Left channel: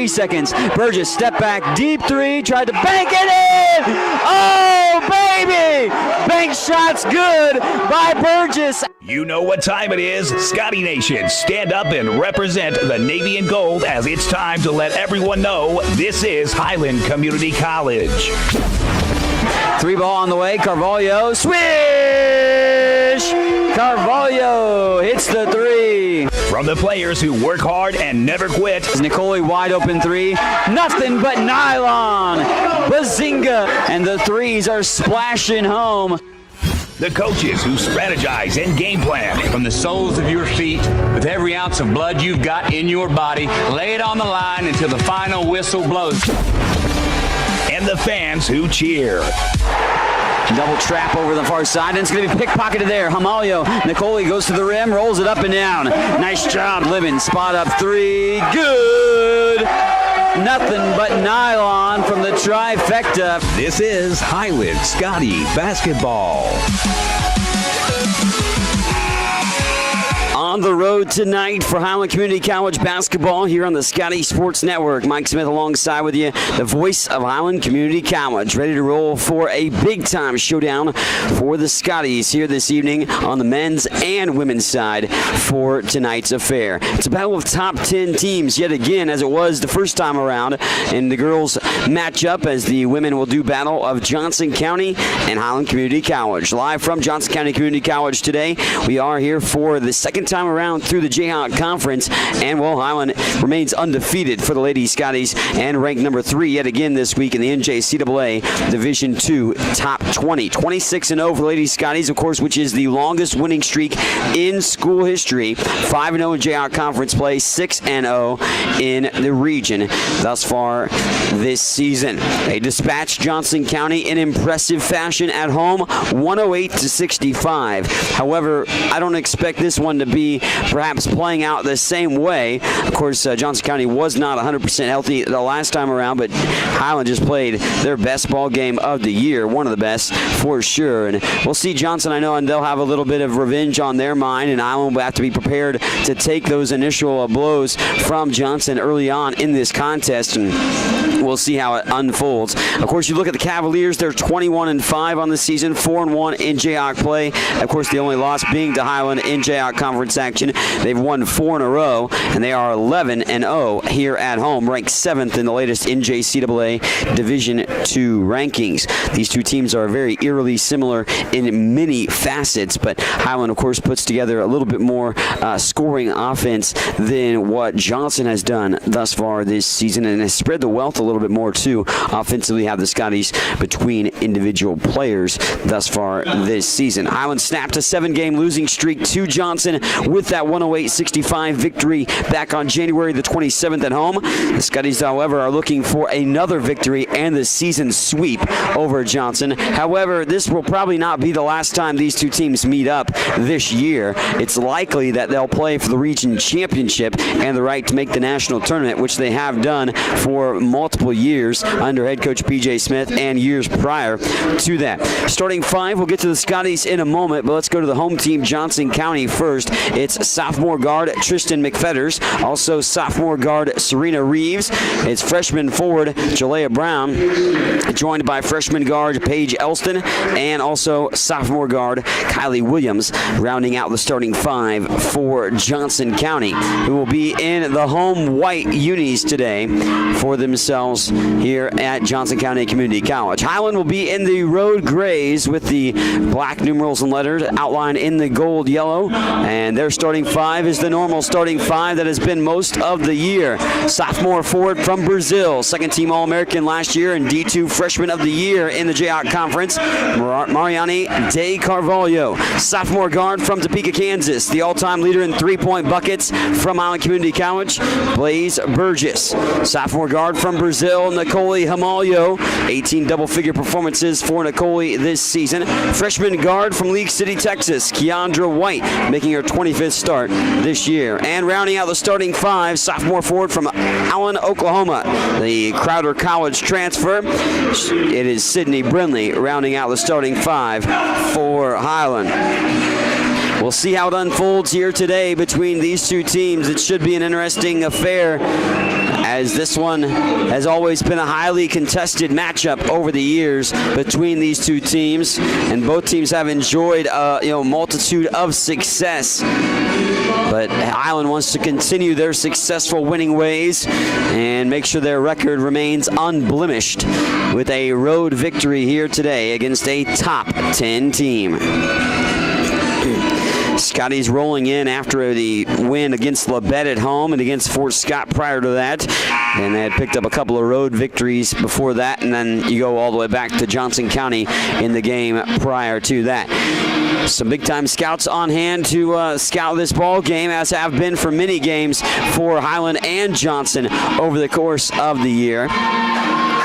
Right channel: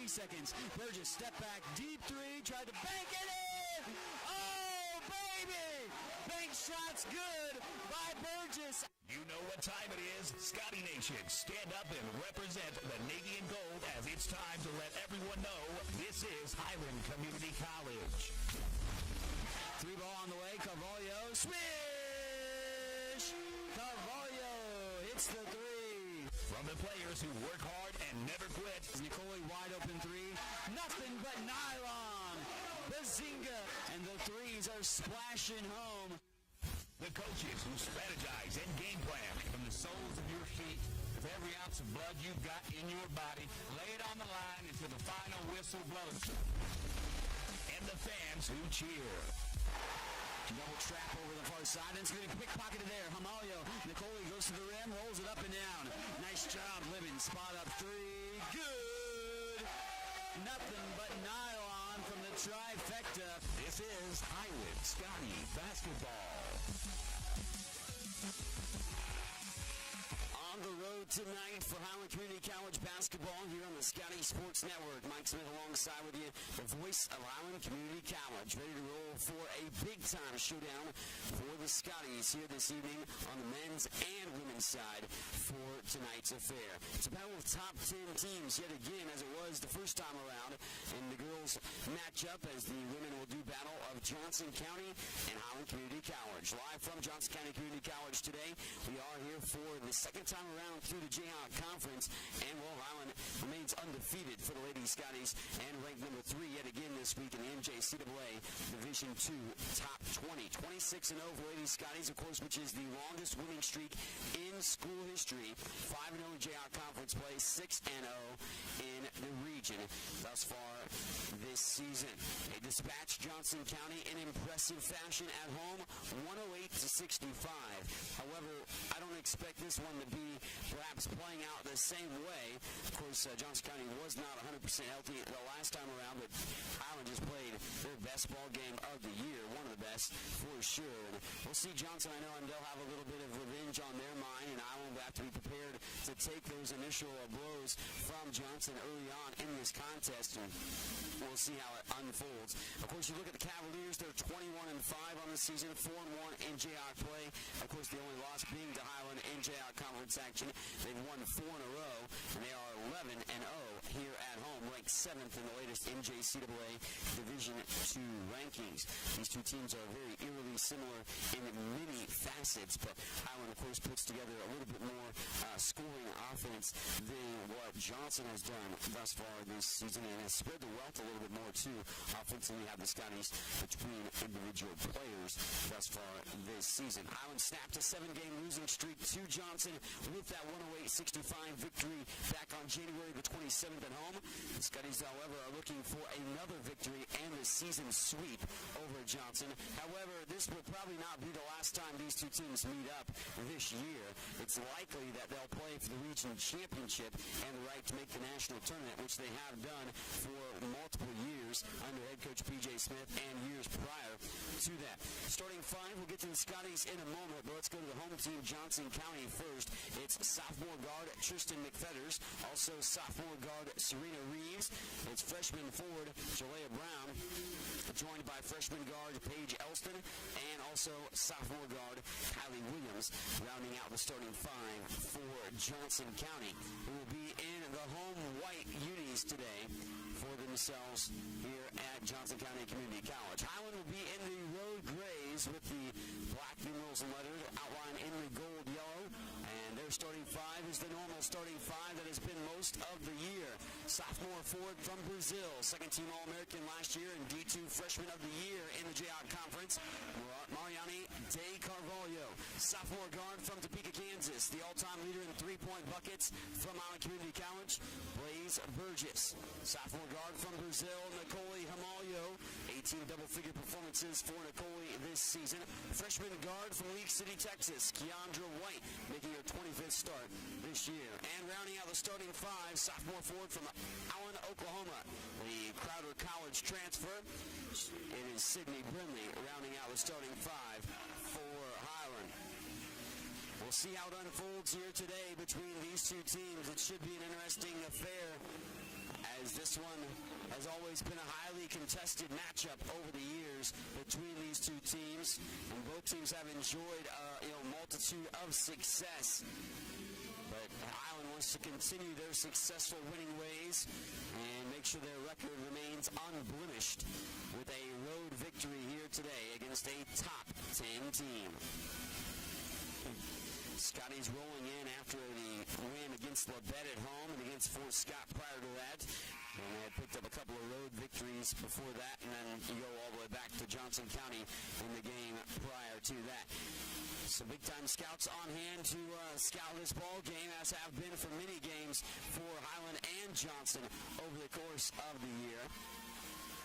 3 seconds. Burgess, step back, deep three, tried to bank it in! Oh, baby! Bank shot's good by Burgess. You know what time it is. Scotty Nation, stand up and represent the Navy and Gold as it's time to let everyone know this is Highland Community College. 3 ball on the way, Carvalho, swish! Carvalho hits the 3. From the players who work hard and never quit. Nicole wide open 3, nothing but nylon. Bazinga, and the 3s are splashing home. The coaches who strategize and game plan. From the soles of your feet, with every ounce of blood you've got in your body, lay it on the line until the final whistle blows. And the fans who cheer. Double trap over the far side, and it's going to be pickpocketed there. Hamalio, Nicole goes to the rim, rolls it up and down. Nice job, Libin. Spot up 3, good. Nothing but nylon from the trifecta. This is Highland Scotty basketball. On the road tonight for Highland Community College basketball here on the Scotty Sports Network. Mike Smith alongside with you, the voice of Highland Community College, ready to roll for a big-time showdown for the Scotties here this evening on the men's and women's side for tonight's affair. It's a battle of top 10 teams yet again, as it was the first time around, and the girls match up as the women will do battle of Johnson County and Highland Community College. Live from Johnson County Community College today, we are here for the second time around through the Jayhawk Conference, and well, Highland remains undefeated for the Lady Scotties and ranked number 3 yet again this week in the NJCAA Division II top 20. 26-0 for the Lady Scotties, of course, which is the longest winning streak in school history. 5-0 in Jayhawk Conference play, 6-0 in the region thus far this season. They dispatched Johnson County in impressive fashion at home, 108-65. However, I don't expect this one to be perhaps playing out the same way. Of course, Johnson County was not 100% healthy the last time around, but Highland just played their best ball game of the year, one of the best for sure. And we'll see Johnson, I know, and they'll have a little bit of revenge on their mind, and Highland will have to be prepared to take those initial blows from Johnson early on in this contest, and we'll see how it unfolds. Of course, you look at the Cavaliers, they're 21-5 on the season, 4-1 in Jayhawk play. Of course, the only loss being to Highland in Jayhawk Conference action. They've won 4 in a row, and they are 11-0 here at home, ranked 7th in the latest NJCAA Division II rankings. These two teams are very eerily similar in many facets, but Highland, of course, puts together a little bit more scoring offense than what Johnson has done thus far this season, and has spread the wealth a little bit more, too. Offensively, have the Scotties between individual players thus far this season. Highland snapped a 7-game losing streak to Johnson with that 108-65 victory back on January the 27th at home. The Scotties, however, are looking for another victory and the season sweep over Johnson. However, this will probably not be the last time these two teams meet up this year. It's likely that they'll play for the region championship and the right to make the national tournament, which they have done for multiple years under head coach P.J. Smith and years prior to that. Starting 5, we'll get to the Scotties in a moment, but let's go to the home team, Johnson County, first. It's sophomore guard Tristan McFetters, also sophomore guard Serena Reeves. It's freshman forward Jalea Brown, joined by freshman guard Paige Elston, and also sophomore guard Kylie Williams, rounding out the starting 5 for Johnson County, who will be in the home white unis today for themselves here at Johnson County Community College. Highland will be in the road grays with the black numerals and letters outlined in the gold yellow, and their starting 5 is the normal starting 5 that has been most of the year. Sophomore forward from Brazil, second team All-American last year and D2 freshman of the year in the Jayhawk Conference, Mariani de Carvalho. Sophomore guard from Topeka, Kansas, the all-time leader in 3-point buckets from Highland Community College, Blaze Burgess. Sophomore guard from Brazil, Nicole Hamalio, 18 double-figure performances for Nicole this season. Freshman guard from League City, Texas, Keandra White, making her 25th start this year. And rounding out the starting 5, sophomore forward from Allen, Oklahoma, the Crowder College transfer. It is Sydney Brindley rounding out the starting 5 for Highland. we'll see how it unfolds here today between these two teams. It should be an interesting affair, as this one has always been a highly contested matchup over the years between these two teams, and both teams have enjoyed a multitude of success. But Highland wants to continue their successful winning ways and make sure their record remains unblemished with a road victory here today against a top 10 team. Scotty's rolling in after the win against Labette at home and against Fort Scott prior to that. And they had picked up a couple of road victories before that, and then you go all the way back to Johnson County in the game prior to that. Some big-time scouts on hand to scout this ball game, as have been for many games for Highland and Johnson over the course of the year.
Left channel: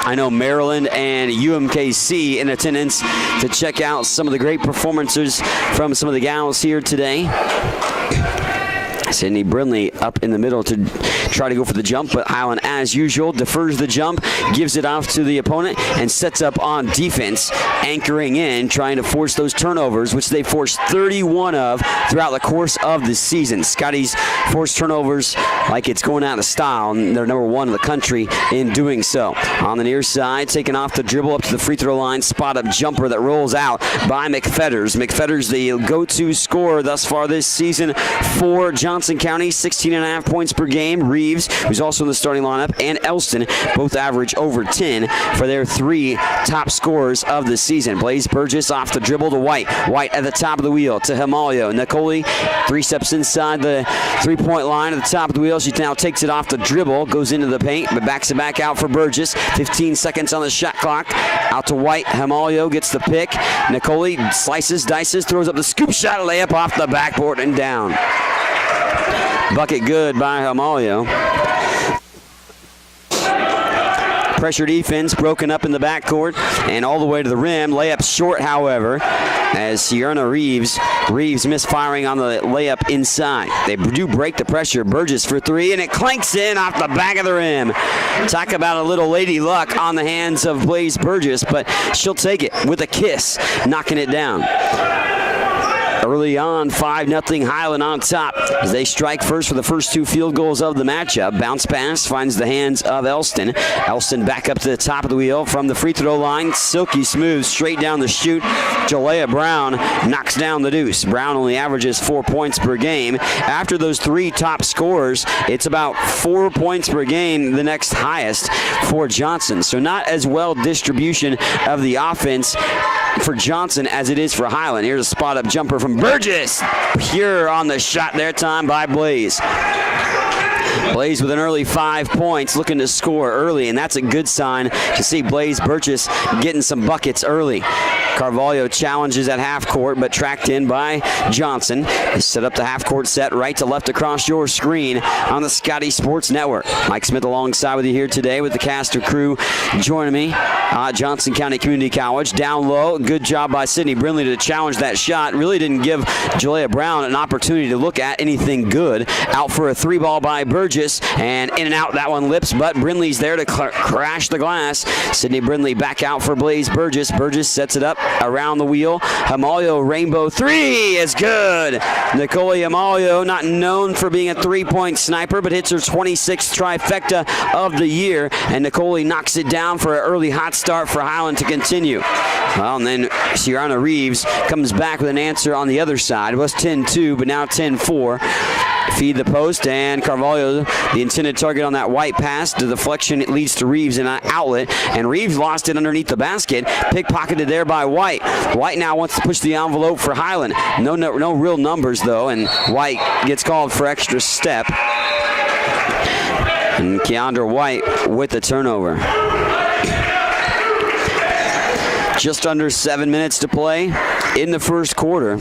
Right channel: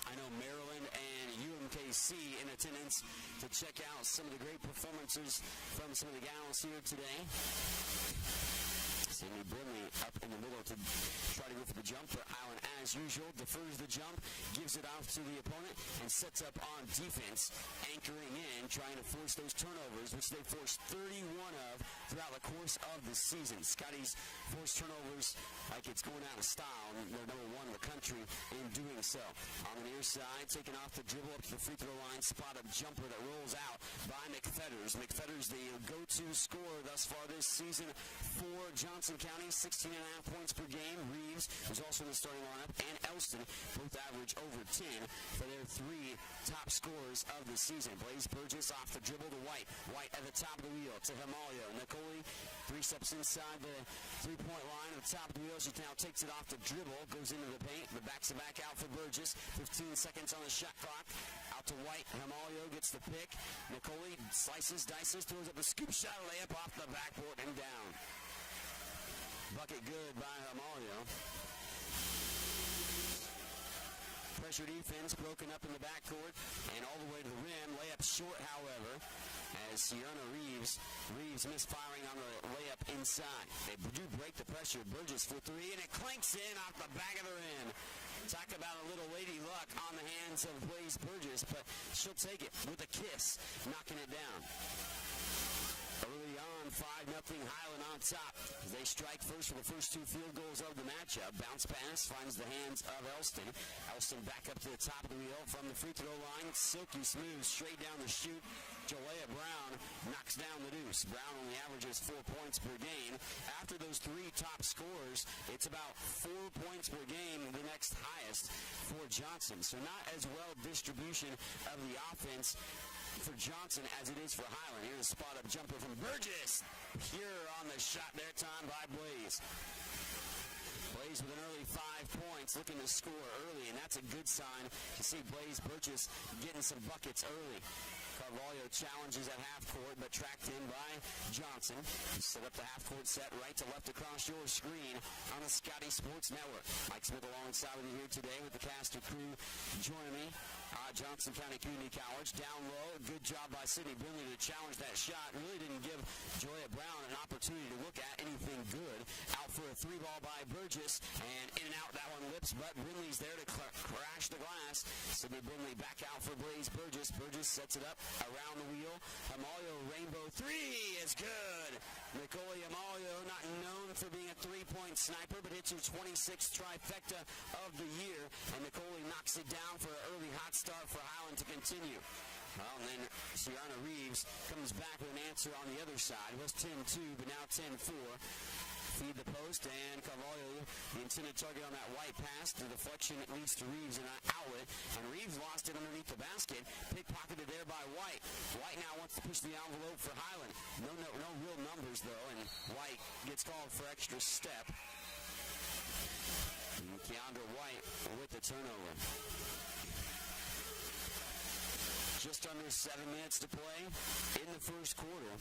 I know Maryland and UMKC in attendance to check out some of the great performances from some of the gals here today. Sydney Brindley up in the middle to try to go for the jump, but Highland, as usual, defers the jump, gives it off to the opponent, and sets up on defense, anchoring in, trying to force those turnovers, which they forced 31 of throughout the course of the season. Scotty's forced turnovers like it's going out of style, and they're number 1 in the country in doing so. On the near side, taking off the dribble up to the free throw line, spot-up jumper that rolls out by McFetters. McFetters, the go-to scorer thus far this season for Johnson County, 16.5 points per game. Reeves, who's also in the starting lineup, and Elston both average over 10 for their 3 top scorers of the season. Blaze Burgess off the dribble to White. White at the top of the wheel to Himalio. Nicole 3 steps inside the three-point line at the top of the wheel. She now takes it off the dribble, goes into the paint, but backs it back out for Burgess. 15 seconds on the shot clock. Out to White. Himalio gets the pick. Nicole slices, dices, throws up the scoop shot, layup off the backboard and down. Bucket good by Himalio. Pressure defense broken up in the backcourt and all the way to the rim. Layup short, however, as Sierra Reeves misfiring on the layup inside. They do break the pressure. Burgess for 3, and it clanks in off the back of the rim. Talk about a little lady luck on the hands of Blaze Burgess, but she'll take it with a kiss, knocking it down. Early on, 5-0 Highland on top as they strike first for the first 2 field goals of the matchup. Bounce pass finds the hands of Elston. Elston back up to the top of the wheel from the free throw line. Silky smooth, straight down the chute. Jalea Brown knocks down the deuce. Brown only averages 4 points per game. After those 3 top scorers, it's about 4 points per game, the next highest for Johnson. So not as well distribution of the offense for Johnson as it is for Highland. Here's a spot-up jumper from Burgess. Pure on the shot there, time by Blaze. Blaze with an early 5 points, looking to score early, and that's a good sign to see Blaze Burgess getting some buckets early. Carvalho challenges at half court, but tracked in by Johnson. They set up the half court set right to left across your screen on the Scotty Sports Network. Mike Smith alongside with you here today with the caster crew joining me at Johnson County Community College. Down low, good job by Sydney Brindley to challenge that shot. Really didn't give Jalea Brown an opportunity to look at anything good. Out for a 3 ball by Burgess, and in and out that one lips, but Brindley's there to crash the glass. Sydney Brindley back out for Blaze Burgess. Burgess sets it up around the wheel. Himalio rainbow 3 is good. Nicole Himalio, not known for being a 3-point sniper, but hits her 26th trifecta of the year, and Nicole knocks it down for an early hot start for Highland to continue. Well, and then Sierra Reeves comes back with an answer on the other side. It was 10-2, but now 10-4. Feed the post, and Carvalho, the intended target on that White pass. The deflection, it leads to Reeves in an outlet, and Reeves lost it underneath the basket. Pickpocketed there by White. White now wants to push the envelope for Highland. No real numbers, though, and White gets called for extra step. And Keandra White with the turnover. Just under 7 minutes to play in the first quarter.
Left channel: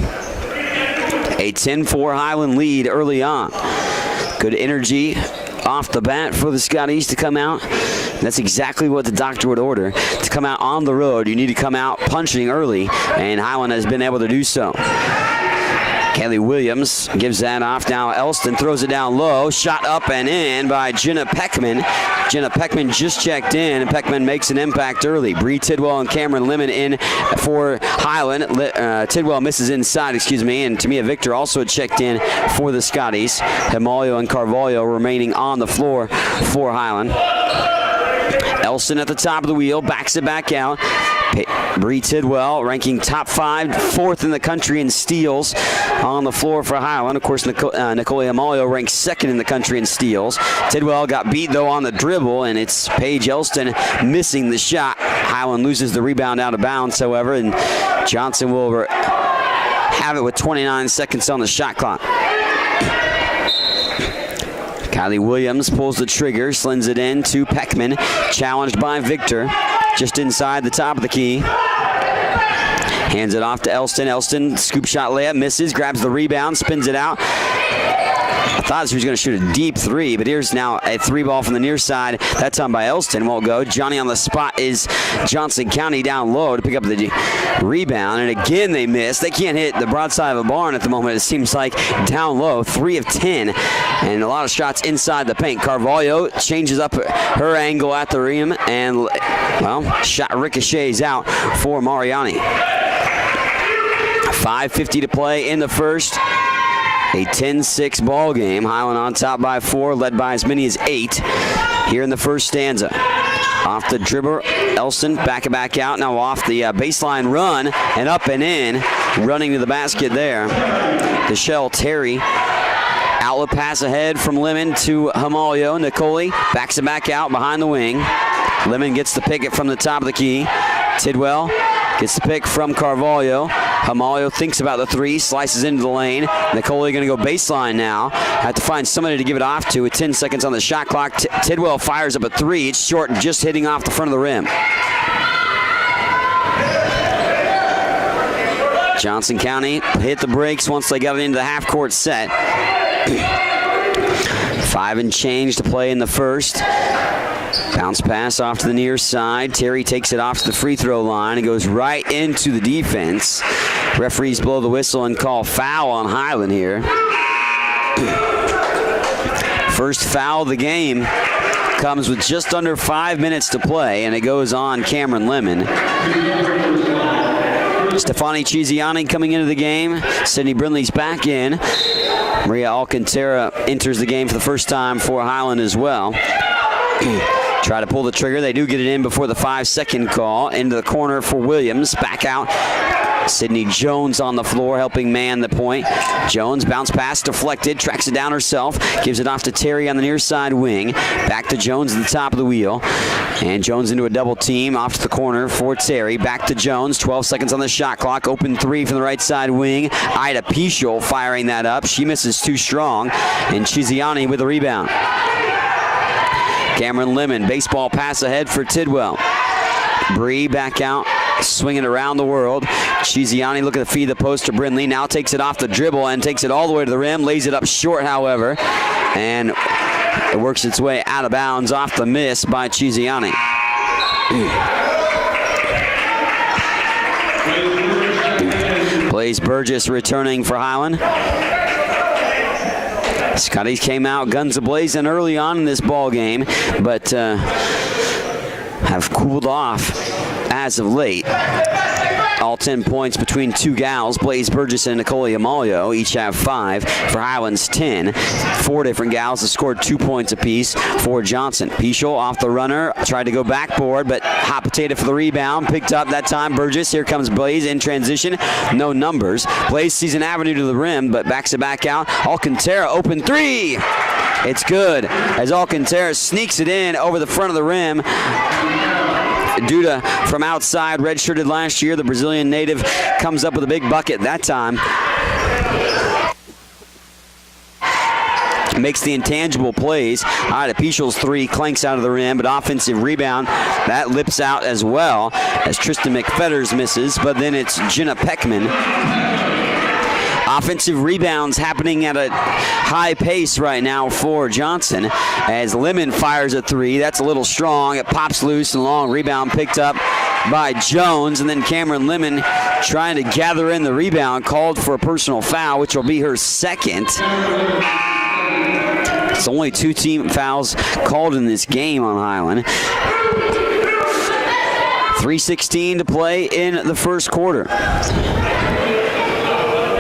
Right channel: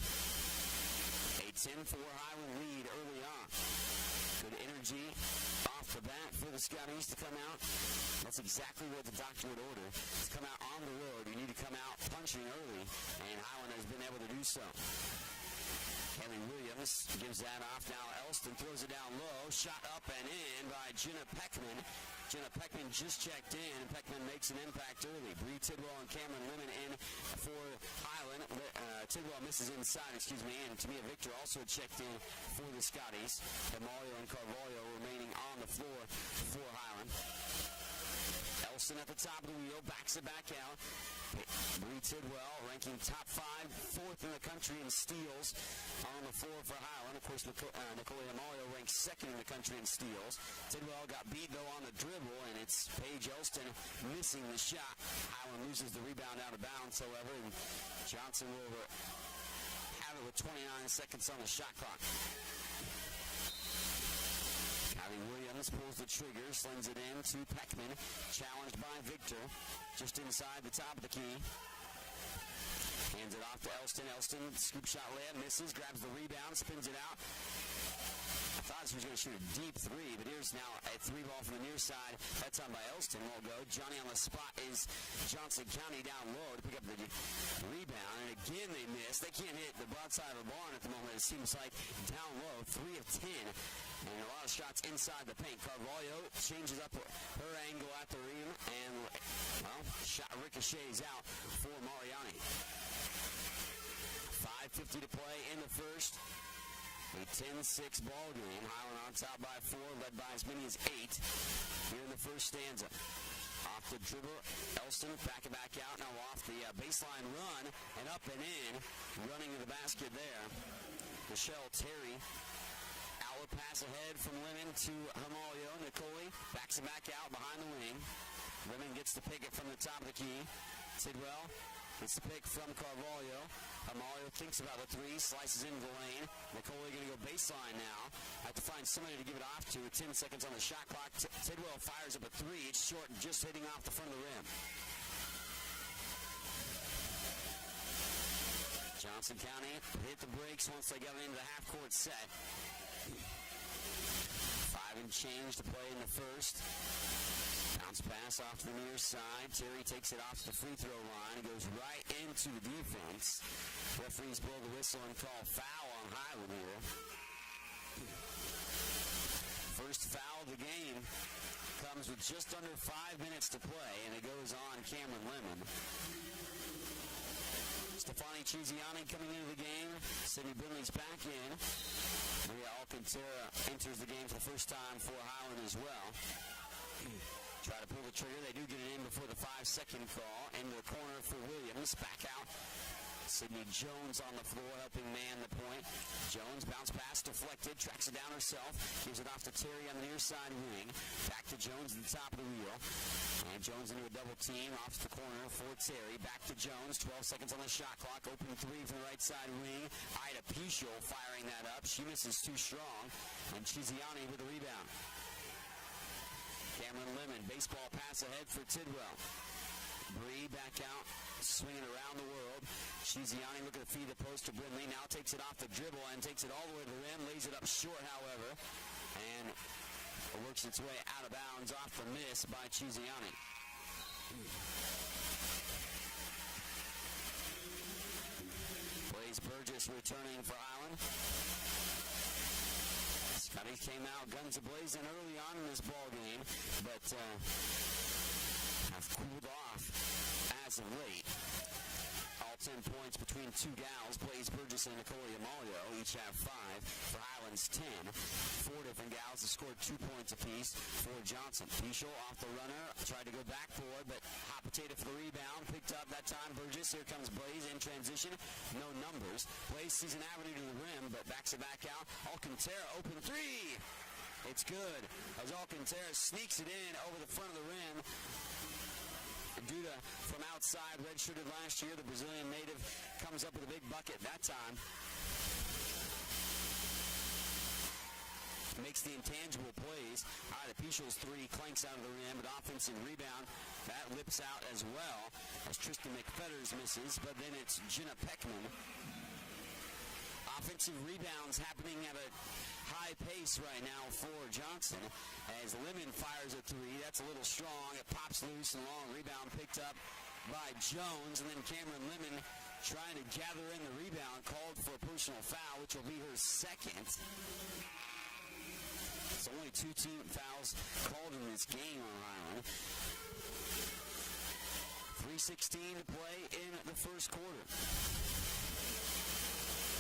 A 10-4 Highland lead early on. Good energy off the bat for the Scotties to come out. That's exactly what the doctor would order. To come out on the road, you need to come out punching early, and Highland has been able to do so. Kelly Williams gives that off. Now Elston throws it down low. Shot up and in by Jenna Peckman. Jenna Peckman just checked in, and Peckman makes an impact early. Bree Tidwell and Cameron Lemon in for Highland. Tidwell misses inside, and Tamia Victor also checked in for the Scotties. Himalio and Carvalho remaining on the floor for Highland. Elston at the top of the wheel, backs it back out. Bree Tidwell ranking top 5, 4th in the country in steals on the floor for Highland. Of course, Nicole Himalio ranks 2nd in the country in steals. Tidwell got beat, though, on the dribble, and it's Paige Elston missing the shot. Highland loses the rebound out of bounds, however, and Johnson will have it with 29 seconds on the shot clock. Kylie Williams pulls the trigger, slings it in to Peckman, challenged by Victor, just inside the top of the key. Hands it off to Elston. Elston, scoop shot layup, misses, grabs the rebound, spins it out. I thought she was going to shoot a deep 3, but here's now a 3-ball from the near side. That time by Elston won't go. Johnny on the spot is Johnson County down low to pick up the rebound, and again they miss. They can't hit the broadside of a barn at the moment, it seems like. Down low, 3 of 10, and a lot of shots inside the paint. Carvalho changes up her angle at the rim, and, well, shot ricochets out for Mariani. 5:50 to play in the first. A 10-6 ball game. Highland on top by 4, led by as many as 8 here in the first stanza. Off the dribble, Elston back out. Now off the baseline run and up and in. Running to the basket there. Deshelle Terry. Outlet pass ahead from Lemon to Himalio. Nicole backs it back out behind the wing. Lemon gets the pick it from the top of the key. Tidwell gets the pick from Carvalho. Himalio thinks about the 3, slices into the lane. Nicole going to go baseline now. Have to find somebody to give it off to with 10 seconds on the shot clock. Tidwell fires up a 3. It's short and just hitting off the front of the rim. Johnson County hit the brakes once they got it into the half-court set. 5 and change to play in the first. Bounce pass off to the near side. Terry takes it off to the free throw line and goes right into the defense. Referees blow the whistle and call foul on Highland here. First foul of the game comes with just under 5 minutes to play, and it goes on Cameron Lemon. Stefani Chiziani coming into the game. Sydney Brindley's back in. Maria Alcantara enters the game for the first time for Highland as well. Try to pull the trigger. They do get it in before the 5-second call. Into the corner for Williams. Back out. Sydney Jones on the floor helping man the point. Jones bounce pass deflected. Tracks it down herself. Gives it off to Terry on the near side wing. Back to Jones at the top of the wheel. And Jones into a double team. Off to the corner for Terry. Back to Jones. 12 seconds on the shot clock. Open 3 from the right side wing. Ida Pichel firing that up. She misses too strong. And Chiziani with the rebound. Cameron Lemon, baseball pass ahead for Tidwell. Bree back out, swinging around the world. Chiziani looking to feed the post to Brindley. Now takes it off the dribble and takes it all the way to the rim. Lays it up short, however. And it works its way out of bounds off the miss by Chiziani. Blaze Burgess returning for Highland. Scotties came out guns a-blazing early on in this ball game, but have cooled off as of late. All 10 points between 2 gals, Blaze Burgess and Nicole Himalio. Each have 5. For Highland's 10. 4 different gals have scored 2 points apiece for Johnson. Pichel off the runner, tried to go backboard, but hot potato for the rebound. Picked up that time Burgess. Here comes Blaze in transition. No numbers. Blaze sees an avenue to the rim, but backs it back out. Alcantara open 3. It's good as Alcantara sneaks it in over the front of the rim. Duda from outside, redshirted last year. The Brazilian native comes up with a big bucket that time. Makes the intangible plays. Ida Pichel's 3 clanks out of the rim, but offensive rebound, that lips out as well as Tristan McFetters misses, but then it's Jenna Peckman. Offensive rebounds happening at a high pace right now for Johnson as Lemon fires a three. That's a little strong. It pops loose and long. Rebound picked up by Jones, and then Cameron Lemon trying to gather in the rebound, called for a personal foul, which will be her second. It's only 2 team fouls called in this game on Highland. 3:16 to play in the first quarter.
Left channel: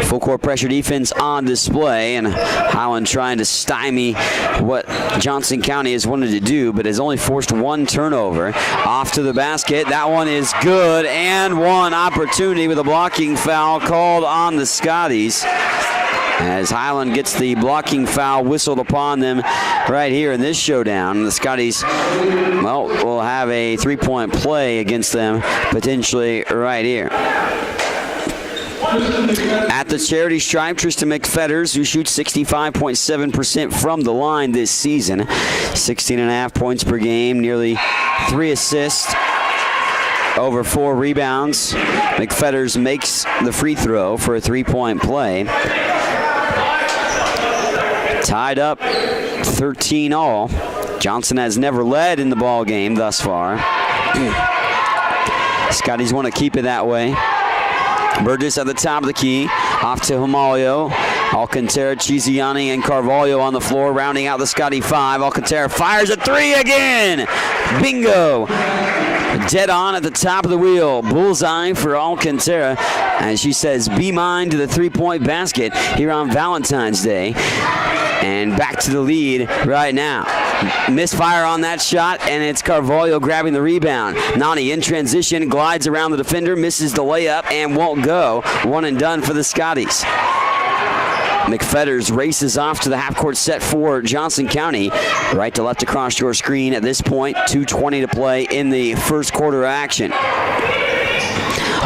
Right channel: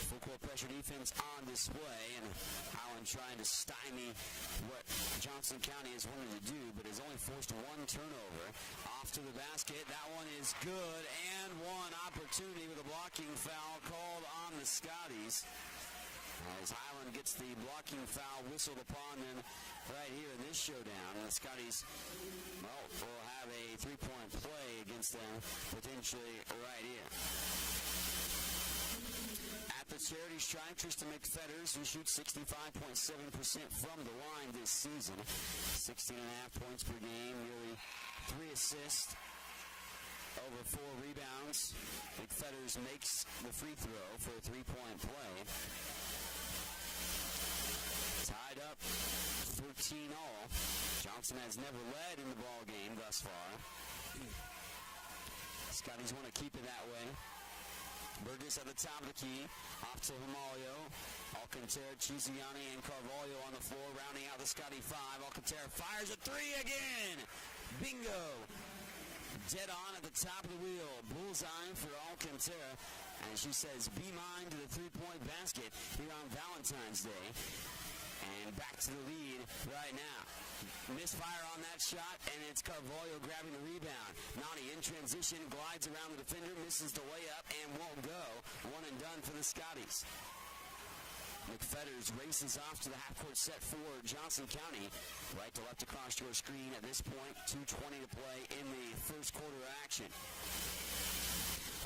Full court pressure defense on display, and Highland trying to stymie what Johnson County has wanted to do, but has only forced 1 turnover. Off to the basket. That one is good, and 1 opportunity with a blocking foul called on the Scotties, as Highland gets the blocking foul whistled upon them right here in this showdown. The Scotties, well, will have a 3-point play against them potentially right here. At the charity stripe, Tristan McFetters, who shoots 65.7% from the line this season. 16.5 points per game, nearly 3 assists, over 4 rebounds. McFetters makes the free throw for a 3-point play. Tied up 13 all. Johnson has never led in the ball game thus far. Scotties want to keep it that way. Burgess at the top of the key. Off to Himalio. Alcantara, Chiziani, and Carvalho on the floor, rounding out the Scotty 5. Alcantara fires a 3 again. Bingo. Dead on at the top of the wheel. Bullseye for Alcantara. And she says, be mine to the 3-point basket here on Valentine's Day. And back to the lead right now. Misfire on that shot, and it's Carvalho grabbing the rebound. Nani in transition, glides around the defender, misses the layup, and won't go. 1 and done for the Scotties. McFetters races off to the half-court set for Johnson County. Right to left across your screen at this point. 2:20 to play in the first quarter action.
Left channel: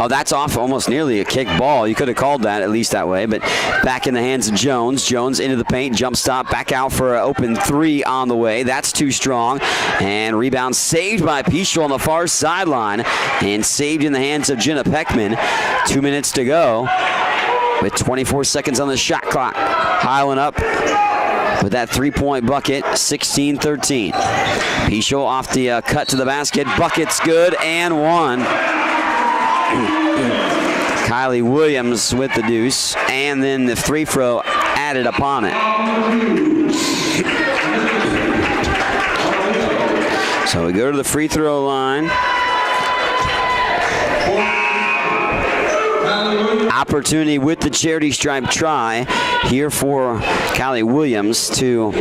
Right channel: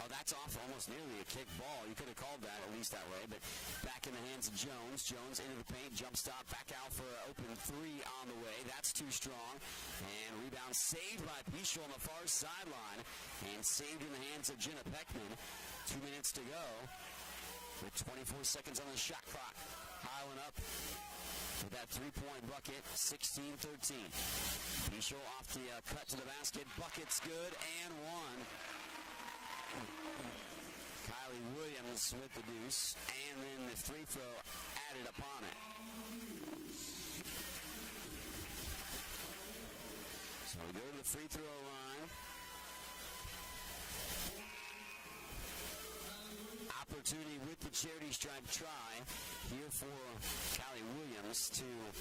Oh, that's off almost nearly a kick ball. You could have called that at least that way, but back in the hands of Jones. Jones into the paint, jump stop, back out for an open 3 on the way. That's too strong. And rebound saved by Pichel on the far sideline and saved in the hands of Jenna Peckman. 2 minutes to go with 24 seconds on the shot clock. Highland up with that 3-point bucket, 16-13. Pichel off the cut to the basket. Bucket's good, and 1. Kylie Williams with the deuce, and then the free throw added upon it. So we go to the free throw line. Opportunity with the charity stripe try here for Kylie Williams to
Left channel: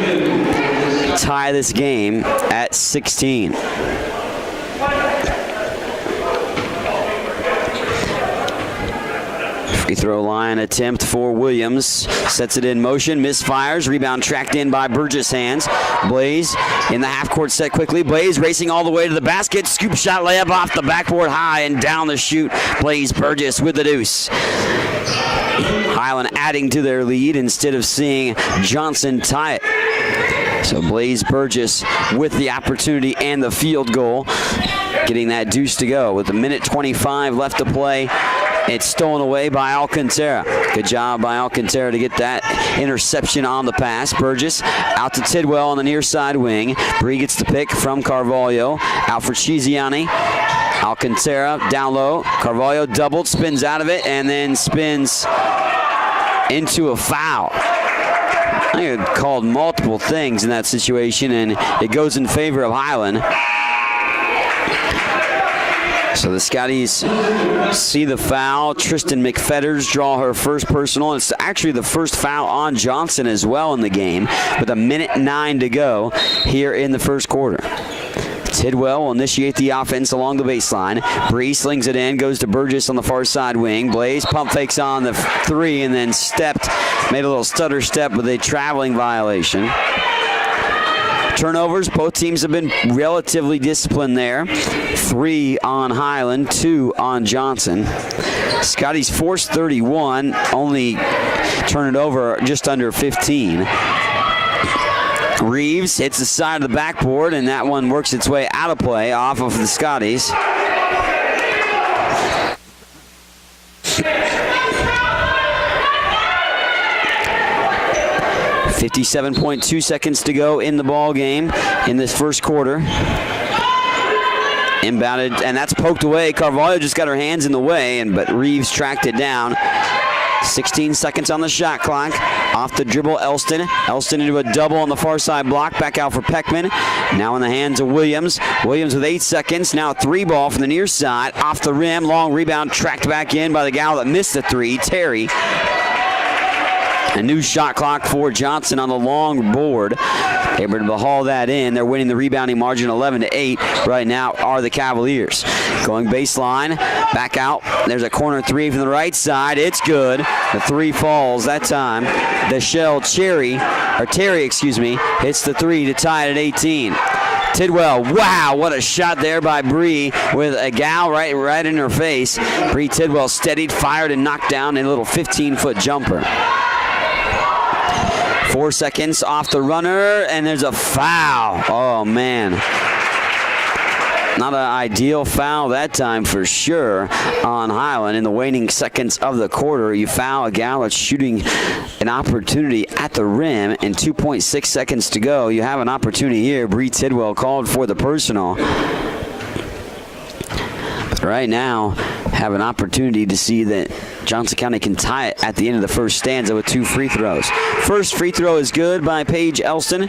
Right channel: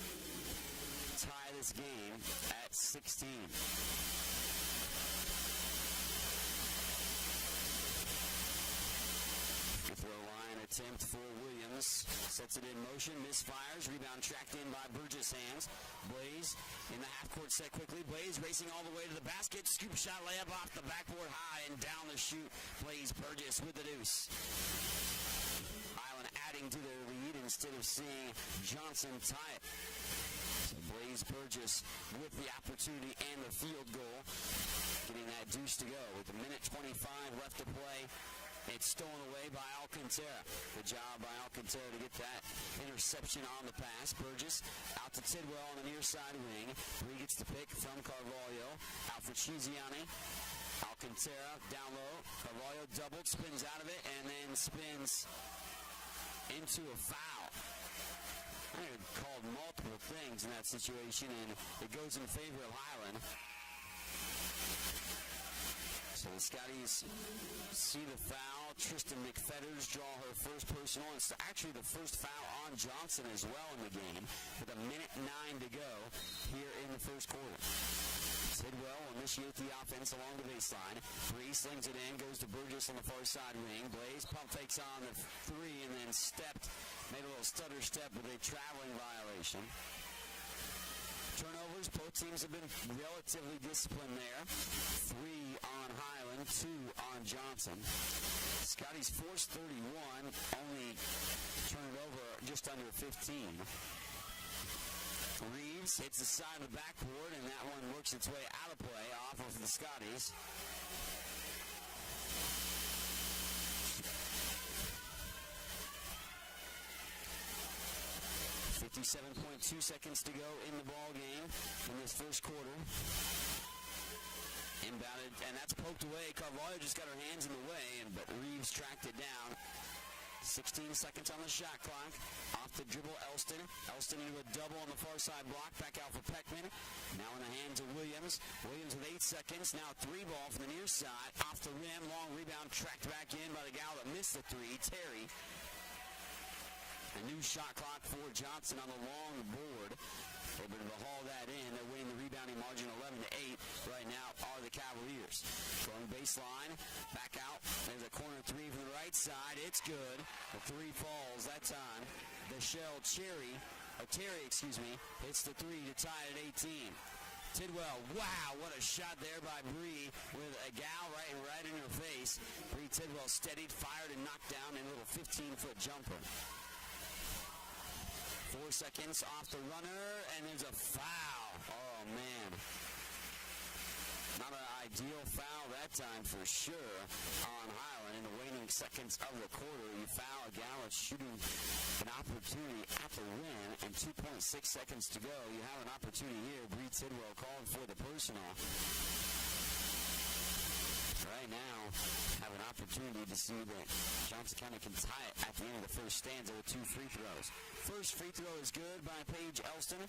tie this game at 16. Free throw line attempt for Williams. Sets it in motion, misfires. Rebound tracked in by Burgess' hands. Blaze in the half-court set quickly. Blaze racing all the way to the basket. Scoop shot layup off the backboard high and down the chute. Blaze Burgess with the deuce. Highland adding to their lead instead of seeing Johnson tie it. So Blaze Burgess with the opportunity and the field goal, getting that deuce to go. With a minute 25 left to play, it's stolen away by Alcantara. Good job by Alcantara to get that interception on the pass. Burgess out to Tidwell on the near side wing. Bree gets the pick from Carvalho. Out for Chiziani. Alcantara down low. Carvalho doubled, spins out of it, and then spins into a foul. I think it called multiple things in that situation, and it goes in favor of Highland. So the Scotties see the foul. Tristan McFetters draw her first personal. It's actually the first foul on Johnson as well in the game, with a minute 9 to go here in the first quarter. Tidwell will initiate the offense along the baseline. Bree slings it in, goes to Burgess on the far side wing. Blaze pump fakes on the 3 and then made a little stutter step with a traveling violation. Turnovers, both teams have been relatively disciplined there. 3 on Highland, 2 on Johnson. Scotties forced 31, only turn it over just under 15. Reeves hits the side of the backboard, and that one works its way out of play off of the Scotties. 57.2 seconds to go in the ball game in this first quarter. Inbounded, and that's poked away. Carvalho just got her hands in the way, but Reeves tracked it down. 16 seconds on the shot clock. Off the dribble, Elston. Elston into a double on the far side block. Back out for Peckman. Now in the hands of Williams. Williams with 8 seconds. Now a 3-ball from the near side. Off the rim. Long rebound. Tracked back in by the gal that missed the 3, Terry. A new shot clock for Johnson on the long board. Able to haul that in. They're winning the rebounding margin 11-8 right now are the Cavaliers. Going baseline, back out. There's a corner 3 from the right side. It's good. The 3 falls that time. Terry, hits the 3 to tie it at 18. Tidwell, wow, what a shot there by Bree with a gal right in her face. Bree Tidwell steadied, fired, and knocked down a little 15-foot jumper. 4 seconds off the runner, and there's a foul. Oh, man. Not an ideal foul that time for sure on Highland. In the waning seconds of the quarter, you foul a gal that's shooting an opportunity at the rim, and 2.6 seconds to go. You have an opportunity here. Bree Tidwell called for the personal. But right now, have an opportunity to see that Johnson County can tie it at the end of the first stanza with 2 free throws. First free throw is good by Paige Elston.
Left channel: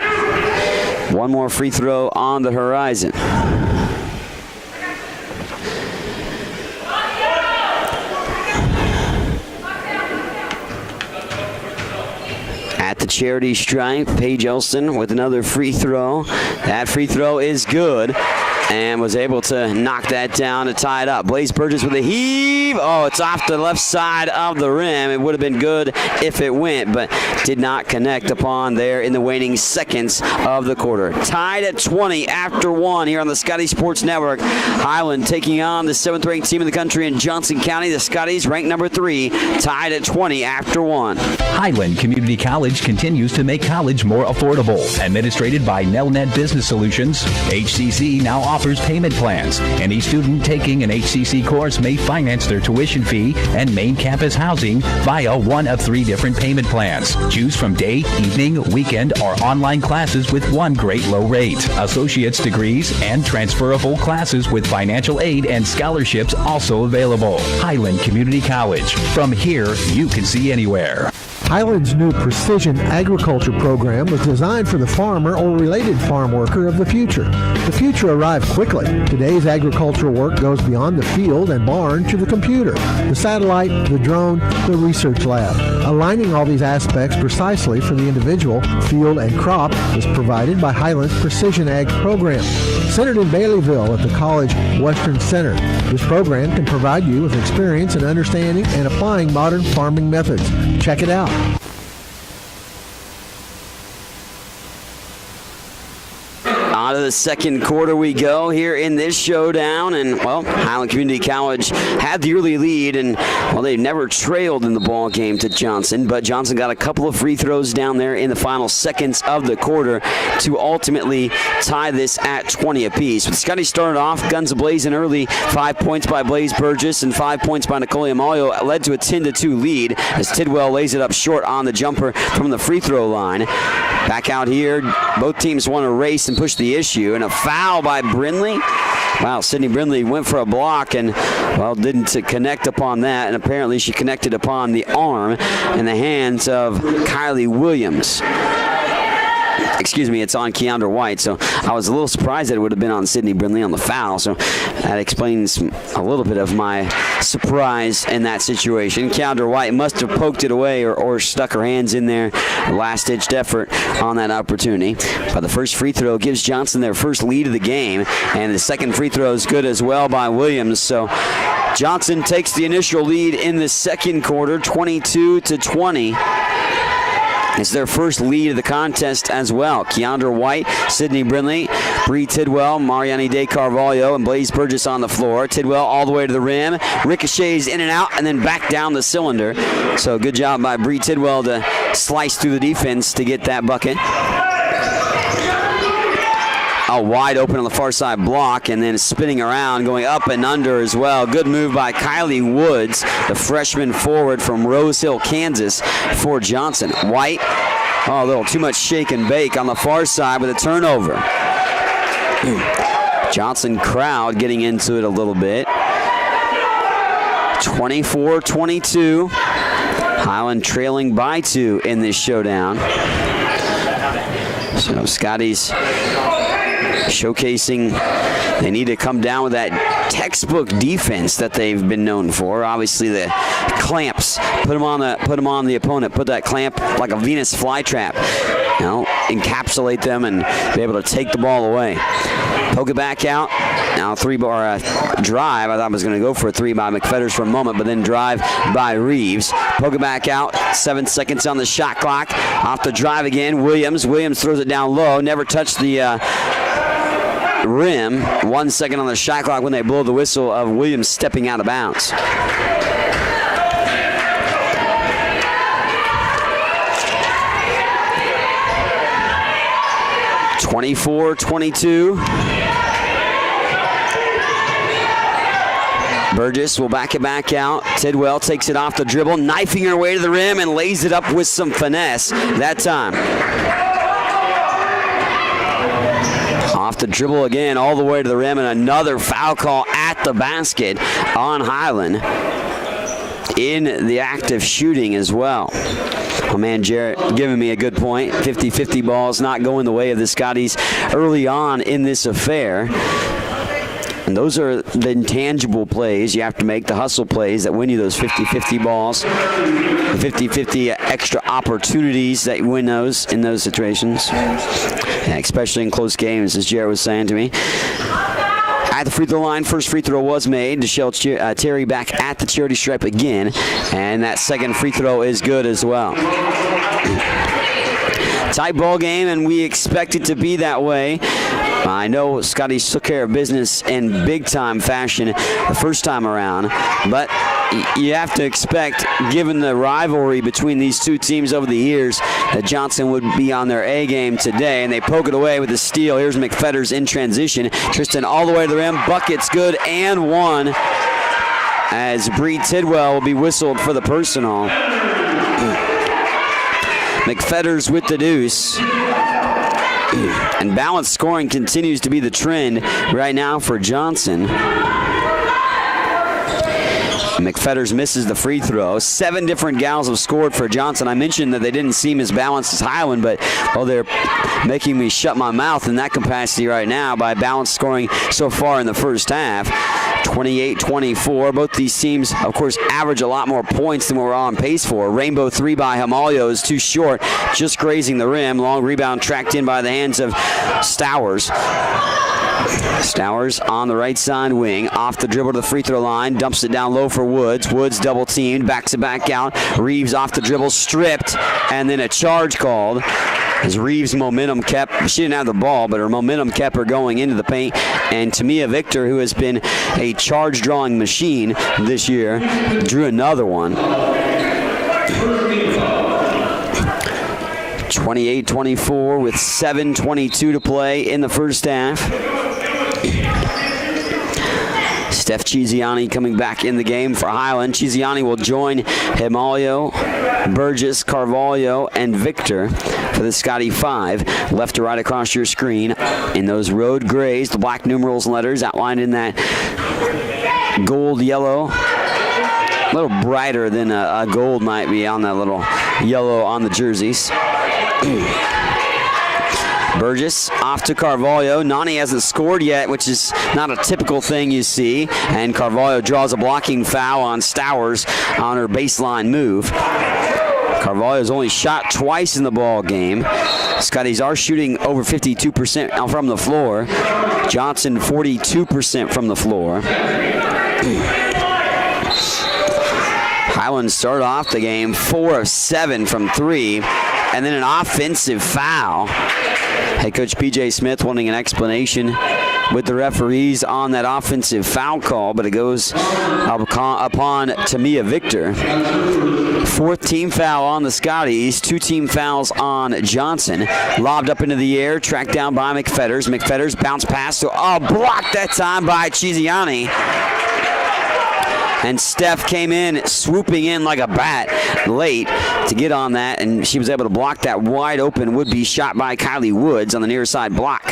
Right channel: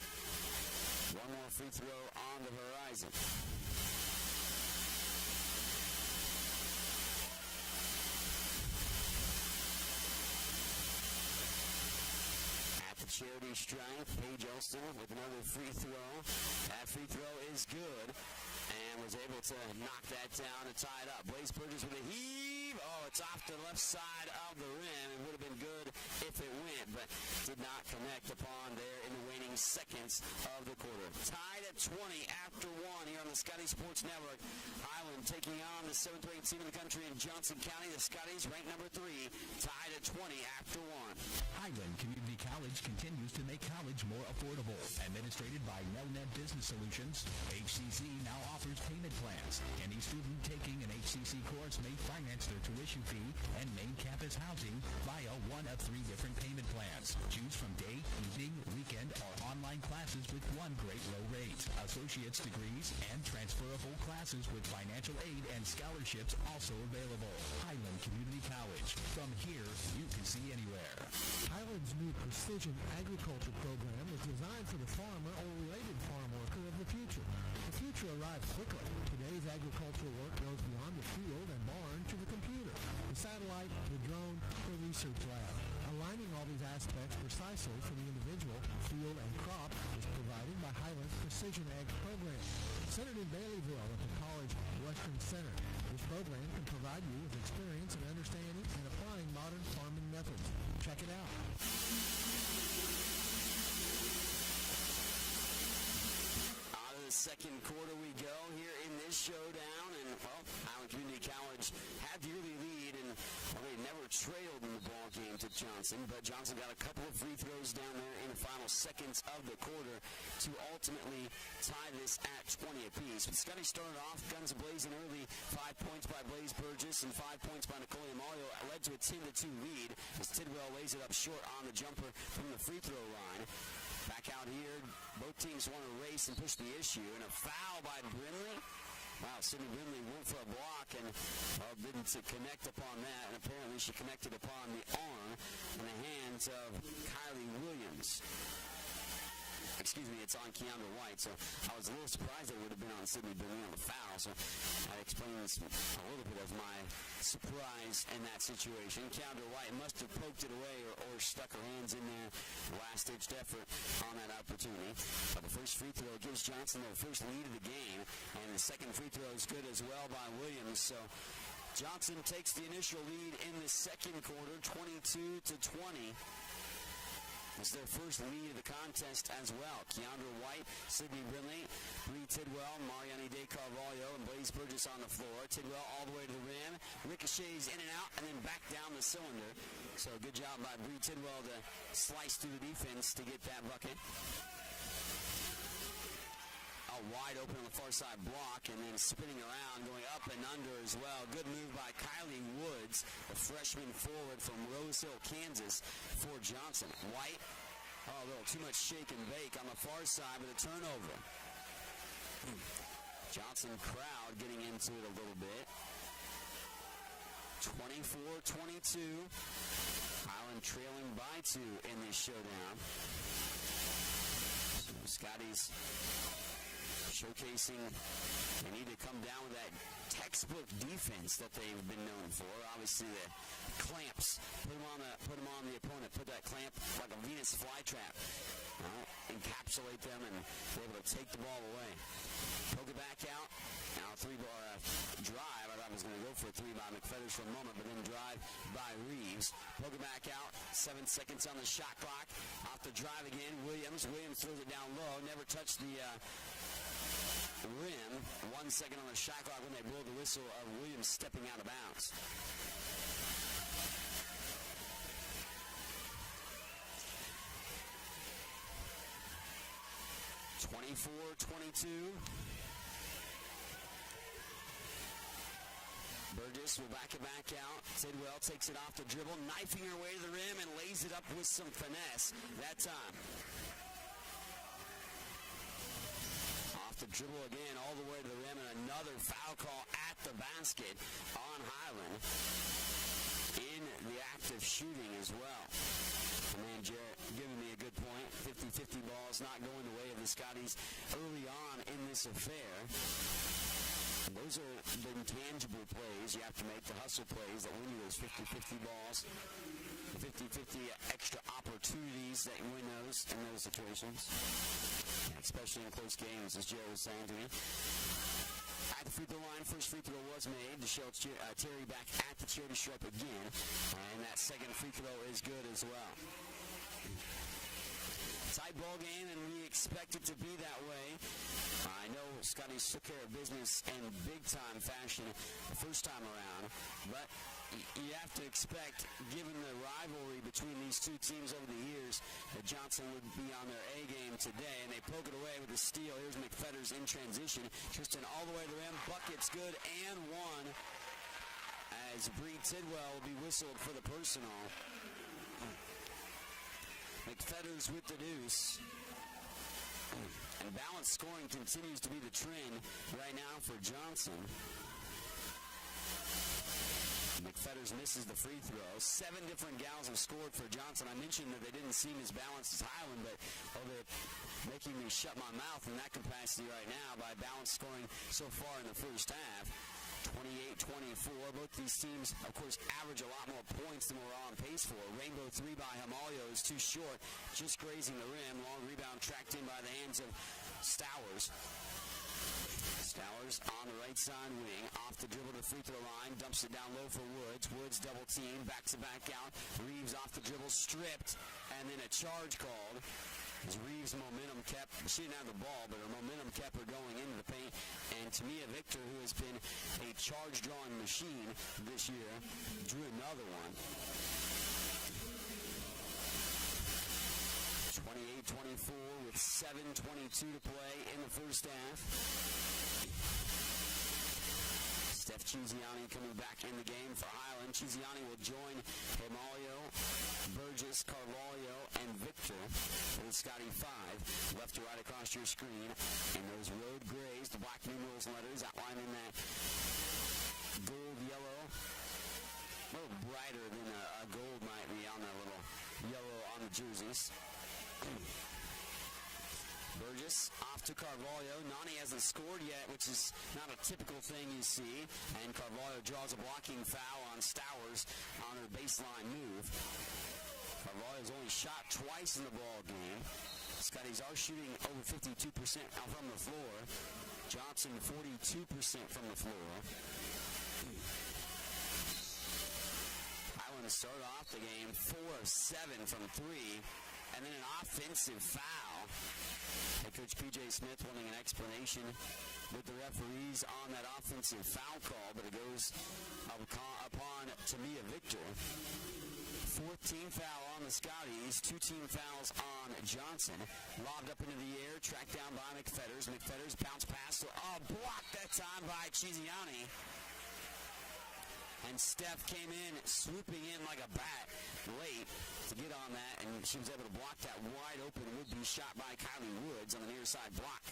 One more free throw on the horizon. At the charity stripe, Paige Elston with another free throw. That free throw is good, and was able to knock that down to tie it up. Blaze Burgess with a heave. Oh, it's off the left side of the rim. It would have been good if it went, but did not connect upon there in the waning seconds of the quarter. Tied at 20 after 1 here on the Scotty Sports Network. Highland taking on the 7th-ranked team in the country in Johnson County. The Scotties ranked number 3, tied at 20 after 1. Highland Community College continues to make college more affordable. Administrated by Nelnet Business Solutions, HCC now offers payment plans. Any student taking an HCC course may finance their tuition fee and main campus housing via one of 3 different payment plans. Choose from day, evening, weekend, or online classes with one great low rate. Associate's degrees and transferable classes with financial aid and scholarships also available. Highland Community College. From here, you can see anywhere. Highland's new Precision Agriculture program was designed for the farmer or related farm worker of the future. The future arrived quickly. Today's agricultural work goes beyond the field and barn to the computer, the satellite, the drone, the research lab. Aligning all these aspects precisely for the individual, field, and crop is provided by Highland's Precision Ag program. Centered in Baileyville at the College Western Center, this program can provide you with experience in understanding and applying modern farming methods. Check it out. On to the second quarter we go here in this showdown, and well, Highland Community College had the early lead, and well, they never trailed in the ball game to Johnson, but Johnson got a couple of free throws down there in the final seconds of the quarter to ultimately tie this at 20 apiece. But Scotty started off guns a-blazing early. 5 points by Blaze Burgess and 5 points by Nicole Amayo led to a 10-2 lead as Tidwell lays it up short on the jumper from the free throw line. Back out here, both teams want to race and push the issue, and a foul by Brindley. Wow, Sydney Brindley went for a block and, well, didn't connect upon that, and apparently she connected upon the arm in the hands of Kylie Williams. Excuse me, it's on Keandra White, so I was a little surprised that it would have been on Sydney Brindley on the foul, so that explains a little bit of my surprise in that situation. Keandra White must have poked it away or stuck her hands in there, last-ditched effort on that opportunity. But the first free throw gives Johnson their first lead of the game, and the second free throw is good as well by Williams, so Johnson takes the initial lead in the second quarter, 22-20. It's their first lead of the contest as well. Keandra White, Sydney Brindley, Bree Tidwell, Mariani De Carvalho, and Blaze Burgess on the floor. Tidwell all the way to the rim, ricochets in and out, and then back down the cylinder. So good job by Bree Tidwell to slice through the defense to get that bucket. Wide open on the far side block, and then spinning around, going up and under as well. Good move by Kylie Woods, the freshman forward from Rose Hill, Kansas, for Johnson. White Oh, a little too much shake and bake on the far side with a turnover. Johnson crowd getting into it a little bit. 24-22. Highland trailing by 2 in this showdown. So Scotty's showcasing they need to come down with that textbook defense that they've been known for. Obviously the clamps, put them on the opponent, put that clamp like a Venus flytrap. You know, encapsulate them and be able to take the ball away. Poke it back out. Now drive. I thought I was going to go for a 3 by McFetters for a moment, but then drive by Reeves. Poke it back out. 7 seconds on the shot clock. Off the drive again. Williams throws it down low. Never touched the rim. 1 second on the shot clock when they blow the whistle of Williams stepping out of bounds. (24-22). Burgess will back it back out. Tidwell takes it off the dribble, knifing her way to the rim and lays it up with some finesse that time. Off the dribble again, all the way to the rim, and another foul call at the basket on Highland in the act of shooting as well. My man Jarrett giving me a good point. 50-50 balls not going the way of the Scotties early on in this affair. And those are the intangible plays you have to make, the hustle plays that win you those 50-50 balls, 50-50 extra opportunities that win those in those situations, especially in close games, as Jarrett was saying to me. At the free throw line, first free throw was made. Deshelle Terry back at the charity stripe again, and that second free throw is good as well. Tight ball game, and we expect it to be that way. I know Scotty took care of business in big-time fashion the first time around, but you have to expect, given the rivalry between these two teams over the years, that Johnson would be on their A game today, and they poke it away with a steal. Here's McFetters in transition. Tristan all the way to the rim. Bucket's good and one, as Bree Tidwell will be whistled for the personal. McFetters with the deuce. And balanced scoring continues to be the trend right now for Johnson. McFetters misses the free throw. 7 different gals have scored for Johnson. I mentioned that they didn't seem as balanced as Highland, but they're making me shut my mouth in that capacity right now by balanced scoring so far in the first half. 28-24. Both these teams, of course, average a lot more points than we're on pace for. Rainbow 3 by Hamalio is too short, just grazing the rim. Long rebound tracked in by the hands of Stowers. Stowers on the right side wing, off the dribble to the free throw line, dumps it down low for Woods. Woods double teamed, backs it back out. Reeves off the dribble, stripped, and then a charge called. As Reeves' momentum kept, she didn't have the ball, but her momentum kept her going into the paint. And Tamia Victor, who has been a charge-drawing machine this year, drew another one. 28-24 with 7:22 to play in the first half. Steph Chiziani coming back in the game for Highland. Chiziani will join Himalio, Burgess, Carvalho, and Victor for the Scotty 5. Left to right across your screen in those road grays, the black numerals and letters outlined in that gold yellow. A little brighter than a gold might be on that little yellow on the jerseys. Burgess off to Carvalho. Nani hasn't scored yet, which is not a typical thing you see. And Carvalho draws a blocking foul on Stowers on her baseline move. Carvalho's only shot twice in the ball game. Scotties are shooting over 52% from the floor. Johnson 42% from the floor. Highland started off the game 4 of 7 from 3, and then an offensive foul. Head coach P.J. Smith wanting an explanation with the referees on that offensive foul call, but it goes upon Tamia Victor. 4th team foul on the Scotties, 2 team fouls on Johnson. Lobbed up into the air, tracked down by McFetters. McFetters bounce pass to blocked that time by Chiziani. And Steph came in, swooping in like a bat late to get on that, and she was able to block that wide open would-be shot by Kylie Woods on the near side block.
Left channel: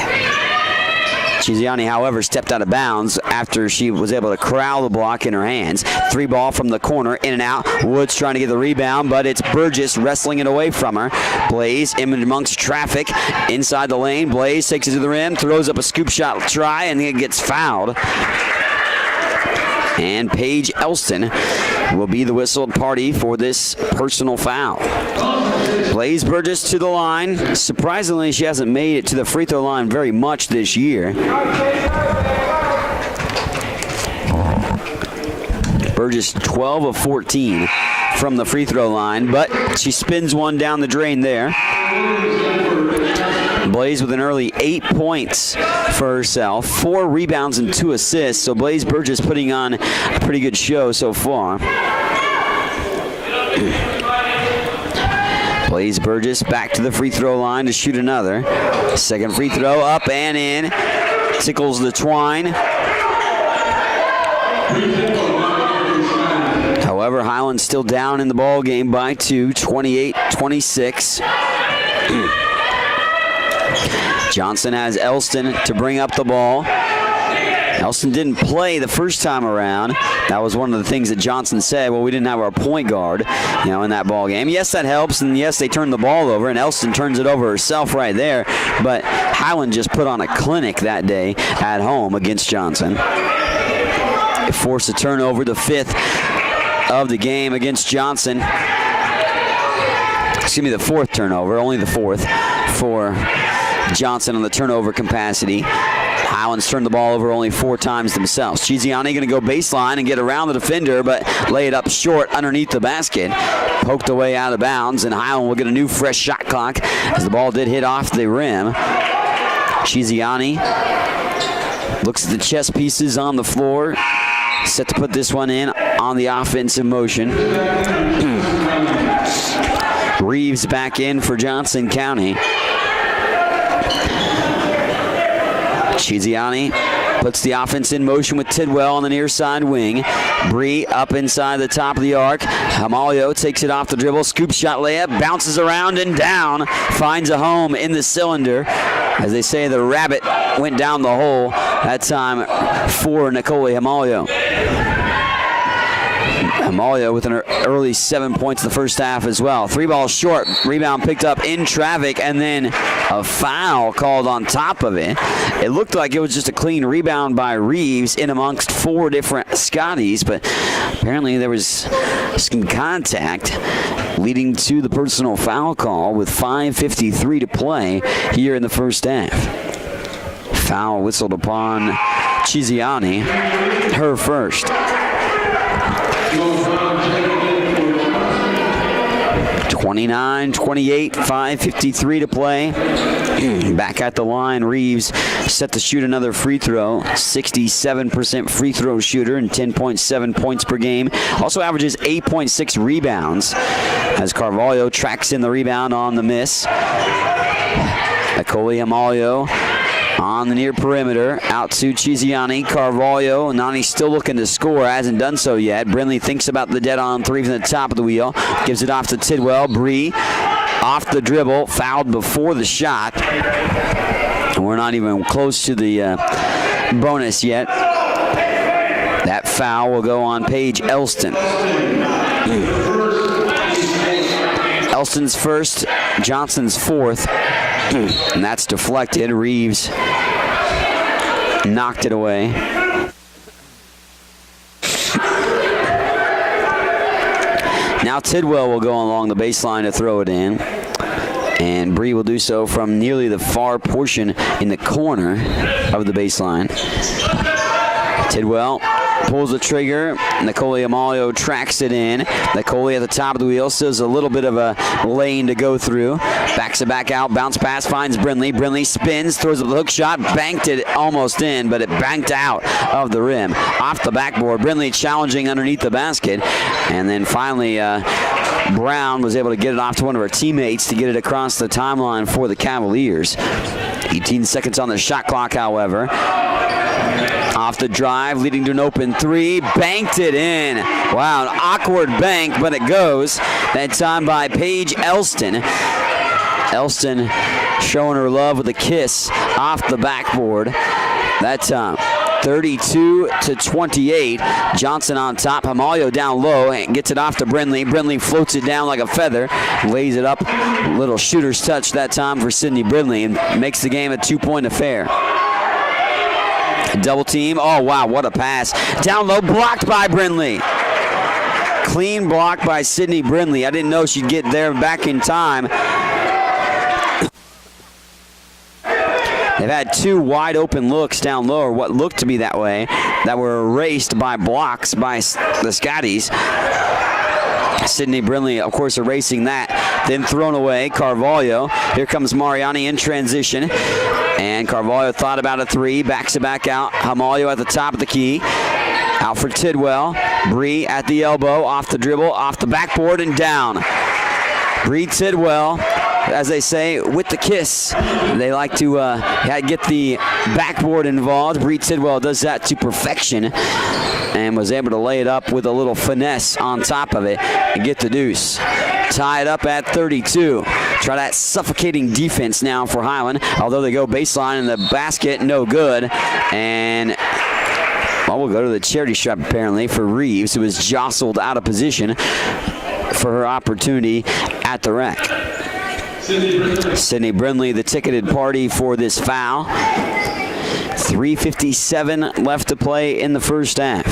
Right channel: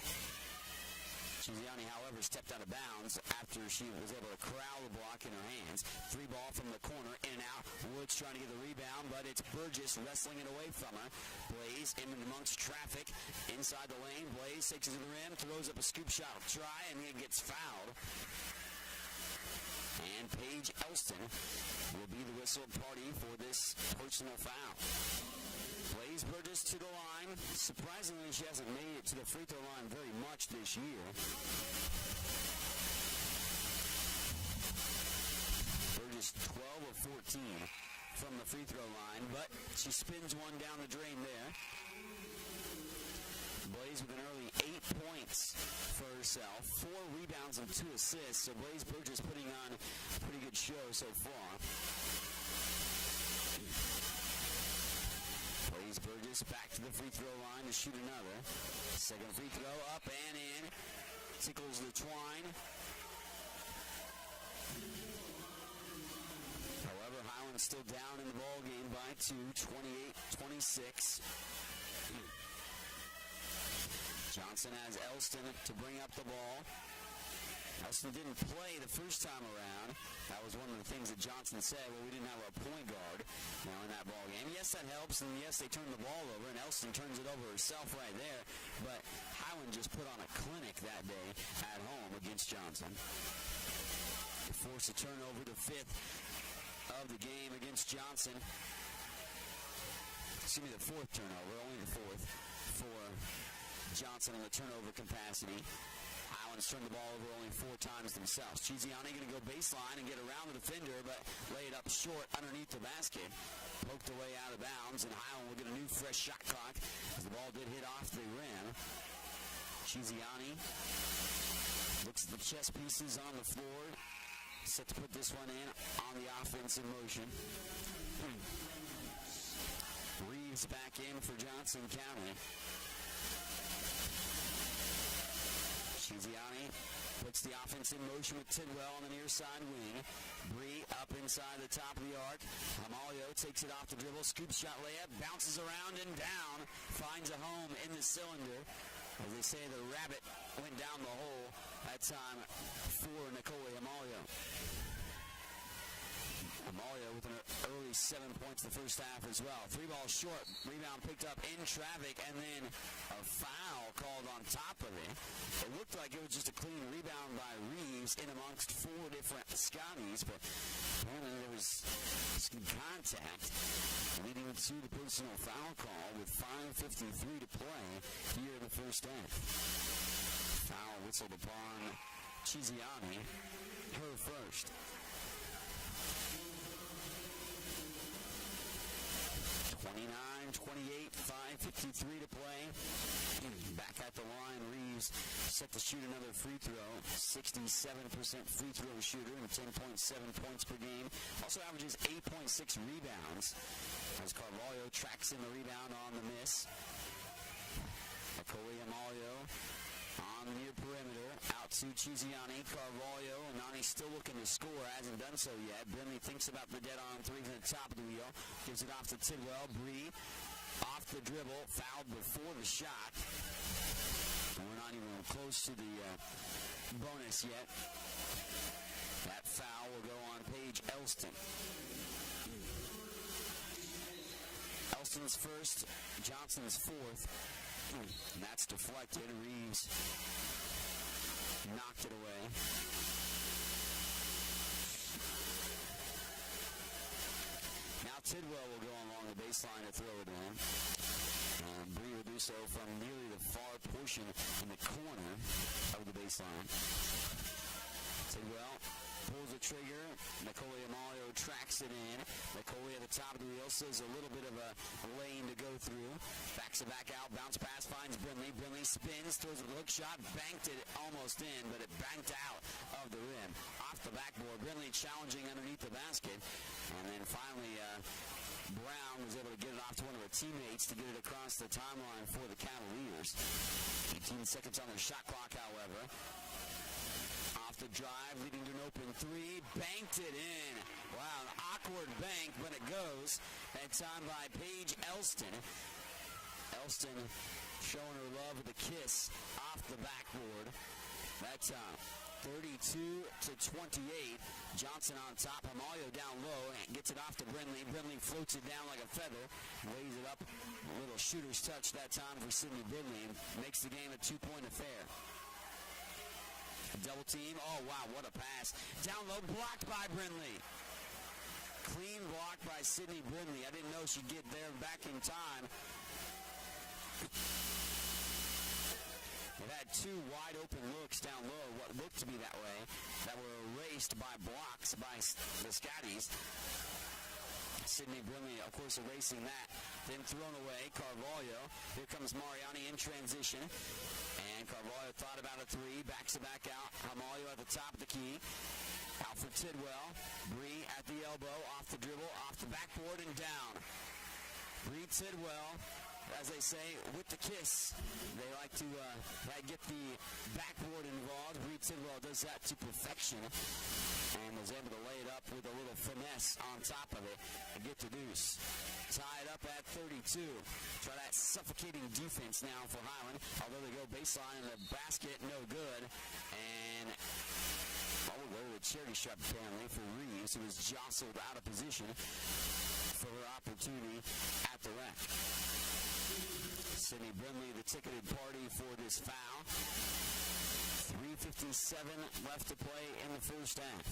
Chiziani, however, stepped out of bounds after she was able to corral the block in her hands. 3 ball from the corner, in and out. Woods trying to get the rebound, but it's Burgess wrestling it away from her. Blaze in amongst traffic inside the lane. Blaze takes it to the rim, throws up a scoop shot try, and then gets fouled. And Paige Elston will be the whistled party for this personal foul. Blaze Burgess to the line. Surprisingly, she hasn't made it to the free throw line very much this year. Burgess 12 of 14 from the free throw line, but she spins one down the drain there. Blaze with an early 8 points for herself, 4 rebounds and 2 assists. So Blaze Burgess putting on a pretty good show so far. Blaze Burgess back to the free throw line to shoot another. Second free throw up and in. Tickles the twine. However, Highland still down in the ball game by 2, 28-26. Johnson has Elston to bring up the ball. Elston didn't play the first time around. That was one of the things that Johnson said. Well, we didn't have our point guard, in that ball game. Yes, that helps, and yes, they turned the ball over, and Elston turns it over herself right there. But Highland just put on a clinic that day at home against Johnson. It forced a turnover, the 5th of the game against Johnson. Excuse me, the 4th turnover, only the 4th for Johnson on the turnover capacity. Highlands turned the ball over only 4 times themselves. Chiziani going to go baseline and get around the defender, but lay it up short underneath the basket. Poked away out of bounds, and Highland will get a new fresh shot clock as the ball did hit off the rim. Chiziani looks at the chess pieces on the floor, set to put this one in on the offensive motion. Reeves back in for Johnson County. Chiziani puts the offense in motion with Tidwell on the near side wing. Bree up inside the top of the arc. Hamalio takes it off the dribble. Scoop shot layup. Bounces around and down. Finds a home in the cylinder. As they say, the rabbit went down the hole. That time for Nicole Hamalio. Hamalio with an early 7 points in the first half as well. 3 balls short. Rebound picked up in traffic, and then a foul called on top of it. It looked like it was just a clean rebound by Reeves in amongst 4 different Scotties, but apparently there was some contact leading to the personal foul call with 5:53 to play here in the first half. Foul whistled upon Chiziani, her first. 29-28, 5:53 to play. Back at the line, Reeves set to shoot another free throw. 67% free throw shooter and 10.7 points per game. Also averages 8.6 rebounds as Carvalho tracks in the rebound on the miss. Nicole Hamalio on the near perimeter, out to Chiziani. Carvalho, Nani's still looking to score, hasn't done so yet. Brindley thinks about the dead-on 3 from the top of the wheel, gives it off to Tidwell. Bree off the dribble, fouled before the shot. We're not even close to the bonus yet. That foul will go on Paige Elston. Elston's first, Johnson's 4th. And that's deflected. Reeves knocked it away. Now Tidwell will go along the baseline to throw it in. And Bree will do so from nearly the far portion in the corner of the baseline. Tidwell pulls the trigger. Nicole Hamalio tracks it in. Nicole at the top of the wheel, still has a little bit of a lane to go through. Backs it back out, bounce pass, finds Brindley. Brindley spins, throws up the hook shot, banked it almost in, but it banked out of the rim. Off the backboard, Brindley challenging underneath the basket. And then finally, Brown was able to get it off to one of her teammates to get it across the timeline for the Cavaliers. 18 seconds on the shot clock, however. Off the drive, leading to an open three. Banked it in. Wow, an awkward bank, but it goes. That time by Paige Elston. Elston showing her love with a kiss off the backboard. That time, 32-28. Johnson on top. Hamalio down low and gets it off to Brindley. Brindley floats it down like a feather, lays it up. Little shooter's touch that time for Sydney Brindley and makes the game a 2-point affair. Double team. Oh, wow, what a pass. Down low, blocked by Brindley. Clean block by Sydney Brindley. I didn't know she'd get there back in time. They've had two wide open looks down low, or what looked to be that way, that were erased by blocks by the Scotties. Sydney Brindley, of course, erasing that. Then thrown away. Carvalho. Here comes Mariani in transition. And Carvalho thought about a three. Backs it back out. Hamalio at the top of the key. Out for Tidwell. Bree at the elbow. Off the dribble. Off the backboard and down. Bree Tidwell, as they say, with the kiss. They like to get the backboard involved. Bree Tidwell does that to perfection and was able to lay it up with a little finesse on top of it and get the deuce. Tie it up at 32. Try that suffocating defense now for Highland, although they go baseline in the basket, no good. And well, we'll go to the charity stripe apparently for Reeves, who was jostled out of position for her opportunity at the rack. Sydney Brindley, the ticketed party for this foul. 3:57 left to play in the first half.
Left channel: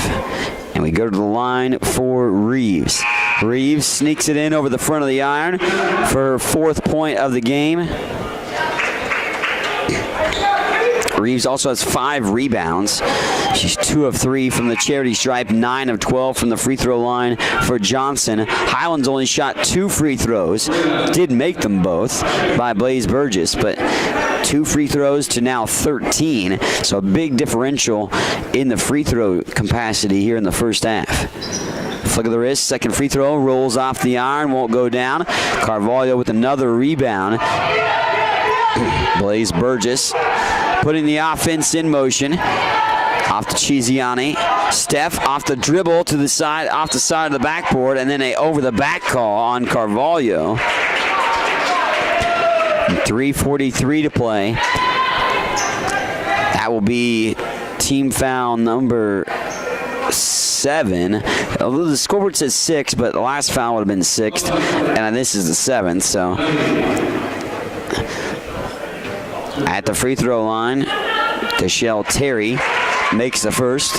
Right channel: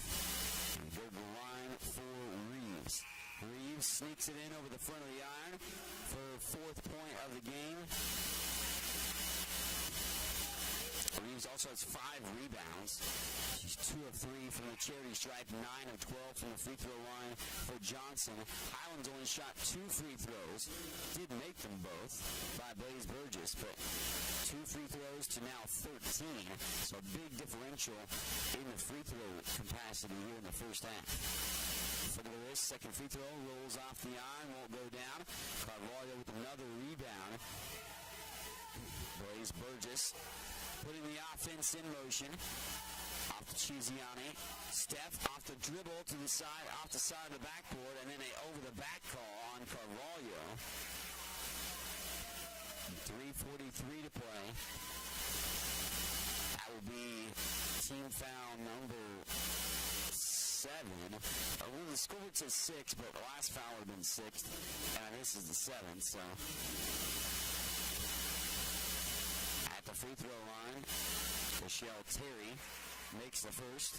And we go to the line for Reeves. Reeves sneaks it in over the front of the iron for her 4th point of the game. Reeves also has 5 rebounds. She's 2 of 3 from the charity stripe, 9 of 12 from the free throw line for Johnson. Highland's only shot 2 free throws. Did make them both by Blaze Burgess, but 2 free throws to now 13. So a big differential in the free throw capacity here in the first half. Flick of the wrist, second free throw, rolls off the iron, won't go down. Carvalho with another rebound. Blaze Burgess putting the offense in motion. Off to Chiziani. Steph off the dribble to the side, off the side of the backboard, and then a over the back call on Carvalho. 3:43 to play. That will be team foul number 7. Although the scoreboard says 6, but the last foul would have been 6th, and this is the 7th, so. At the free throw line, Deshelle Terry makes the first.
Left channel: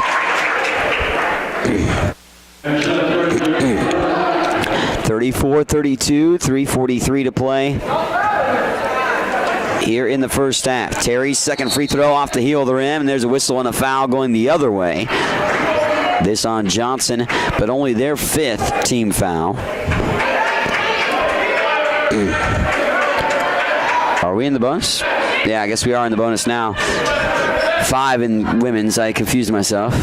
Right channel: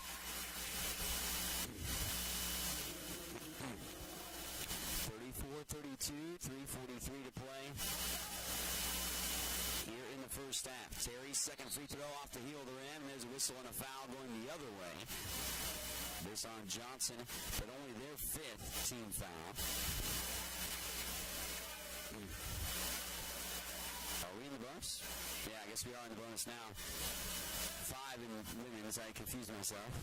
34-32, 3:43 to play here in the first half. Terry's second free throw off the heel of the rim, and there's a whistle and a foul going the other way. This on Johnson, but only their 5th team foul. Are we in the bonus? Yeah, I guess we are in the bonus now. 5 in women's. I confused myself.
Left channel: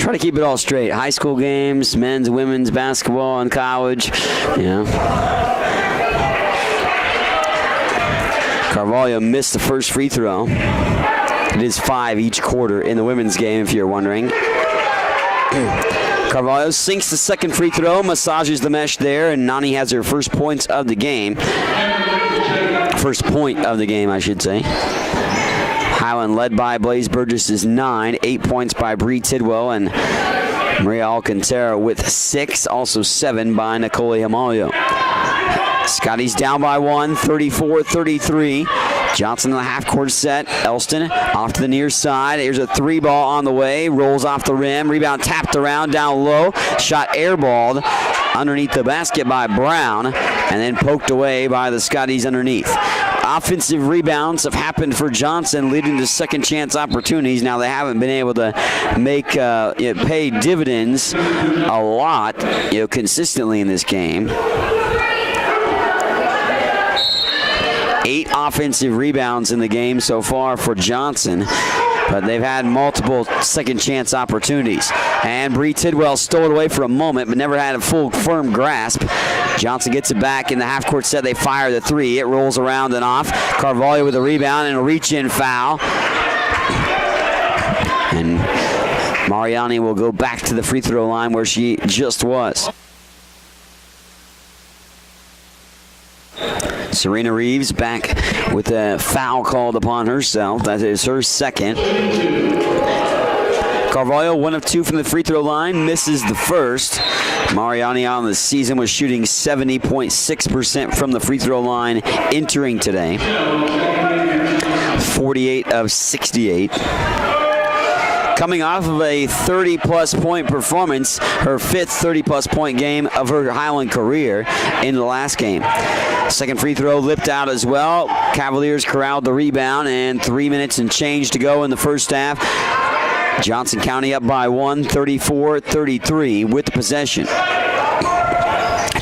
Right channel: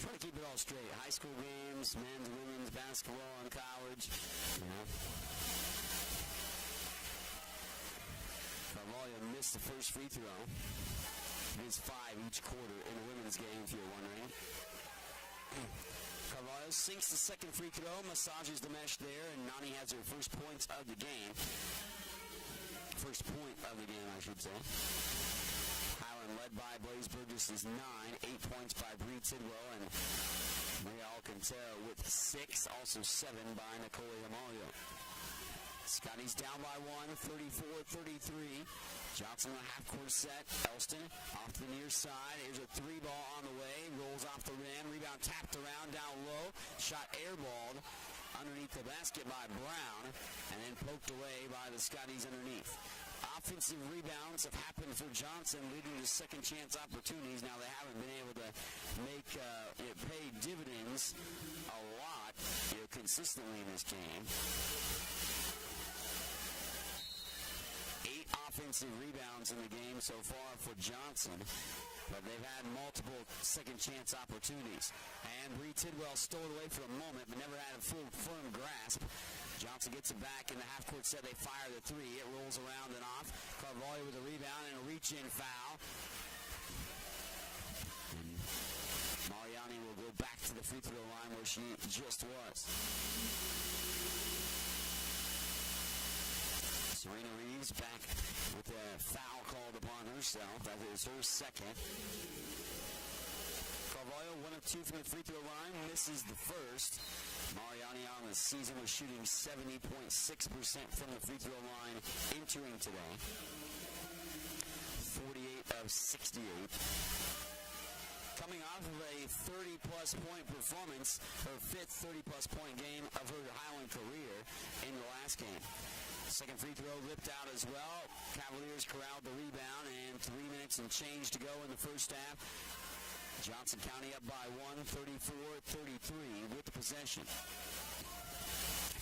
Try to keep it all straight. High school games, men's, women's, basketball, and college. You know. Carvalho missed the first free throw. It is 5 each quarter in the women's game, if you're wondering. Carvalho sinks the second free throw, massages the mesh there, and Nani has her first points of the game. First point of the game, I should say. Highland led by Blaze Burgess is 9, 8 points by Bree Tidwell, and Maria Alcantara with 6, also 7 by Nicole Hamalio. Scotty's down by 1, 34-33. Johnson in the half-court set. Elston off to the near side. Here's a 3-ball on the way. Rolls off the rim. Rebound tapped around down low. Shot airballed underneath the basket by Brown, and then poked away by the Scotties underneath. Offensive rebounds have happened for Johnson, leading to second chance opportunities. Now they haven't been able to make pay dividends a lot, consistently in this game. 8 offensive rebounds in the game so far for Johnson, but they've had multiple second chance opportunities. And Bree Tidwell stole it away for a moment, but never had a full firm grasp. Johnson gets it back in the half-court set. They fire the 3. It rolls around and off. Carvalho with a rebound and a reach-in foul. And Mariani will go back to the free throw line where she just was. Serena Reeves back with a foul called upon herself. That is her second. Carvalho, 1 of 2 from the free throw line, misses the first. Mariani on the season was shooting 70.6% from the free throw line entering today. 48 of 68. Coming off of a 30-plus point performance, her 5th 30-plus point game of her Highland career in the last game. Second free throw lipped out as well. Cavaliers corralled the rebound, and 3 minutes and change to go in the first half. Johnson County up by 1, 34-33 with the possession.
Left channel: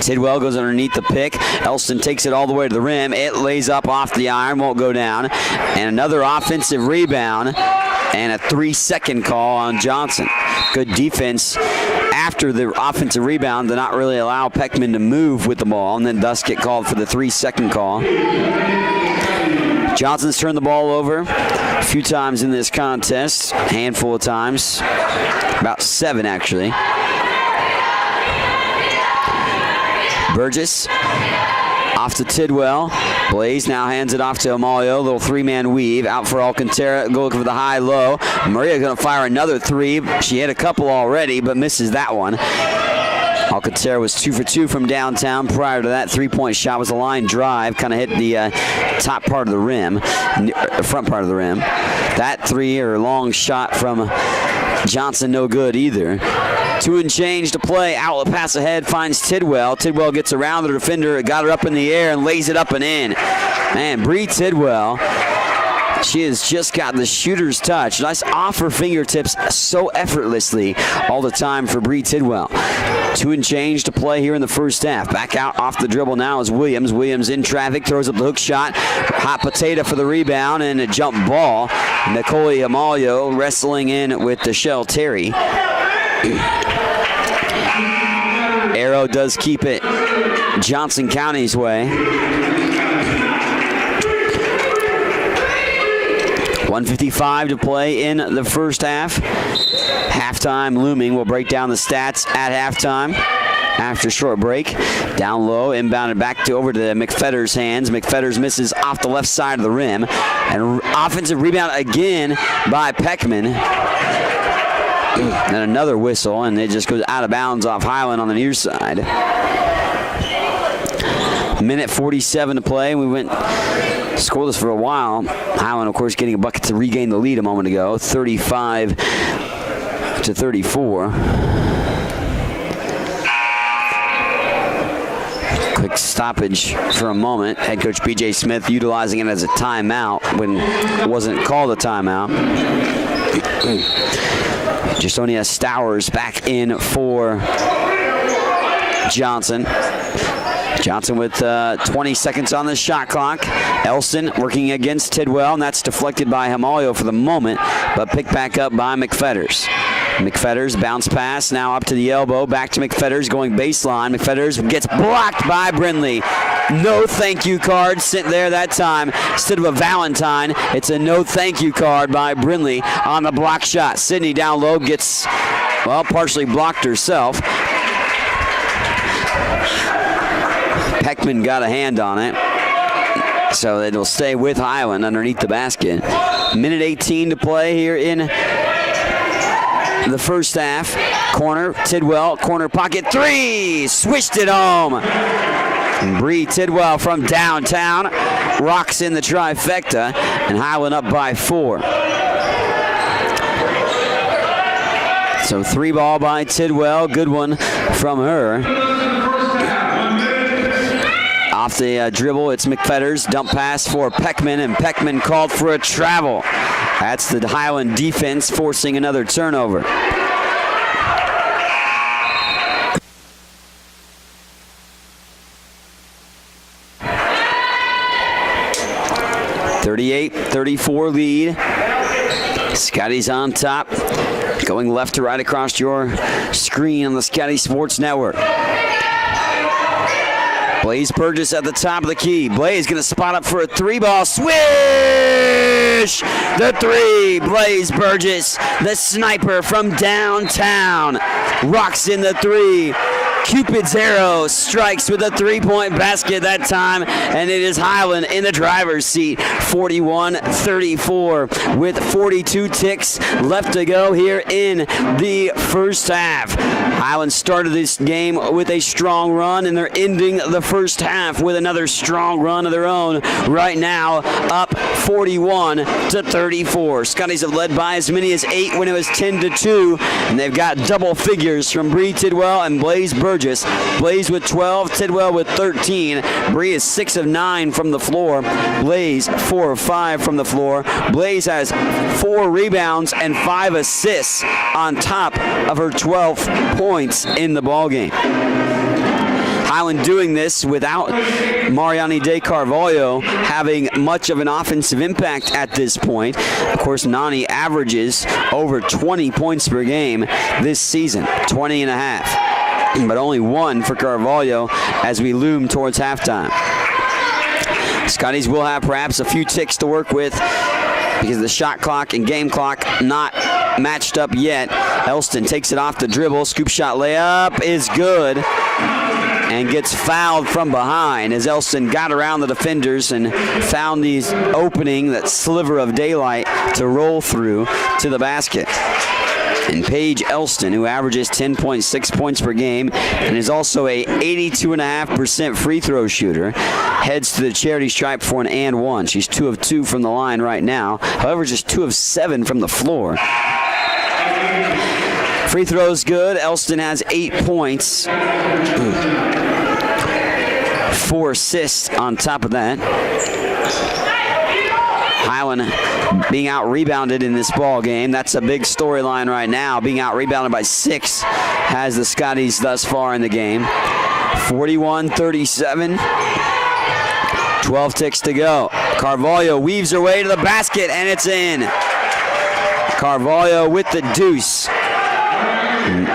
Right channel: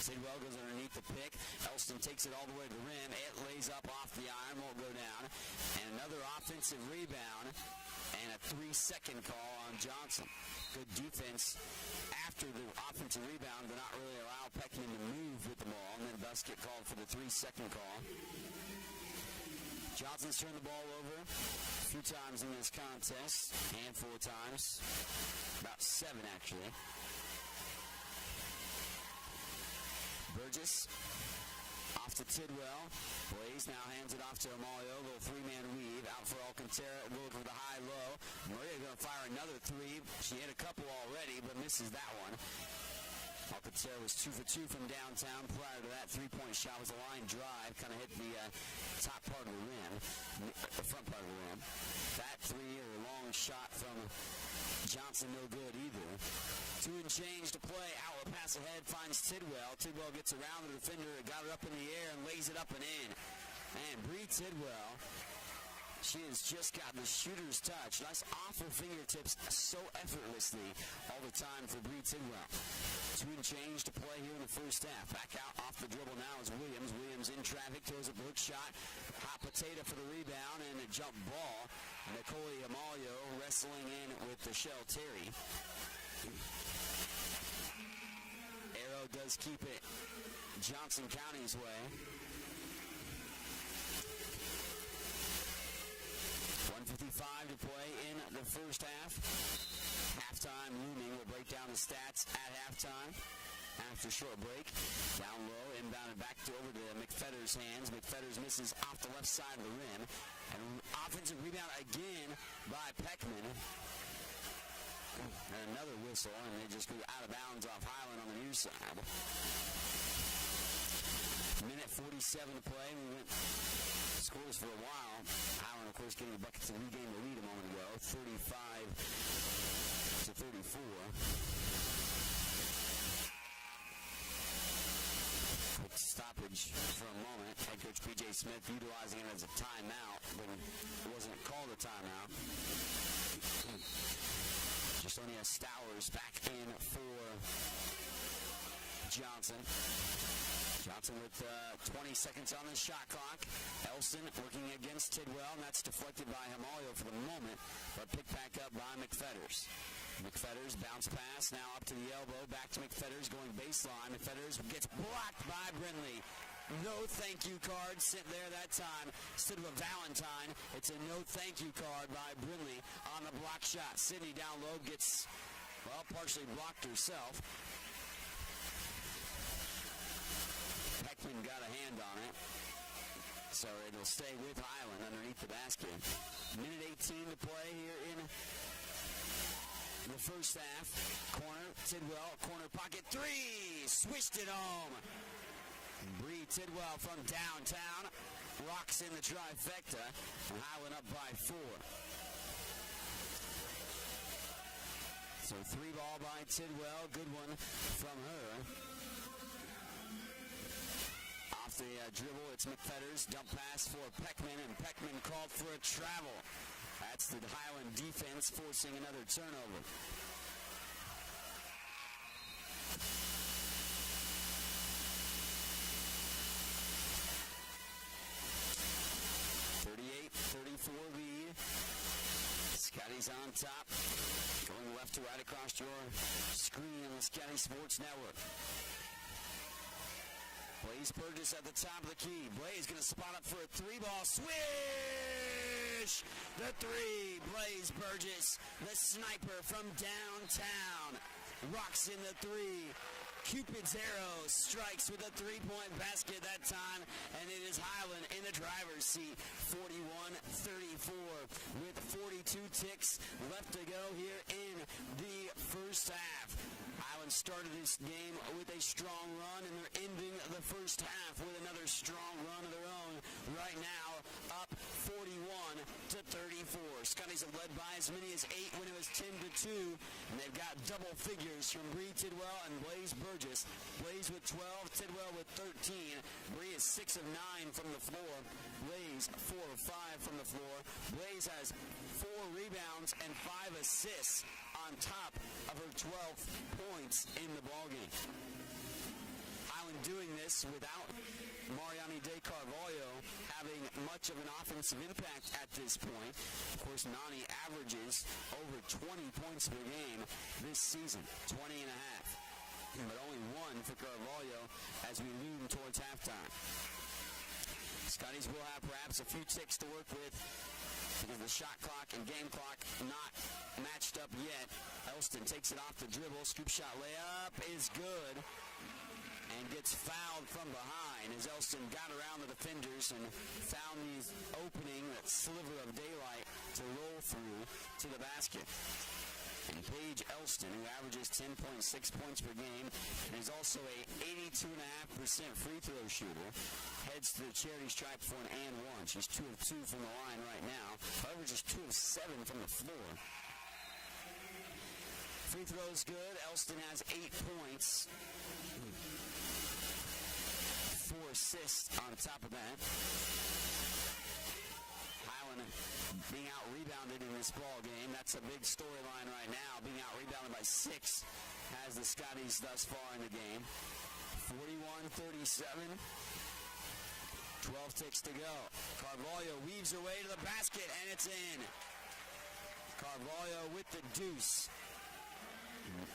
Tidwell goes underneath the pick. Elston takes it all the way to the rim. It lays up off the iron, won't go down. And another offensive rebound and a 3-second call on Johnson. Good defense after the offensive rebound to not really allow Peckman to move with the ball, and then thus get called for the 3-second call. Johnson's turned the ball over a few times in this contest, a handful of times, about 7 actually. Burgess off to Tidwell. Blaze now hands it off to Amalio. Little 3-man weave out for Alcantara. Go looking for the high-low. Maria going to fire another 3. She hit a couple already, but misses that one. Alcantara was 2 for 2 from downtown. Prior to that, 3-point shot was a line drive. Kind of hit the top part of the rim, front part of the rim. That 3 or long shot from Johnson, no good either. 2 and change to play. Outlet pass ahead finds Tidwell. Tidwell gets around the defender, got her up in the air and lays it up and in. Man, Bree Tidwell, she has just got the shooter's touch. Nice off her fingertips so effortlessly all the time for Bree Tidwell. 2 and change to play here in the first half. Back out off the dribble now is Williams. Williams in traffic, throws up the hook shot. Hot potato for the rebound and a jump ball. Nicole Amalio wrestling in with Deshelle Terry. Arrow does keep it Johnson County's way. 1:55 to play in the first half. Halftime looming. We'll break down the stats at halftime after short break. Down low, inbounded back to over to McFetter's hands. McFetters misses off the left side of the rim. And offensive rebound again by Peckman. And another whistle, and it just goes out of bounds off Highland on the near side. Minute 47 to play. We went scoreless for a while. Highland, of course, getting a bucket to regain the lead a moment ago, 35-34. Quick stoppage for a moment. Head coach B.J. Smith utilizing it as a timeout when it wasn't called a timeout. Justonia Stowers back in for Johnson. Johnson with 20 seconds on the shot clock. Elston working against Tidwell, and that's deflected by Amalio for the moment, but picked back up by McFetters. McFetters bounce pass now up to the elbow, back to McFetters going baseline. McFetters gets blocked by Brindley. No thank you card sent there that time. Instead of a Valentine, it's a no thank you card by Brindley on the block shot. Sydney down low gets, well, partially blocked herself. Peckman got a hand on it, so it'll stay with Highland underneath the basket. Minute 18 to play here in the first half. Corner, Tidwell, corner pocket, 3! Swished it home. And Bree Tidwell from downtown rocks in the trifecta, and Highland up by 4. So 3 ball by Tidwell, good one from her. Off the dribble, it's McFetters. Dump pass for Peckman, and Peckman called for a travel. That's the Highland defense forcing another turnover. (38-34) lead. Scotty's on top, going left to right across your screen on the Scotty Sports Network. Blaze Burgess at the top of the key. Blaze going to spot up for a 3-ball. Swish! The 3. Blaze Burgess, the sniper from downtown, rocks in the 3. Cupid's arrow strikes with a 3-point basket that time, and it is Highland in the driver's seat, 41-34, with 42 ticks left to go here in the first half. Highland started this game with a strong run, and they're ending the first half with another strong run of their own. Right now, up 41-34. Scotties have led by as many as 8 when it was 10-2, and they've got double figures from Bree Tidwell and Blaze Burgess. Blaze with 12, Tidwell with 13. Bree is 6 of 9 from the floor. Blaze 4 of 5 from the floor. Blaze has 4 rebounds and 5 assists on top of her 12 points in the ballgame. Highland doing this without Mariani De Carvalho having much of an offensive impact at this point. Of course, Nani averages over 20 points per game this season, 20 and a half. But only 1 for Carvalho as we loom towards halftime. Scotties will have perhaps a few ticks to work with because the shot clock and game clock not matched up yet. Elston takes it off the dribble. Scoop shot layup is good and gets fouled from behind as Elston got around the defenders and found the opening, that sliver of daylight to roll through to the basket. And Paige Elston, who averages 10.6 points per game and is also a 82.5% free throw shooter, heads to the charity stripe for an and 1. She's 2 of 2 from the line right now. However, just 2 of 7 from the floor. Free throws good. Elston has 8 points. 4 assists on top of that. Highland being out-rebounded in this ball game. That's a big storyline right now. Being out-rebounded by 6 has the Scotties thus far in the game. 41-37. 12 ticks to go. Carvalho weaves her way to the basket, and it's in. Carvalho with the deuce.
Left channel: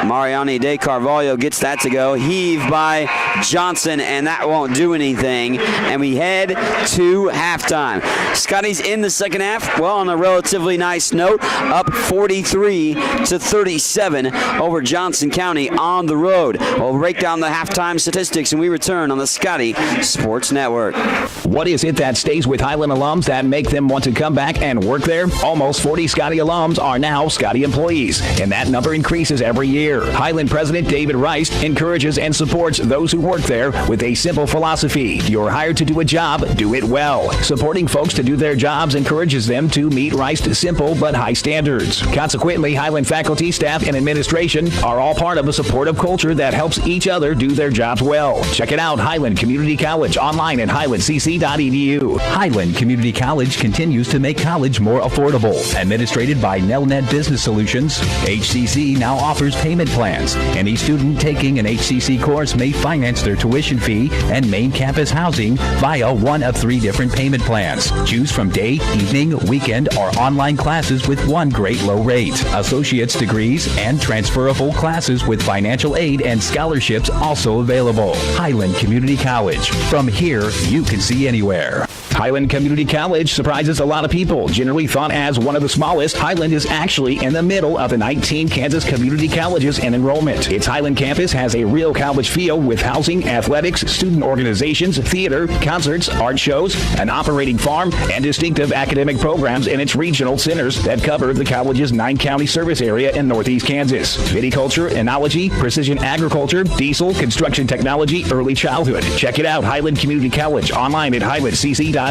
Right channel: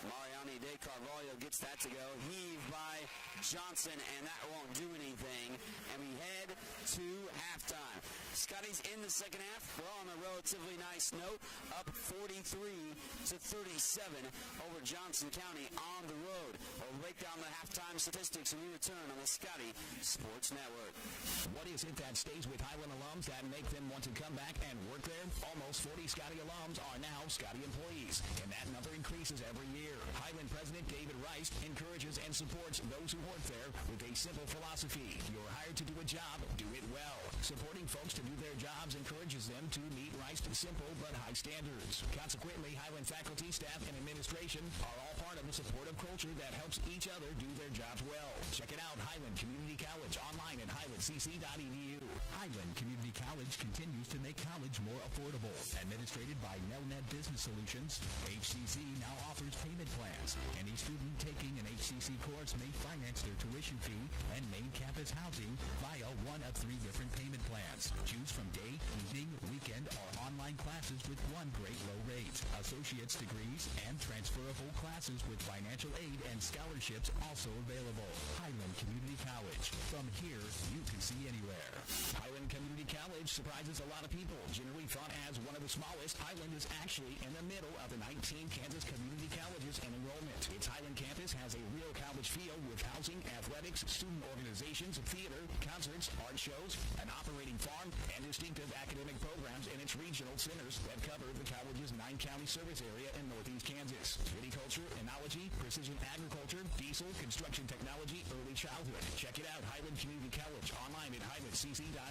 Mariani De Carvalho gets that to go. Heave by Johnson, and that won't do anything. And we head to halftime. Scotties in the second half, well, on a relatively nice note, up 43-37 over Johnson County on the road. We'll break down the halftime statistics, and we return on the Scotty Sports Network. What is it that stays with Highland alums that make them want to come back and work there? Almost 40 Scotty alums are now Scotty employees, and that number increases every year. Highland President David Rice encourages and supports those who work there with a simple philosophy. You're hired to do a job, do it well. Supporting folks to do their jobs encourages them to meet Rice's simple but high standards. Consequently, Highland faculty, staff, and administration are all part of a supportive culture that helps each other do their jobs well. Check it out, Highland Community College, online at highlandcc.edu. Highland Community College continues to make college more affordable. Administrated by Nelnet Business Solutions, HCC now offers payment plans. Any student taking an HCC course may finance their tuition fee and main campus housing via one of 3 different payment plans. Choose from day, evening, weekend, or online classes with one great low rate. Associate's degrees and transferable classes with financial aid and scholarships also available. Highland Community College. From here, you can see anywhere. Highland Community College surprises a lot of people. Generally thought as one of the smallest, Highland is actually in the middle of the 19 Kansas community colleges in enrollment. Its Highland campus has a real college feel with housing, athletics, student organizations, theater, concerts, art shows, an operating farm, and distinctive academic programs in its regional centers that cover the college's 9-county service area in northeast Kansas. Viticulture, enology, precision agriculture, diesel, construction technology, early childhood. Check it out, Highland Community College, online at highlandcc.edu.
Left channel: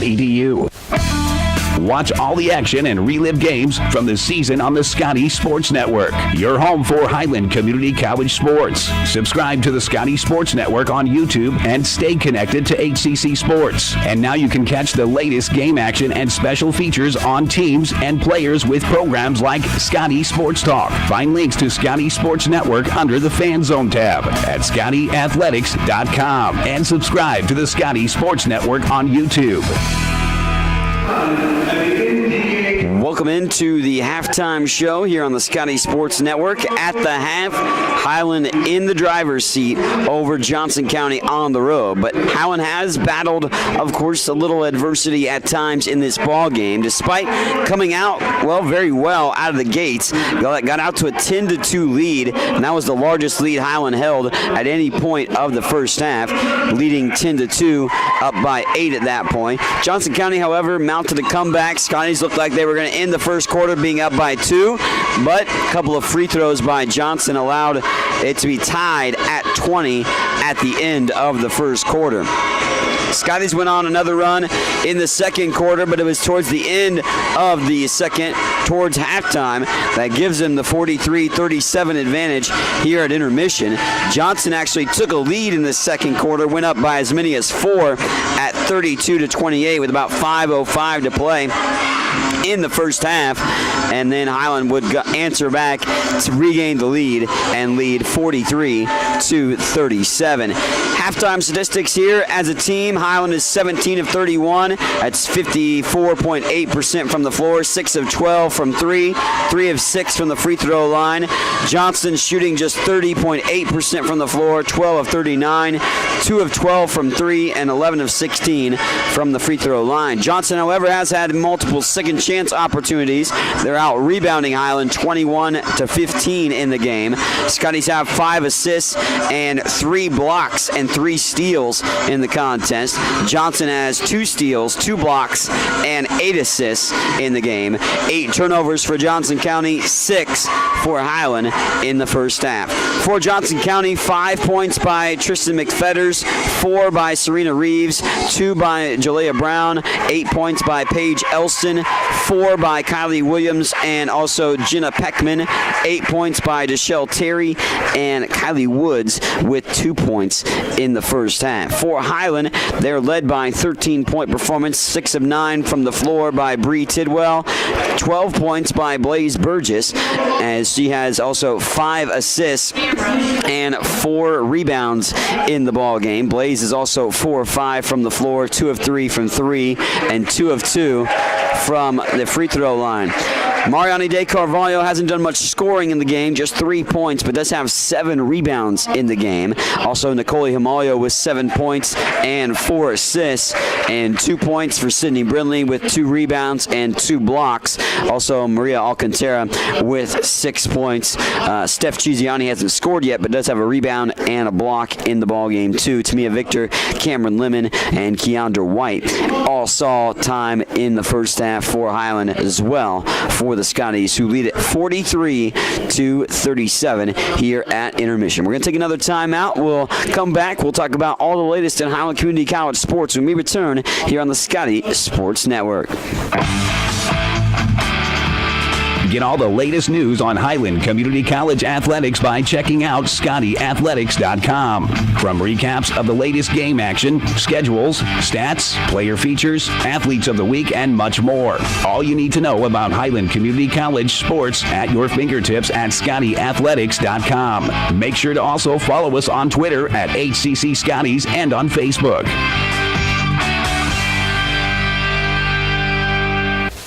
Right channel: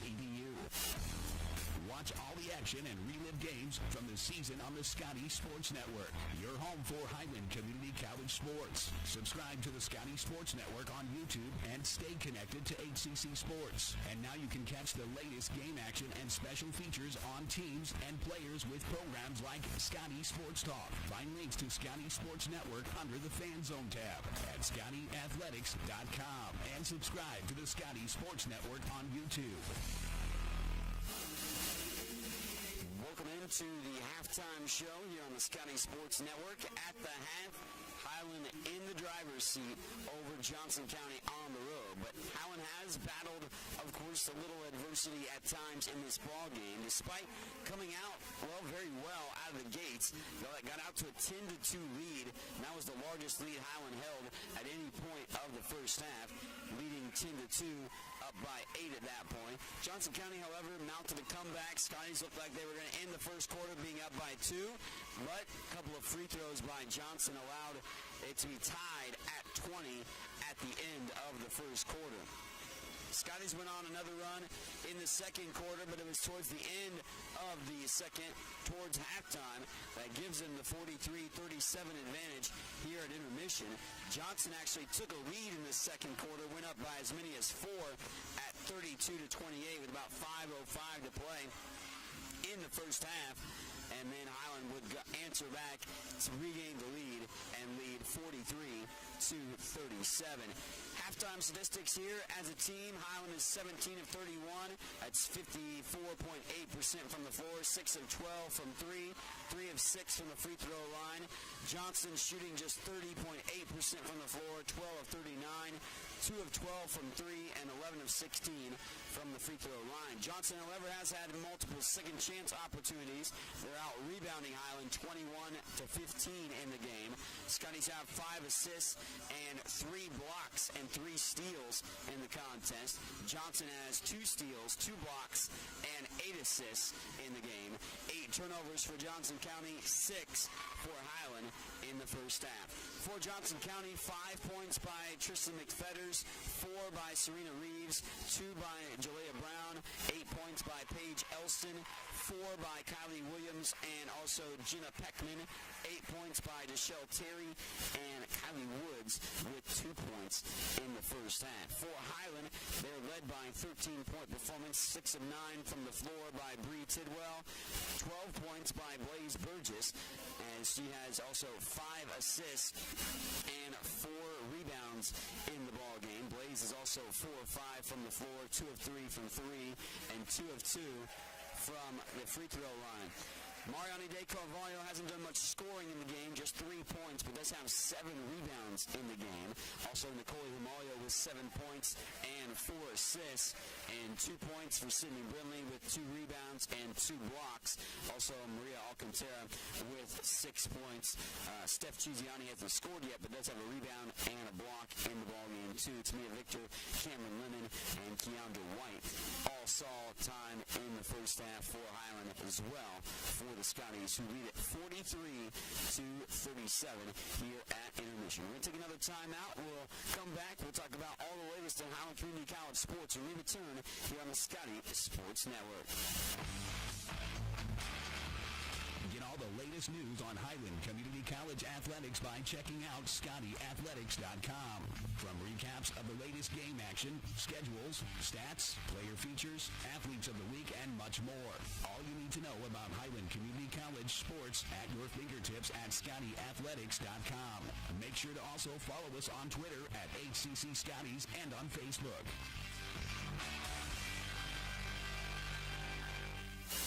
Watch all the action and relive games from the season on the Scotty Sports Network, your home for Highland Community College sports. Subscribe to the Scotty Sports Network on YouTube and stay connected to HCC Sports. And now you can catch the latest game action and special features on teams and players with programs like Scotty Sports Talk. Find links to Scotty Sports Network under the Fan Zone tab at ScottyAthletics.com and subscribe to the Scotty Sports Network on YouTube. Welcome into the halftime show here on the Scotty Sports Network. At the half, Highland in the driver's seat over Johnson County on the road. But Highland has battled, of course, a little adversity at times in this ball game, despite coming out, very well out of the gates. Got out to a 10-2 lead, and that was the largest lead Highland held at any point of the first half, leading 10-2, up by 8 at that point. Johnson County, however, mounted a comeback. Scotties looked like they were going to end the first quarter being up by 2, but a couple of free throws by Johnson allowed it to be tied at 20 at the end of the first quarter. Scotties went on another run in the second quarter, but it was towards the end of the second, towards halftime, that gives them the 43-37 advantage here at intermission. Johnson actually took a lead in the second quarter, went up by as many as 4 at 32-28 with about 5:05 to play in the first half, and then Highland would answer back to regain the lead and lead 43-37. Halftime statistics here as a team: Highland is 17 of 31. That's 54.8% from the floor, 6 of 12 from 3, 3 of 6 from the free throw line. Johnson shooting just 30.8% from the floor, 12 of 39, 2 of 12 from 3, and 11 of 16 from the free throw line. Johnson, however, has had multiple second chance opportunities. They're out rebounding Highland 21-15 in the game. Scotties have 5 assists and 3 blocks and 3 steals in the contest. Johnson has 2 steals, 2 blocks, and 8 assists in the game. 8 turnovers for Johnson County, 6 for Highland in the first half. For Johnson County, 5 points by Tristan McFetters, 4 by Serena Reeves, 2 by Jalea Brown, 8 points by Paige Elston, 4 by Kylie Williams, and also Jenna Peckman, 8 points by Deshelle Terry, and Kylie Woods with 2 points in the first half. For Highland, they're led by 13-point performance, 6 of 9 from the floor by Bree Tidwell, 12 points by Blaze Burgess, as she has also 5 assists and 4 rebounds in the ball game. Blaze is also 4 of 5 from the floor, 2 of 3 from 3, and 2 of 2 from the free throw line. Mariani De Carvalho hasn't done much scoring in the game, just 3 points, but does have 7 rebounds in the game. Also, Nicole Himalio with 7 points and 4 assists, and 2 points for Sydney Brindley with 2 rebounds and 2 blocks. Also, Maria Alcantara with 6 points. Steph Chiziani hasn't scored yet, but does have a rebound and a block in the ball game too. Tamia Victor, Cameron Lemon, and Keandra White all saw time in the first half for Highland as well, for the Scotties, who lead it 43-37 here at intermission. We're going to take another timeout. We'll come back. We'll talk about all the latest in Highland Community College sports when we return here on the Scotty Sports Network. Get all the latest news on Highland Community College athletics by checking out ScottyAthletics.com. From recaps of the latest game action, schedules, stats, player features, athletes of the week, and much more. All you need to know about Highland Community College sports at your fingertips at ScottyAthletics.com. Make sure to also follow us on Twitter at HCC Scotties and on Facebook.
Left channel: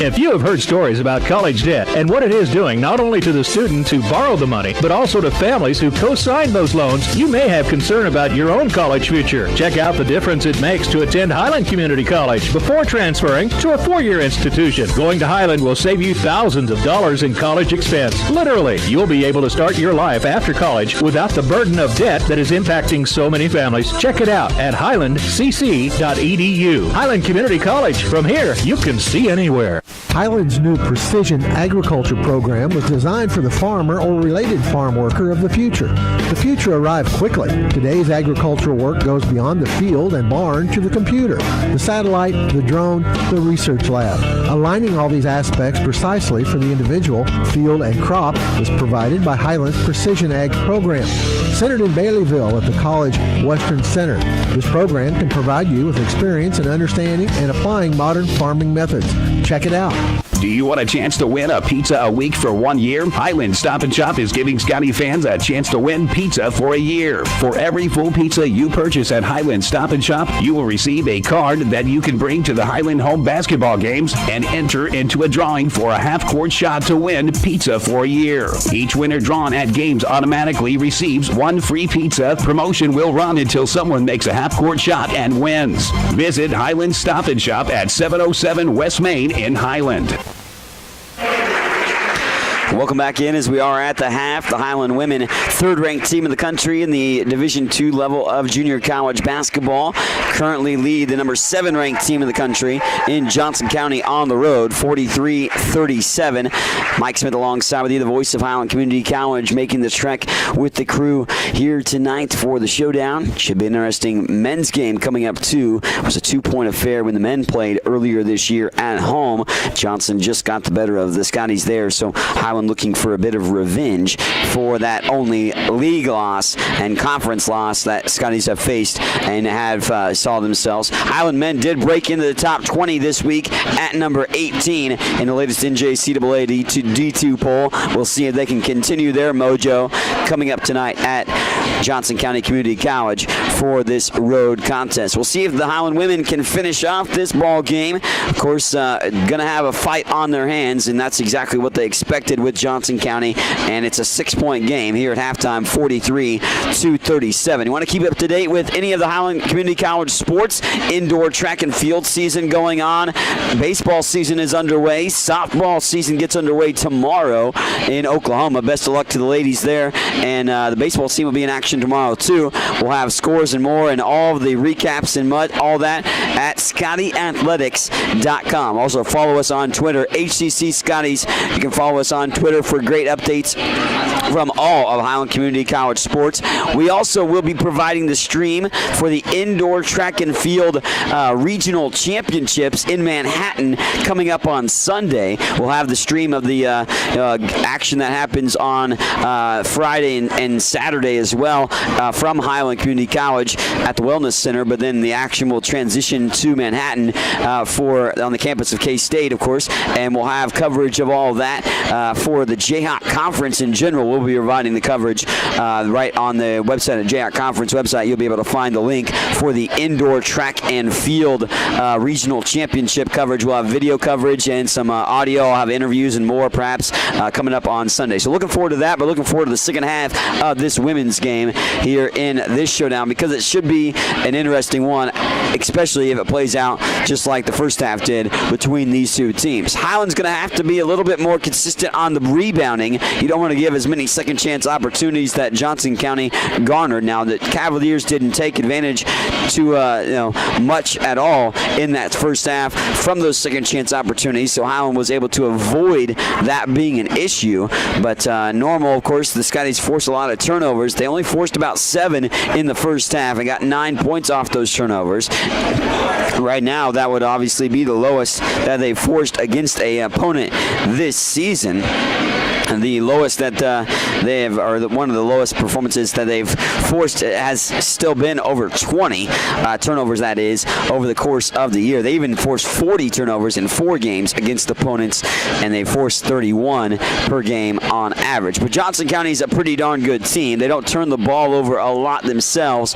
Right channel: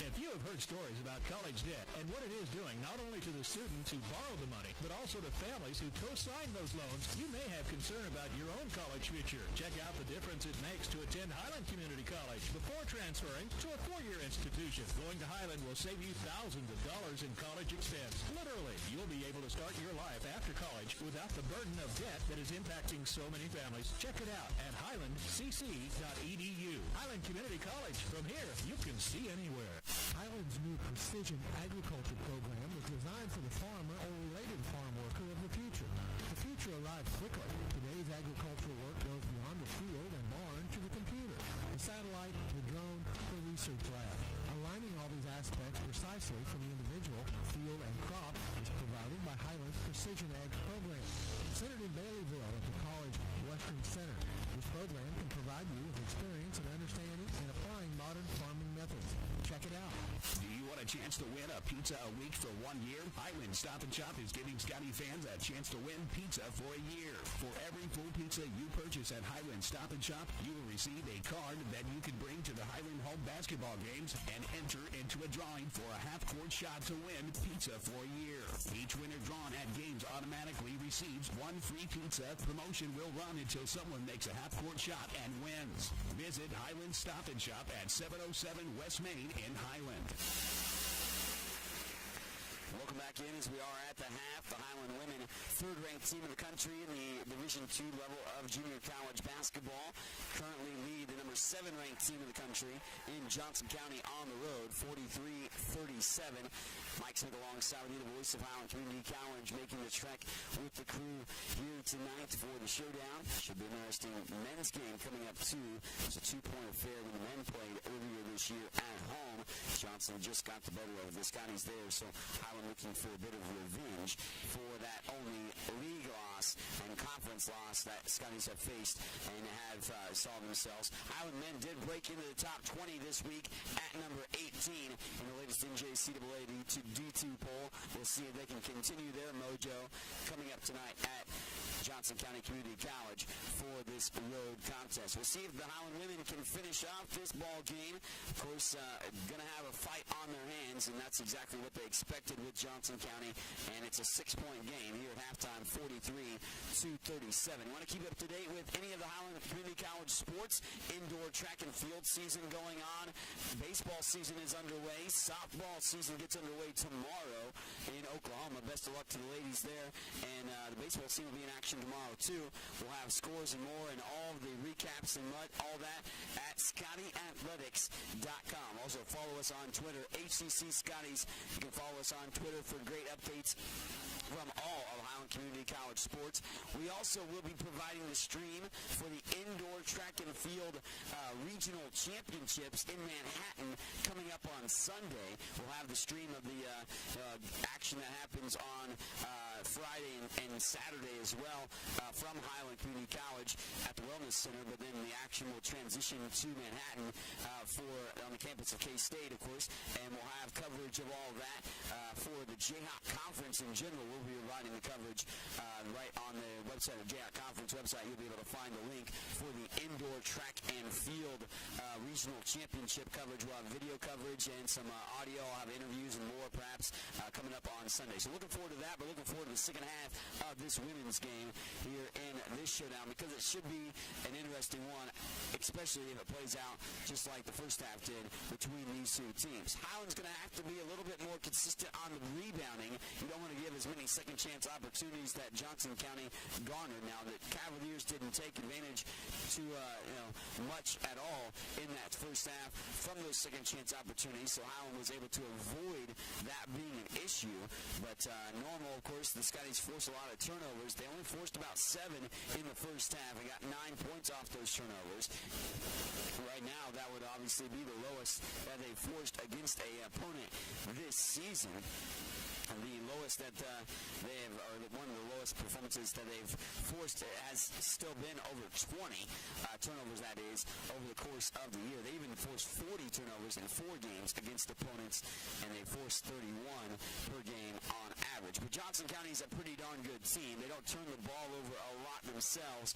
If you have heard stories about college debt and what it is doing not only to the students who borrow the money, but also to families who co-sign those loans, you may have concern about your own college future. Check out the difference it makes to attend Highland Community College before transferring to a 4-year institution. Going to Highland will save you thousands of dollars in college expense. Literally, you'll be able to start your life after college without the burden of debt that is impacting so many families. Check it out at highlandcc.edu. Highland Community College. From here, you can see anywhere. Highland's new precision agriculture program was designed for the farmer or related farm worker of the future. The future arrived quickly. Today's agricultural work goes beyond the field and barn to the computer, the satellite, the drone, the research lab. Aligning all these aspects precisely for the individual, field, and crop is provided by Highland's Precision Ag program. centered in Baileyville at the College Western Center. This program can provide you with experience in understanding and applying modern farming methods. Check it out. Do you want a chance to win a pizza a week for 1 year? Highland Stop and Shop is giving Scotty fans a chance to win pizza for a year. For every full pizza you purchase at Highland Stop and Shop, you will receive a card that you can bring to the Highland home basketball games and enter into a drawing for a half-court shot to win pizza for a year. Each winner drawn at games automatically receives one free pizza. Promotion will run until someone makes a half-court shot and wins. Visit Highland Stop and Shop at 707 West Main in Highland. Welcome back in as we are at the half. The Highland women, third-ranked team in the country in the Division II level of junior college basketball, currently lead the number 7-ranked team in the country in Johnson County on the road, 43-37. Mike Smith alongside with you, the voice of Highland Community College, making the trek with the crew here tonight for the showdown. Should be an interesting men's game coming up too. It was a 2-point affair when the men played earlier this year at home. Johnson just got the better of the Scotties there, so Highland looking for a bit of revenge for that only league loss and conference loss that Scotties have faced and have saw themselves. Highland men did break into the top 20 this week at number 18 in the latest NJCAA D2 poll. We'll see if they can continue their mojo coming up tonight at Johnson County Community College for this road contest. We'll see if the Highland women can finish off this ball game. Of course, going to have a fight on their hands, and that's exactly what they expected with Johnson County, and it's a 6-point game here at halftime, 43-37. You want to keep up to date with any of the Highland Community College sports? Indoor track and field season going on. Baseball season is underway. Softball season gets underway tomorrow in Oklahoma. Best of luck to the ladies there, and the baseball team will be in action tomorrow too. We'll have scores and more and all of the recaps and all that at ScottyAthletics.com. Also follow us on Twitter, HCC Scotties. You can follow us on Twitter for great updates from all of Highland Community College sports. We also will be providing the stream for the indoor track and field regional championships in Manhattan coming up on Sunday. We'll have the stream of the action that happens on Friday and Saturday as well from Highland Community College at the Wellness Center, but then the action will transition to Manhattan on the campus of K-State, of course, and we'll have coverage of all that for the Jayhawk Conference in general. We'll be providing the coverage right on the website, at Jayhawk Conference website. You'll be able to find the link for the indoor track and field regional championship coverage. We'll have video coverage and some audio. I'll have interviews and more perhaps coming up on Sunday. So looking forward to that, but looking forward to the second half of this women's game here in this showdown, because it should be an interesting one, especially if it plays out just like the first half did between these two teams. Highland's going to have to be a little bit more consistent on the rebounding. You don't want to give as many second chance opportunities that Johnson County garnered. Now, the Cavaliers didn't take advantage to much at all in that first half from those second chance opportunities, so Highland was able to avoid that being an issue. But normal, of course, the Scotties forced a lot of turnovers. They only forced about 7 in the first half and got 9 points off those turnovers. Right now, that would obviously be the lowest that they've forced against an opponent this season. The lowest that they have, or one of the lowest performances that they've forced has still been over 20 turnovers, that is, over the course of the year. They even forced 40 turnovers in 4 games against opponents, and they forced 31 per game on average. But Johnson County is a pretty darn good team. They don't turn the ball over a lot themselves,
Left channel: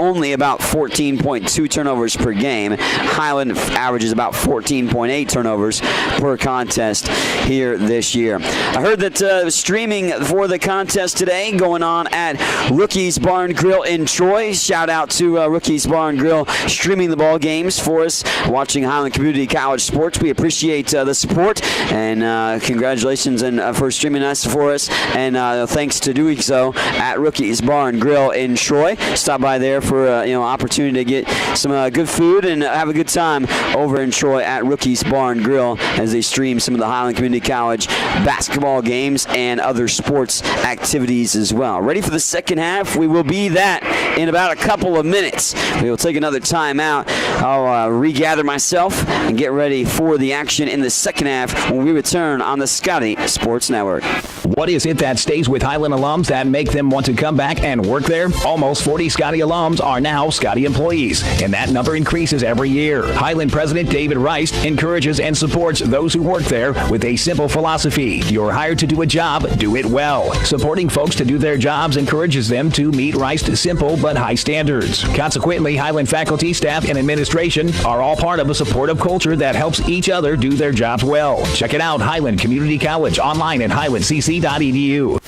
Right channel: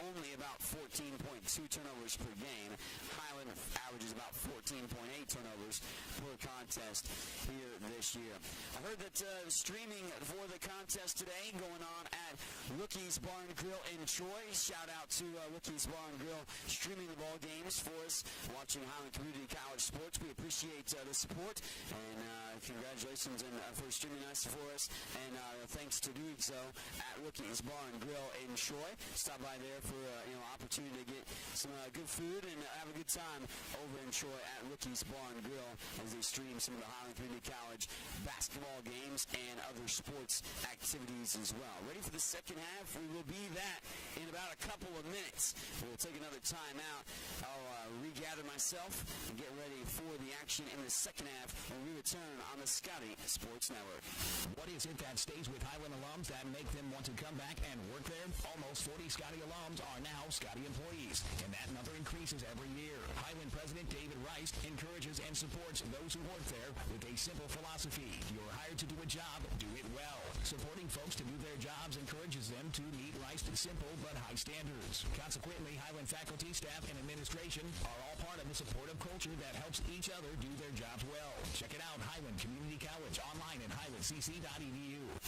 only about 14.2 turnovers per game. Highland averages about 14.8 turnovers per contest here this year. I heard that streaming for the contest today going on at Rookie's Bar and Grill in Troy. Shout out to Rookie's Bar and Grill streaming the ball games for us, watching Highland Community College sports. We appreciate the support, and congratulations for streaming us for us, and thanks to doing so at Rookie's Bar and Grill in Troy. Stop by there for opportunity to get some good food and have a good time over in Troy at Rookie's Bar and Grill as they stream some of the Highland Community College basketball games. games and other sports activities as well. Ready for the second half? We will be that in about a couple of minutes. We will take another time out. I'll regather myself and get ready for the action in the second half when we return on the Scotty Sports Network. What is it that stays with Highland alums that make them want to come back and work there? Almost 40 Scotty alums are now Scotty employees, and that number increases every year. Highland President David Rice encourages and supports those who work there with a simple philosophy. You're hired to do a job, do it well. Supporting folks to do their jobs encourages them to meet Rice's simple but high standards. Consequently, Highland faculty, staff, and administration are all part of a supportive culture that helps each other do their jobs well. Check it out, Highland Community College, online at highlandcc.edu.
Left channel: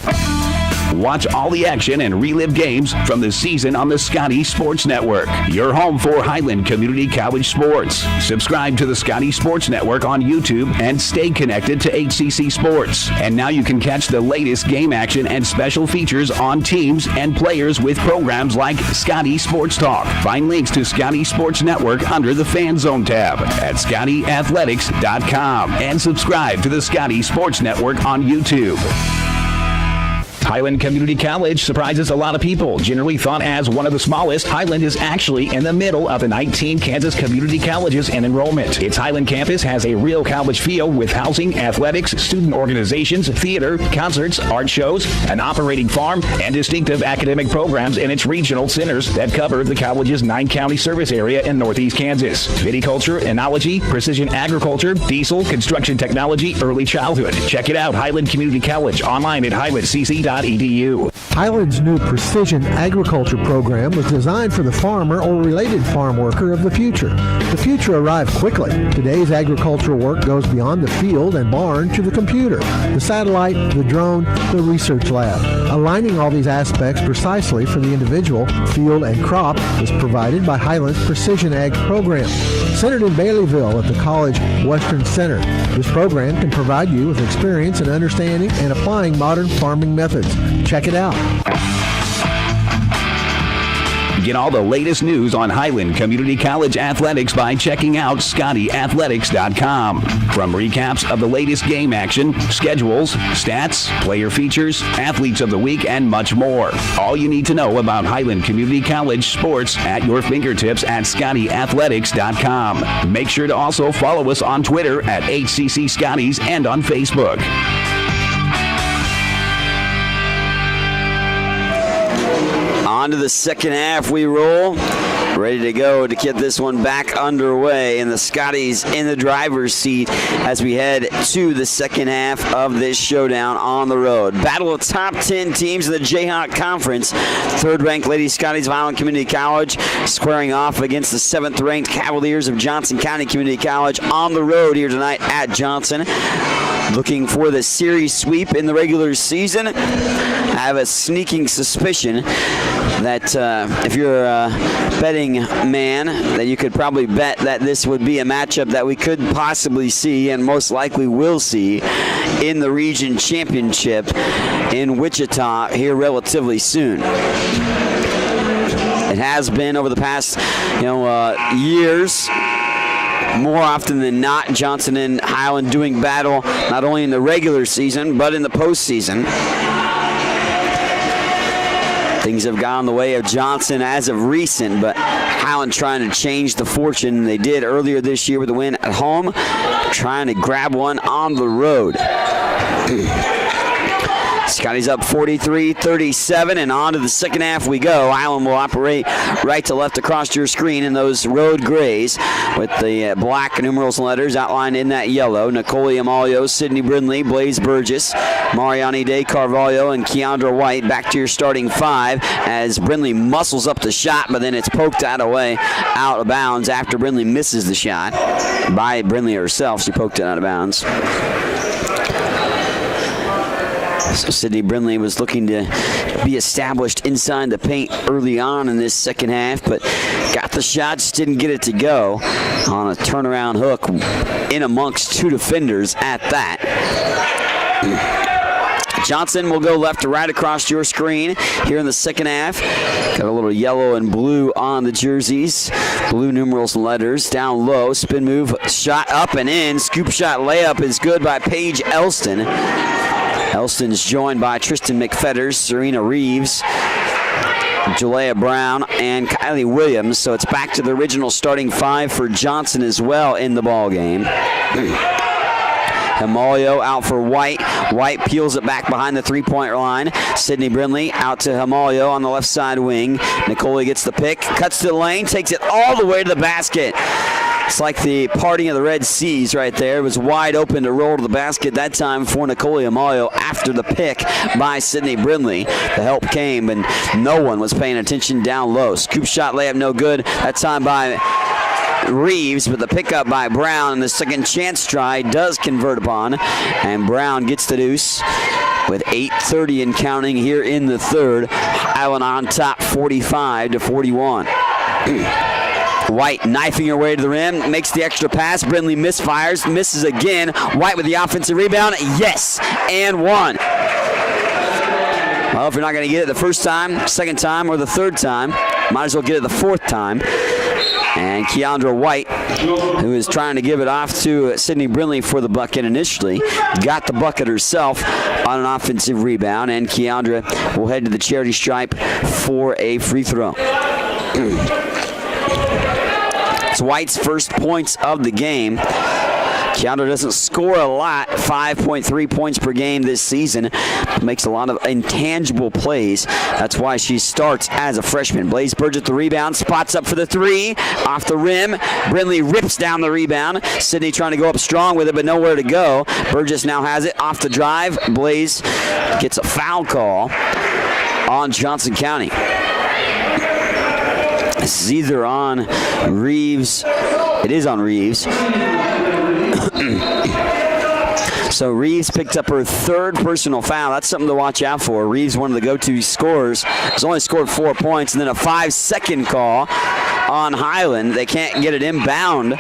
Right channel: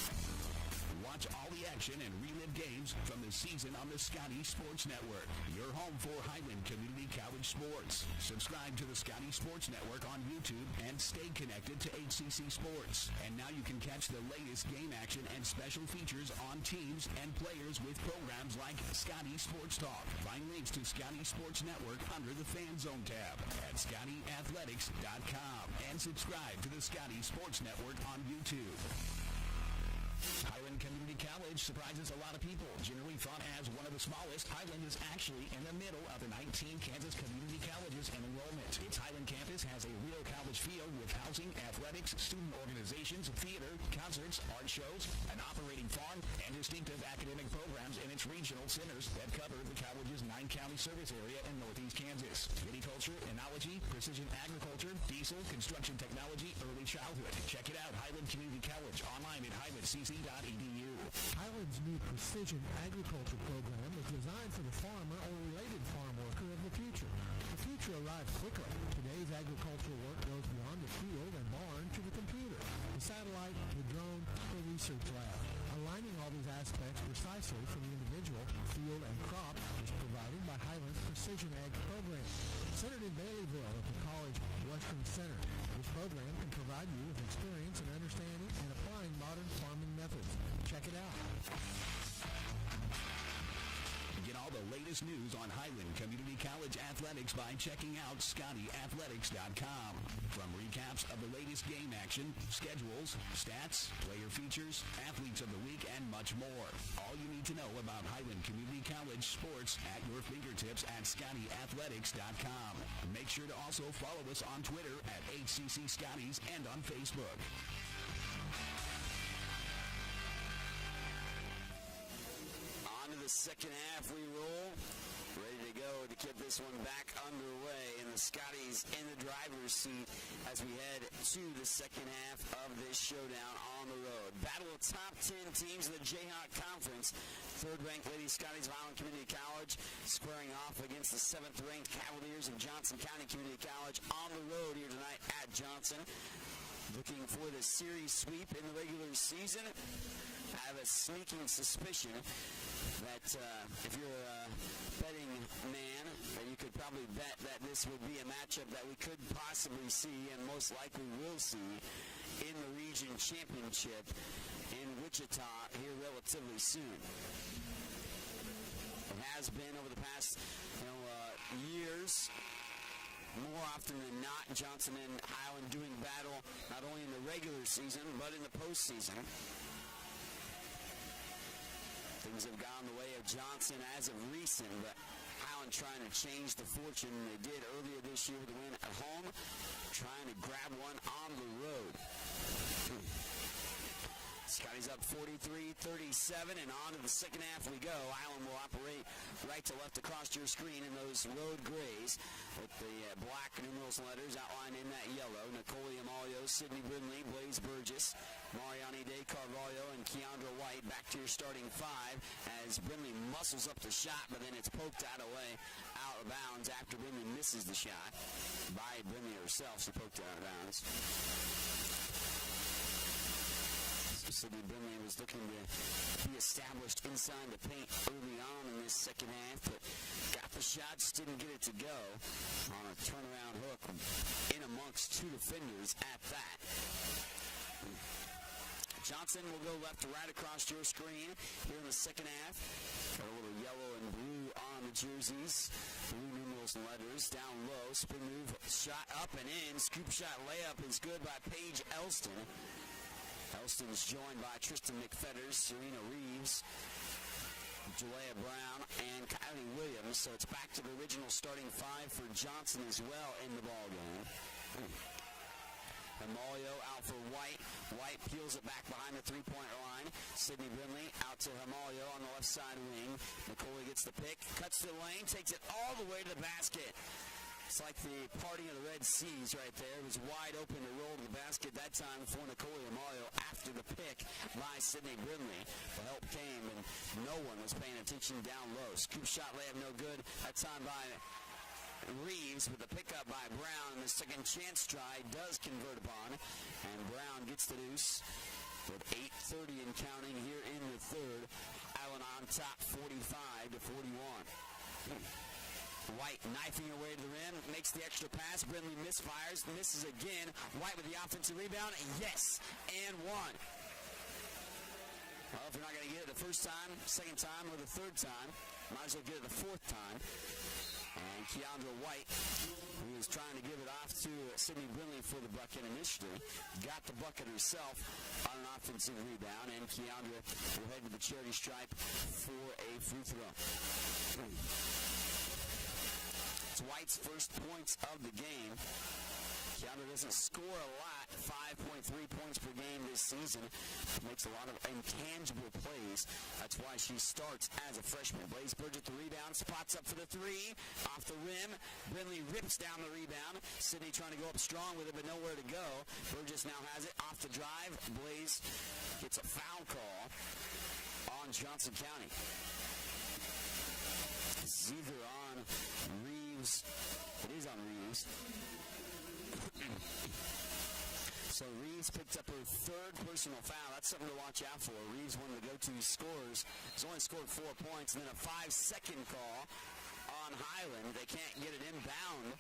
Watch all the action and relive games from the season on the Scotty Sports Network, your home for Highland Community College sports. Subscribe to the Scotty Sports Network on YouTube and stay connected to HCC Sports. And now you can catch the latest game action and special features on teams and players with programs like Scotty Sports Talk. Find links to Scotty Sports Network under the Fan Zone tab at ScottyAthletics.com and subscribe to the Scotty Sports Network on YouTube. Highland Community College surprises a lot of people. Generally thought as one of the smallest, Highland is actually in the middle of the 19 Kansas community colleges in enrollment. Its Highland campus has a real college feel with housing, athletics, student organizations, theater, concerts, art shows, an operating farm, and distinctive academic programs in its regional centers that cover the college's 9-county service area in northeast Kansas. Viticulture, enology, precision agriculture, diesel, construction technology, early childhood. Check it out, Highland Community College, online at highlandcc.edu. Highland's new precision agriculture program was designed for the farmer or related farm worker of the future. The future arrived quickly. Today's agricultural work goes beyond the field and barn to the computer, the satellite, the drone, the research lab. Aligning all these aspects precisely for the individual, field, and crop is provided by Highland's Precision Ag program. Centered in Baileyville at the College Western Center, this program can provide you with experience in understanding and applying modern farming methods. Check it out. Get all the latest news on Highland Community College athletics by checking out ScottyAthletics.com. From recaps of the latest game action, schedules, stats, player features, athletes of the week, and much more. All you need to know about Highland Community College sports at your fingertips at ScottyAthletics.com. Make sure to also follow us on Twitter at HCC Scotties and on Facebook. On to the second half we roll. Ready to go to get this one back underway, and the Scotties in the driver's seat as we head to the second half of this showdown on the road. Battle of top 10 teams in the Jayhawk Conference. Third-ranked Lady Scotties of Highland Community College squaring off against the 7th-ranked Cavaliers of Johnson County Community College on the road here tonight at Johnson. Looking for the series sweep in the regular season. I have a sneaking suspicion that if you're a betting man, that you could probably bet that this would be a matchup that we could possibly see and most likely will see in the region championship in Wichita here relatively soon. It has been over the past years. More often than not, Johnson and Highland doing battle not only in the regular season but in the postseason. Things have gone the way of Johnson as of recent, but Highland trying to change the fortune. They did earlier this year with a win at home, trying to grab one on the road. Scotty's up 43-37, and on to the second half we go. Highland will operate right to left across your screen in those road grays with the black numerals and letters outlined in that yellow. Nicole Amalio, Sydney Brindley, Blaze Burgess, Mariani Day Carvalho, and Keandra White back to your starting five as Brindley muscles up the shot, but then it's poked out of bounds after Brindley misses the shot by Brindley herself. She poked it out of bounds. So Sydney Brindley was looking to be established inside the paint early on in this second half, but got the shot, just didn't get it to go on a turnaround hook in amongst two defenders at that. Johnson will go left to right across your screen here in the second half. Got a little yellow and blue on the jerseys. Blue numerals and letters. Down low, spin move, shot up and in. Scoop shot layup is good by Paige Elston. Elston's joined by Tristan McFetters, Serena Reeves, Jalea Brown, and Kylie Williams. So it's back to the original starting 5 for Johnson as well in the ball game. Himalio out for White. White peels it back behind the three-point line. Sydney Brindley out to Himalio on the left side wing. Nicole gets the pick, cuts to the lane, takes it all the way to the basket. It's like the parting of the Red Seas right there. It was wide open to roll to the basket that time for Nicole Himalio after the pick by Sydney Brindley. The help came, and no one was paying attention down low. Scoop shot layup no good. That time by Reeves, but the pickup by Brown and the second chance try does convert upon, and Brown gets the deuce with 8:30 and counting here in the third. Highland on top 45-41. White knifing her way to the rim, makes the extra pass. Brindley misfires, misses again. White with the offensive rebound. Yes, and one. Well, if you're not going to get it the first time, second time, or the third time, might as well get it the fourth time. And Keandra White, who is trying to give it off to Sydney Brindley for the bucket initially, got the bucket herself on an offensive rebound, and Keandra will head to the charity stripe for a free throw. It's White's first points of the game. Keandra doesn't score a lot, 5.3 points per game this season. Makes a lot of intangible plays. That's why she starts as a freshman. Blaze Burgess the rebound, spots up for the three, off the rim. Brindley rips down the rebound. Sydney trying to go up strong with it, but nowhere to go. Burgess now has it off the drive. Blaze gets a foul call on Johnson County. This is either on Reeves. It is on Reeves. So Reeves picked up her third personal foul. That's something to watch out for. Reeves, one of the go-to scorers, has only scored 4 points, and then a 5-second call on Highland. They can't get it inbound.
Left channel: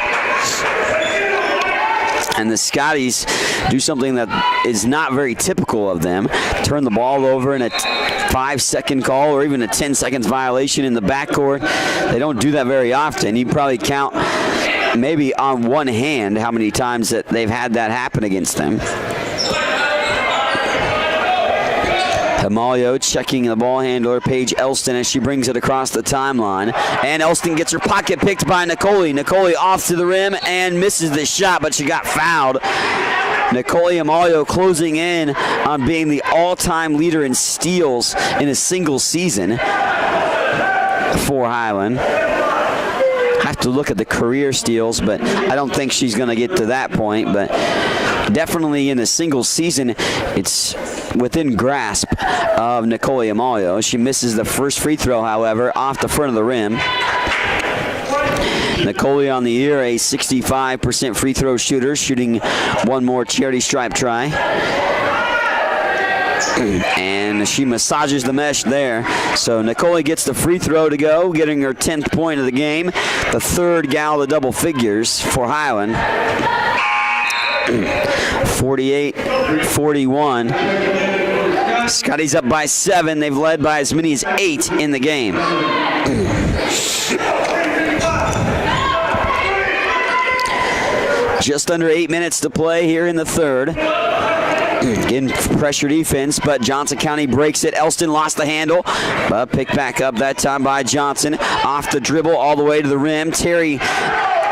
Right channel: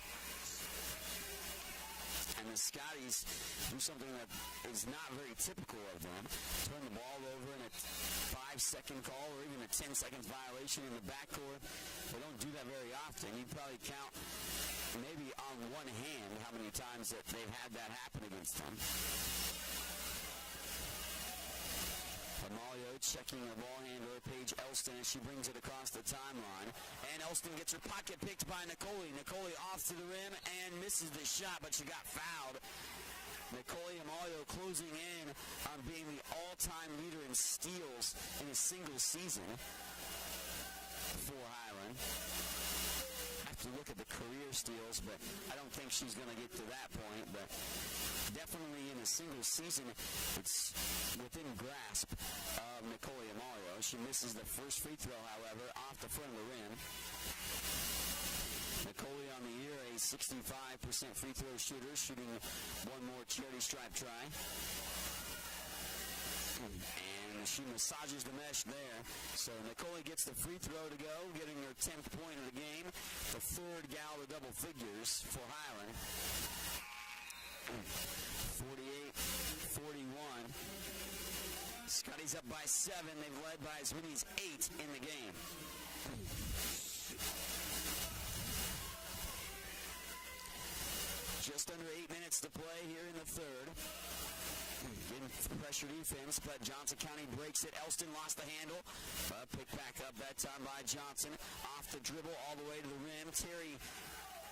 And the Scotties do something that is not very typical of them. Turn the ball over in a 5-second call or even a 10 seconds violation in the backcourt. They don't do that very often. You probably count maybe on one hand how many times that they've had that happen against them. Himalio checking the ball handler, Paige Elston, as she brings it across the timeline. And Elston gets her pocket picked by Nicole. Nicole off to the rim and misses the shot, but she got fouled. Nicole Himalio closing in on being the all-time leader in steals in a single season for Highland. Have to look at the career steals, but I don't think she's going to get to that point. But definitely in a single season, it's within grasp of Nicole Himalio. She misses the first free throw, however, off the front of the rim. Nicole on the year, a 65% free throw shooter, shooting one more charity stripe try. And she massages the mesh there. So Nicole gets the free throw to go, getting her 10th point of the game. The third gal of double figures for Highland. 48-41. Scotty's up by 7. They've led by as many as 8 in the game. Just under 8 minutes to play here in the third. Getting pressure defense, but Johnson County breaks it. Elston lost the handle, but picked back up that time by Johnson. Off the dribble all the way to the rim. Terry,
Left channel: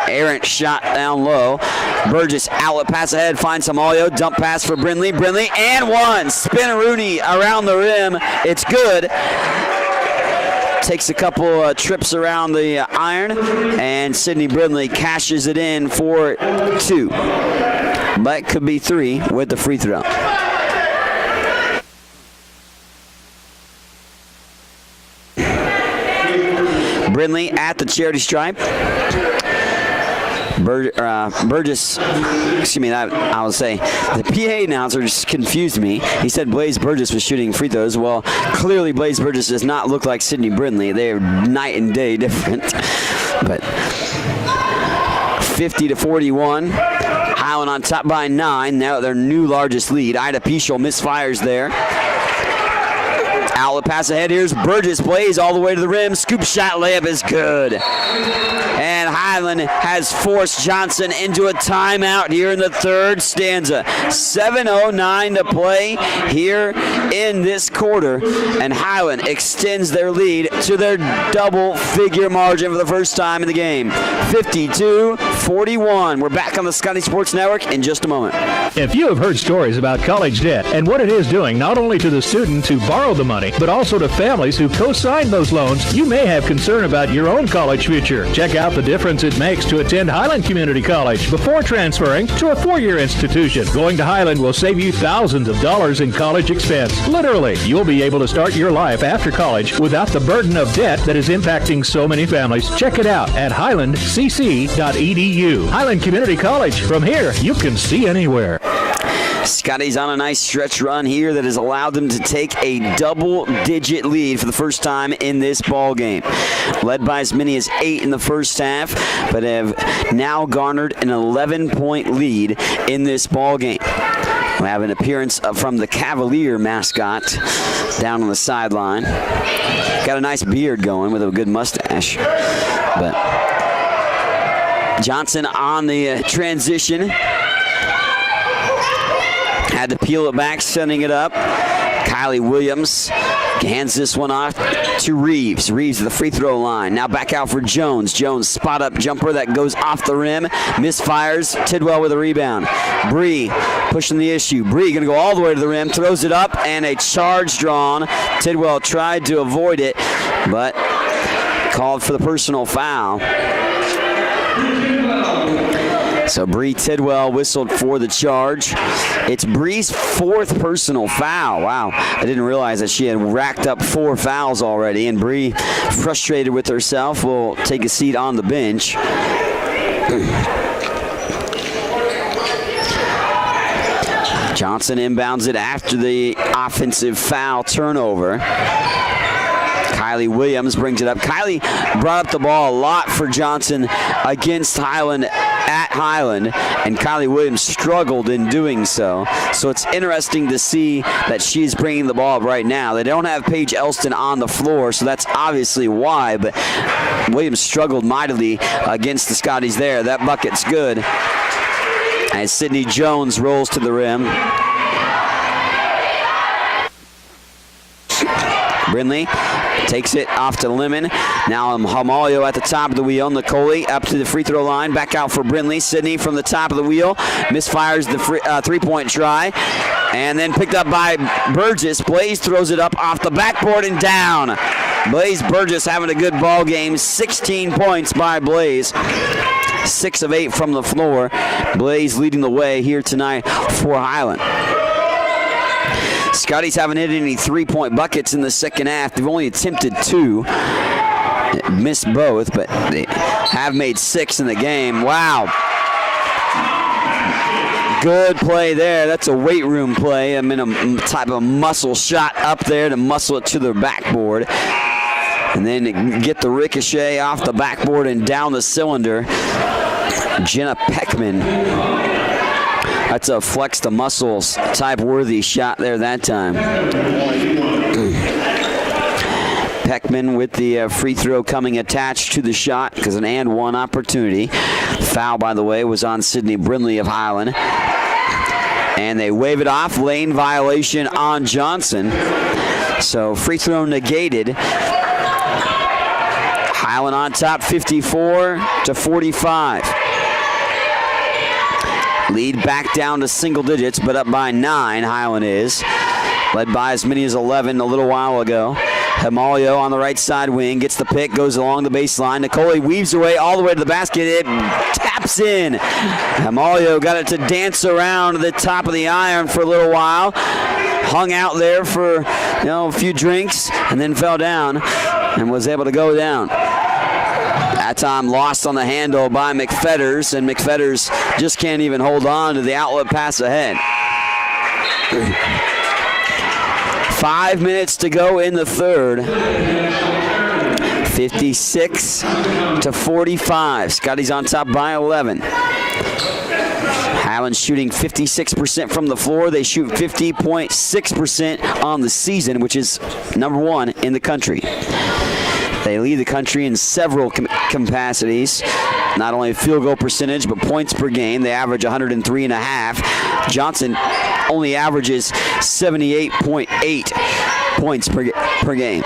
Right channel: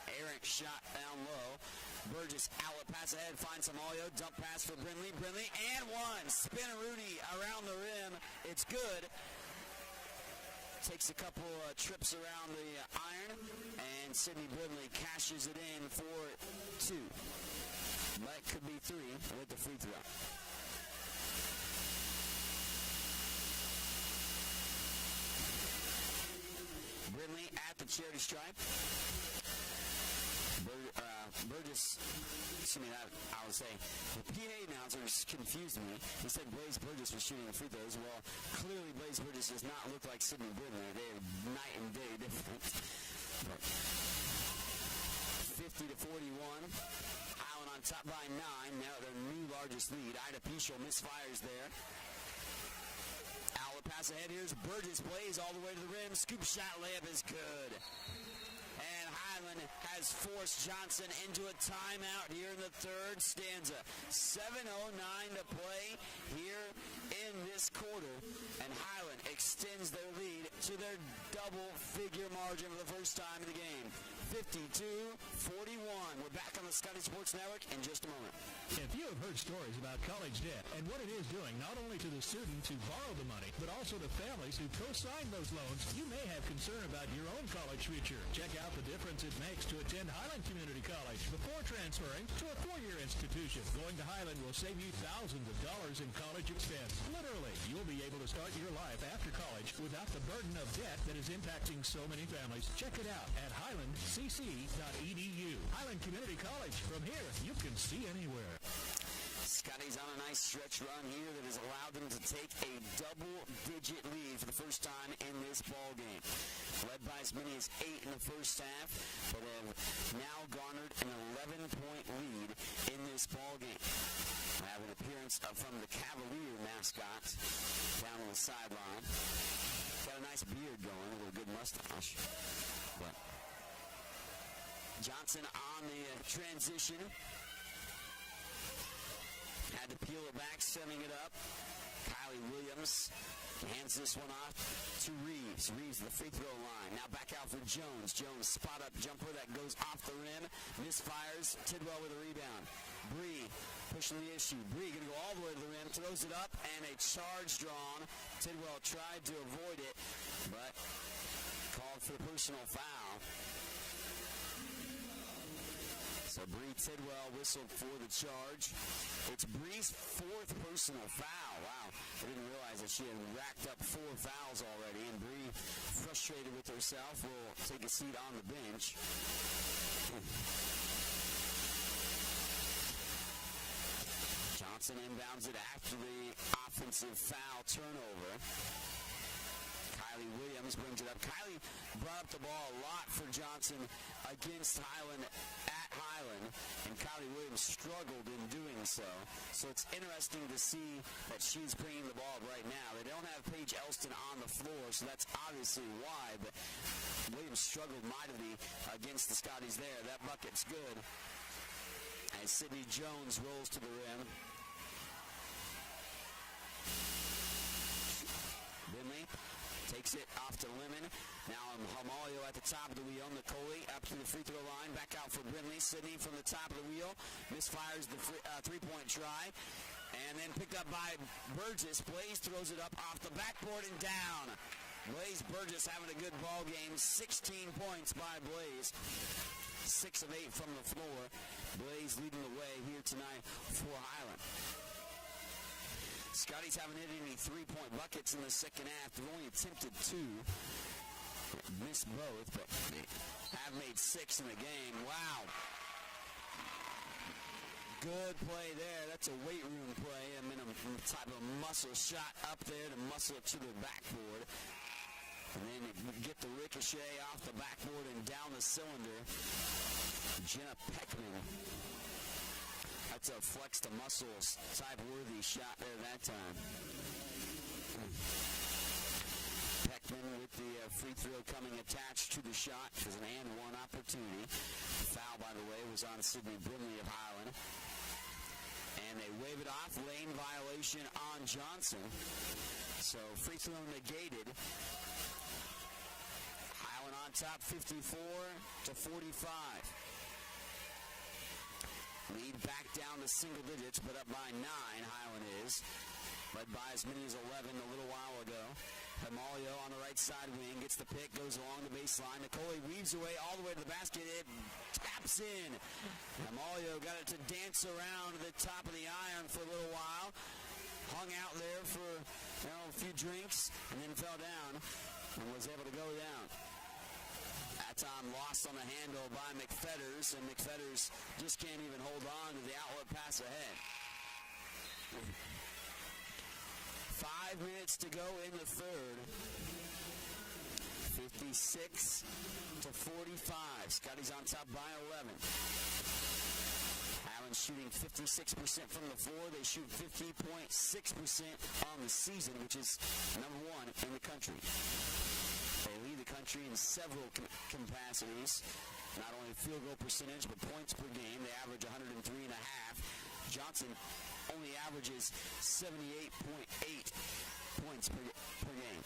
errant shot down low. Burgess, outlet pass ahead, finds Himalio. Dump pass for Brindley. Brindley, and one. Spinaroonie around the rim. It's good. Takes a couple trips around the iron, and Sydney Brindley cashes it in for 2. But could be 3 with the free throw. Brindley at the charity stripe. Burgess, excuse me, I will say, the PA announcer just confused me. He said Blaze Burgess was shooting free throws. Well, clearly Blaze Burgess does not look like Sydney Brindley. They are night and day different. But 50-41. Highland on top by 9. Now their new largest lead. Ida Pichel misfires there. Outlet pass ahead. Here's Burgess. Blaze all the way to the rim. Scoop shot layup is good. And Highland has forced Johnson into a timeout here in the third stanza. 7:09 to play here in this quarter, and Highland extends their lead to their double-figure margin for the first time in the game. 52-41. We're back on the Scotty Sports Network in just a moment. If you have heard stories about college debt and what it is doing not only to the student who borrowed the money, but also to families who co-signed those loans, you may have concern about your own college future. Check out the difference it makes to attend Highland Community College before transferring to a four-year institution. Going to Highland will save you thousands of dollars in college expense. Literally, you'll be able to start your life after college without the burden of debt that is impacting so many families. Check it out at highlandcc.edu. Highland Community College. From here, you can see anywhere. Scotty's on a nice stretch run here that has allowed them to take a double-digit lead for the first time in this ball game. Led by as many as 8 in the first half, but have now garnered an 11-point lead in this ball game. We have an appearance from the Cavalier mascot down on the sideline. Got a nice beard going with a good mustache. But Johnson on the transition. Had to peel it back, sending it up. Kylie Williams hands this one off to Reeves. Reeves at the free throw line. Now back out for Jones. Jones spot up jumper that goes off the rim. Misfires. Tidwell with a rebound. Bree pushing the issue. Bree going to go all the way to the rim. Throws it up and a charge drawn. Tidwell tried to avoid it, but called for the personal foul. So Bree Tidwell whistled for the charge. It's Bree's 4th personal foul. Wow, I didn't realize that she had racked up 4 fouls already. And Bree, frustrated with herself, will take a seat on the bench. Johnson inbounds it after the offensive foul turnover. Kylie Williams brings it up. Kylie brought up the ball a lot for Johnson against Highland at Highland, and Kylie Williams struggled in doing so. So it's interesting to see that she's bringing the ball up right now. They don't have Paige Elston on the floor, so that's obviously why, but Williams struggled mightily against the Scotties there. That bucket's good as Sydney Jones rolls to the rim. Brindley takes it off to Lemon. Now Hamalio at the top of the wheel. Nicole up to the free throw line. Back out for Brindley. Sydney from the top of the wheel. Misfires the three-point try. And then picked up by Burgess. Blaze throws it up off the backboard and down. Blaze Burgess having a good ball game. 16 points by Blaze. 6 of 8 from the floor. Blaze leading the way here tonight for Highland. Scotties haven't hit any 3-point buckets in the second half. They've only attempted 2. Missed both, but they have made 6 in the game. Wow. Good play there. That's a weight room play. I mean, a type of muscle shot up there to muscle it to the backboard. And then get the ricochet off the backboard and down the cylinder. Jenna Peckman. That's a flex the muscles type worthy shot there that time. Peckman with the free throw coming attached to the shot because an and one opportunity. Foul, by the way, was on Sydney Brindley of Highland. And they wave it off. Lane violation on Johnson. So free throw negated. Highland on top 54-45. Lead back down to single digits, but up by 9, Highland is. Led by as many as 11 a little while ago. Hamalio on the right side wing, gets the pick, goes along the baseline. Nicole weaves her way all the way to the basket. It taps in. Hamalio got it to dance around the top of the iron for a little while. Hung out there for a few drinks and then fell down and was able to go down. That time lost on the handle by McFetters, and McFetters just can't even hold on to the outlet pass ahead. 5 minutes to go in the third. 56-45. Scotty's on top by 11. Highland shooting 56% from the floor. They shoot 50.6% on the season, which is number 1 in the country. They lead the country in several capacities. not only field goal percentage, but points per game. They average 103.5. Johnson only averages 78.8 points per game.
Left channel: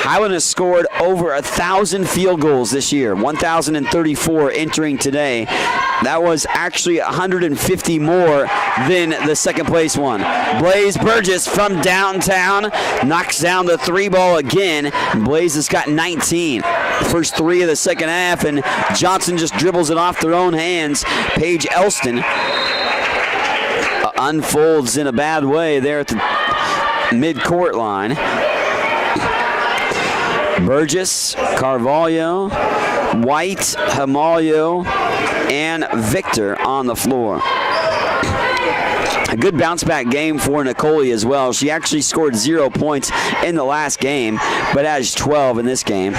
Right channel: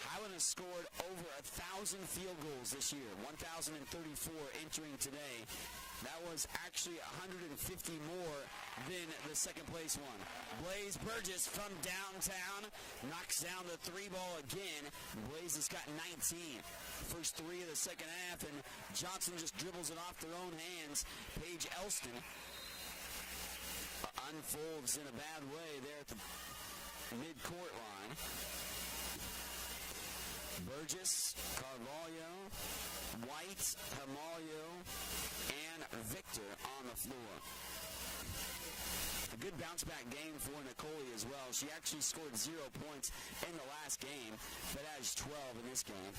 Highland has scored over 1,000 field goals this year, 1,034 entering today. That was actually 150 more than the second place one. Blaze Burgess from downtown knocks down the 3 ball again. Blaze has got 19. First 3 of the second half, and Johnson just dribbles it off their own hands. Paige Elston unfolds in a bad way there at the mid-court line. Burgess, Carvalho, White, Hamalio, and Victor on the floor. A good bounce-back game for Nicole as well. She actually scored 0 points in the last game, but has 12 in this game.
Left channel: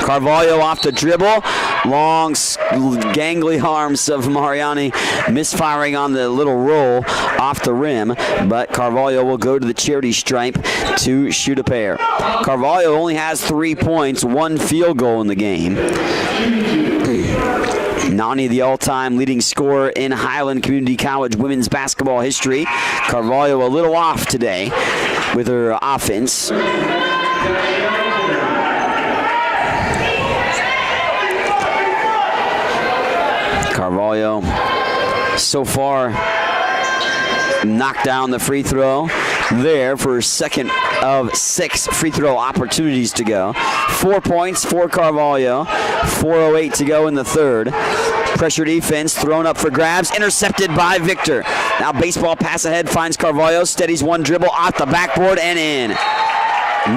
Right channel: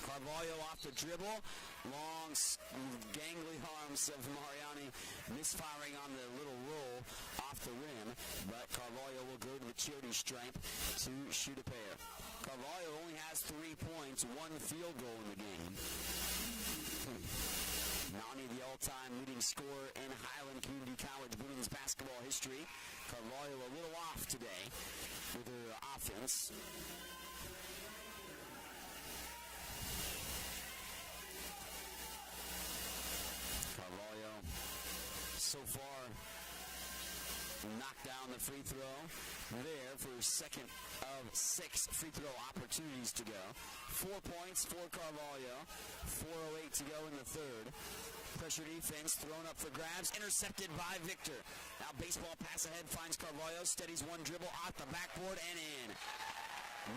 Carvalho off the dribble. Long, gangly arms of Mariani misfiring on the little roll off the rim, but Carvalho will go to the charity stripe to shoot a pair. Carvalho only has 3 points, 1 field goal in the game. Nani, the all-time leading scorer in Highland Community College women's basketball history. Carvalho a little off today with her offense. Carvalho so far knocked down the free throw there for her second of 6 free throw opportunities to go. 4 points for Carvalho, 4:08 to go in the third. Pressure defense thrown up for grabs, intercepted by Victor. Now baseball pass ahead finds Carvalho, steadies one dribble off the backboard and in.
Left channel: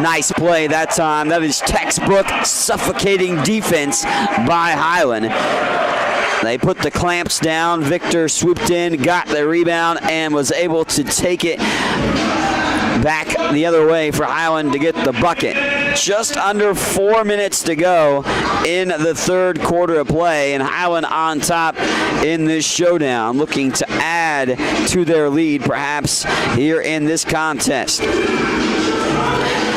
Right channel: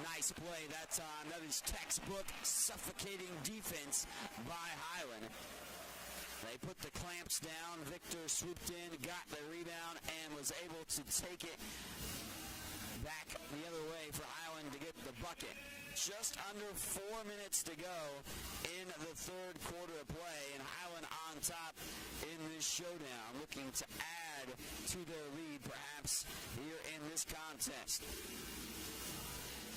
Nice play that time. That is textbook suffocating defense by Highland. They put the clamps down. Victor swooped in, got the rebound, and was able to take it back the other way for Highland to get the bucket. Just under 4 minutes to go in the third quarter of play, and Highland on top in this showdown, looking to add to their lead perhaps here in this contest.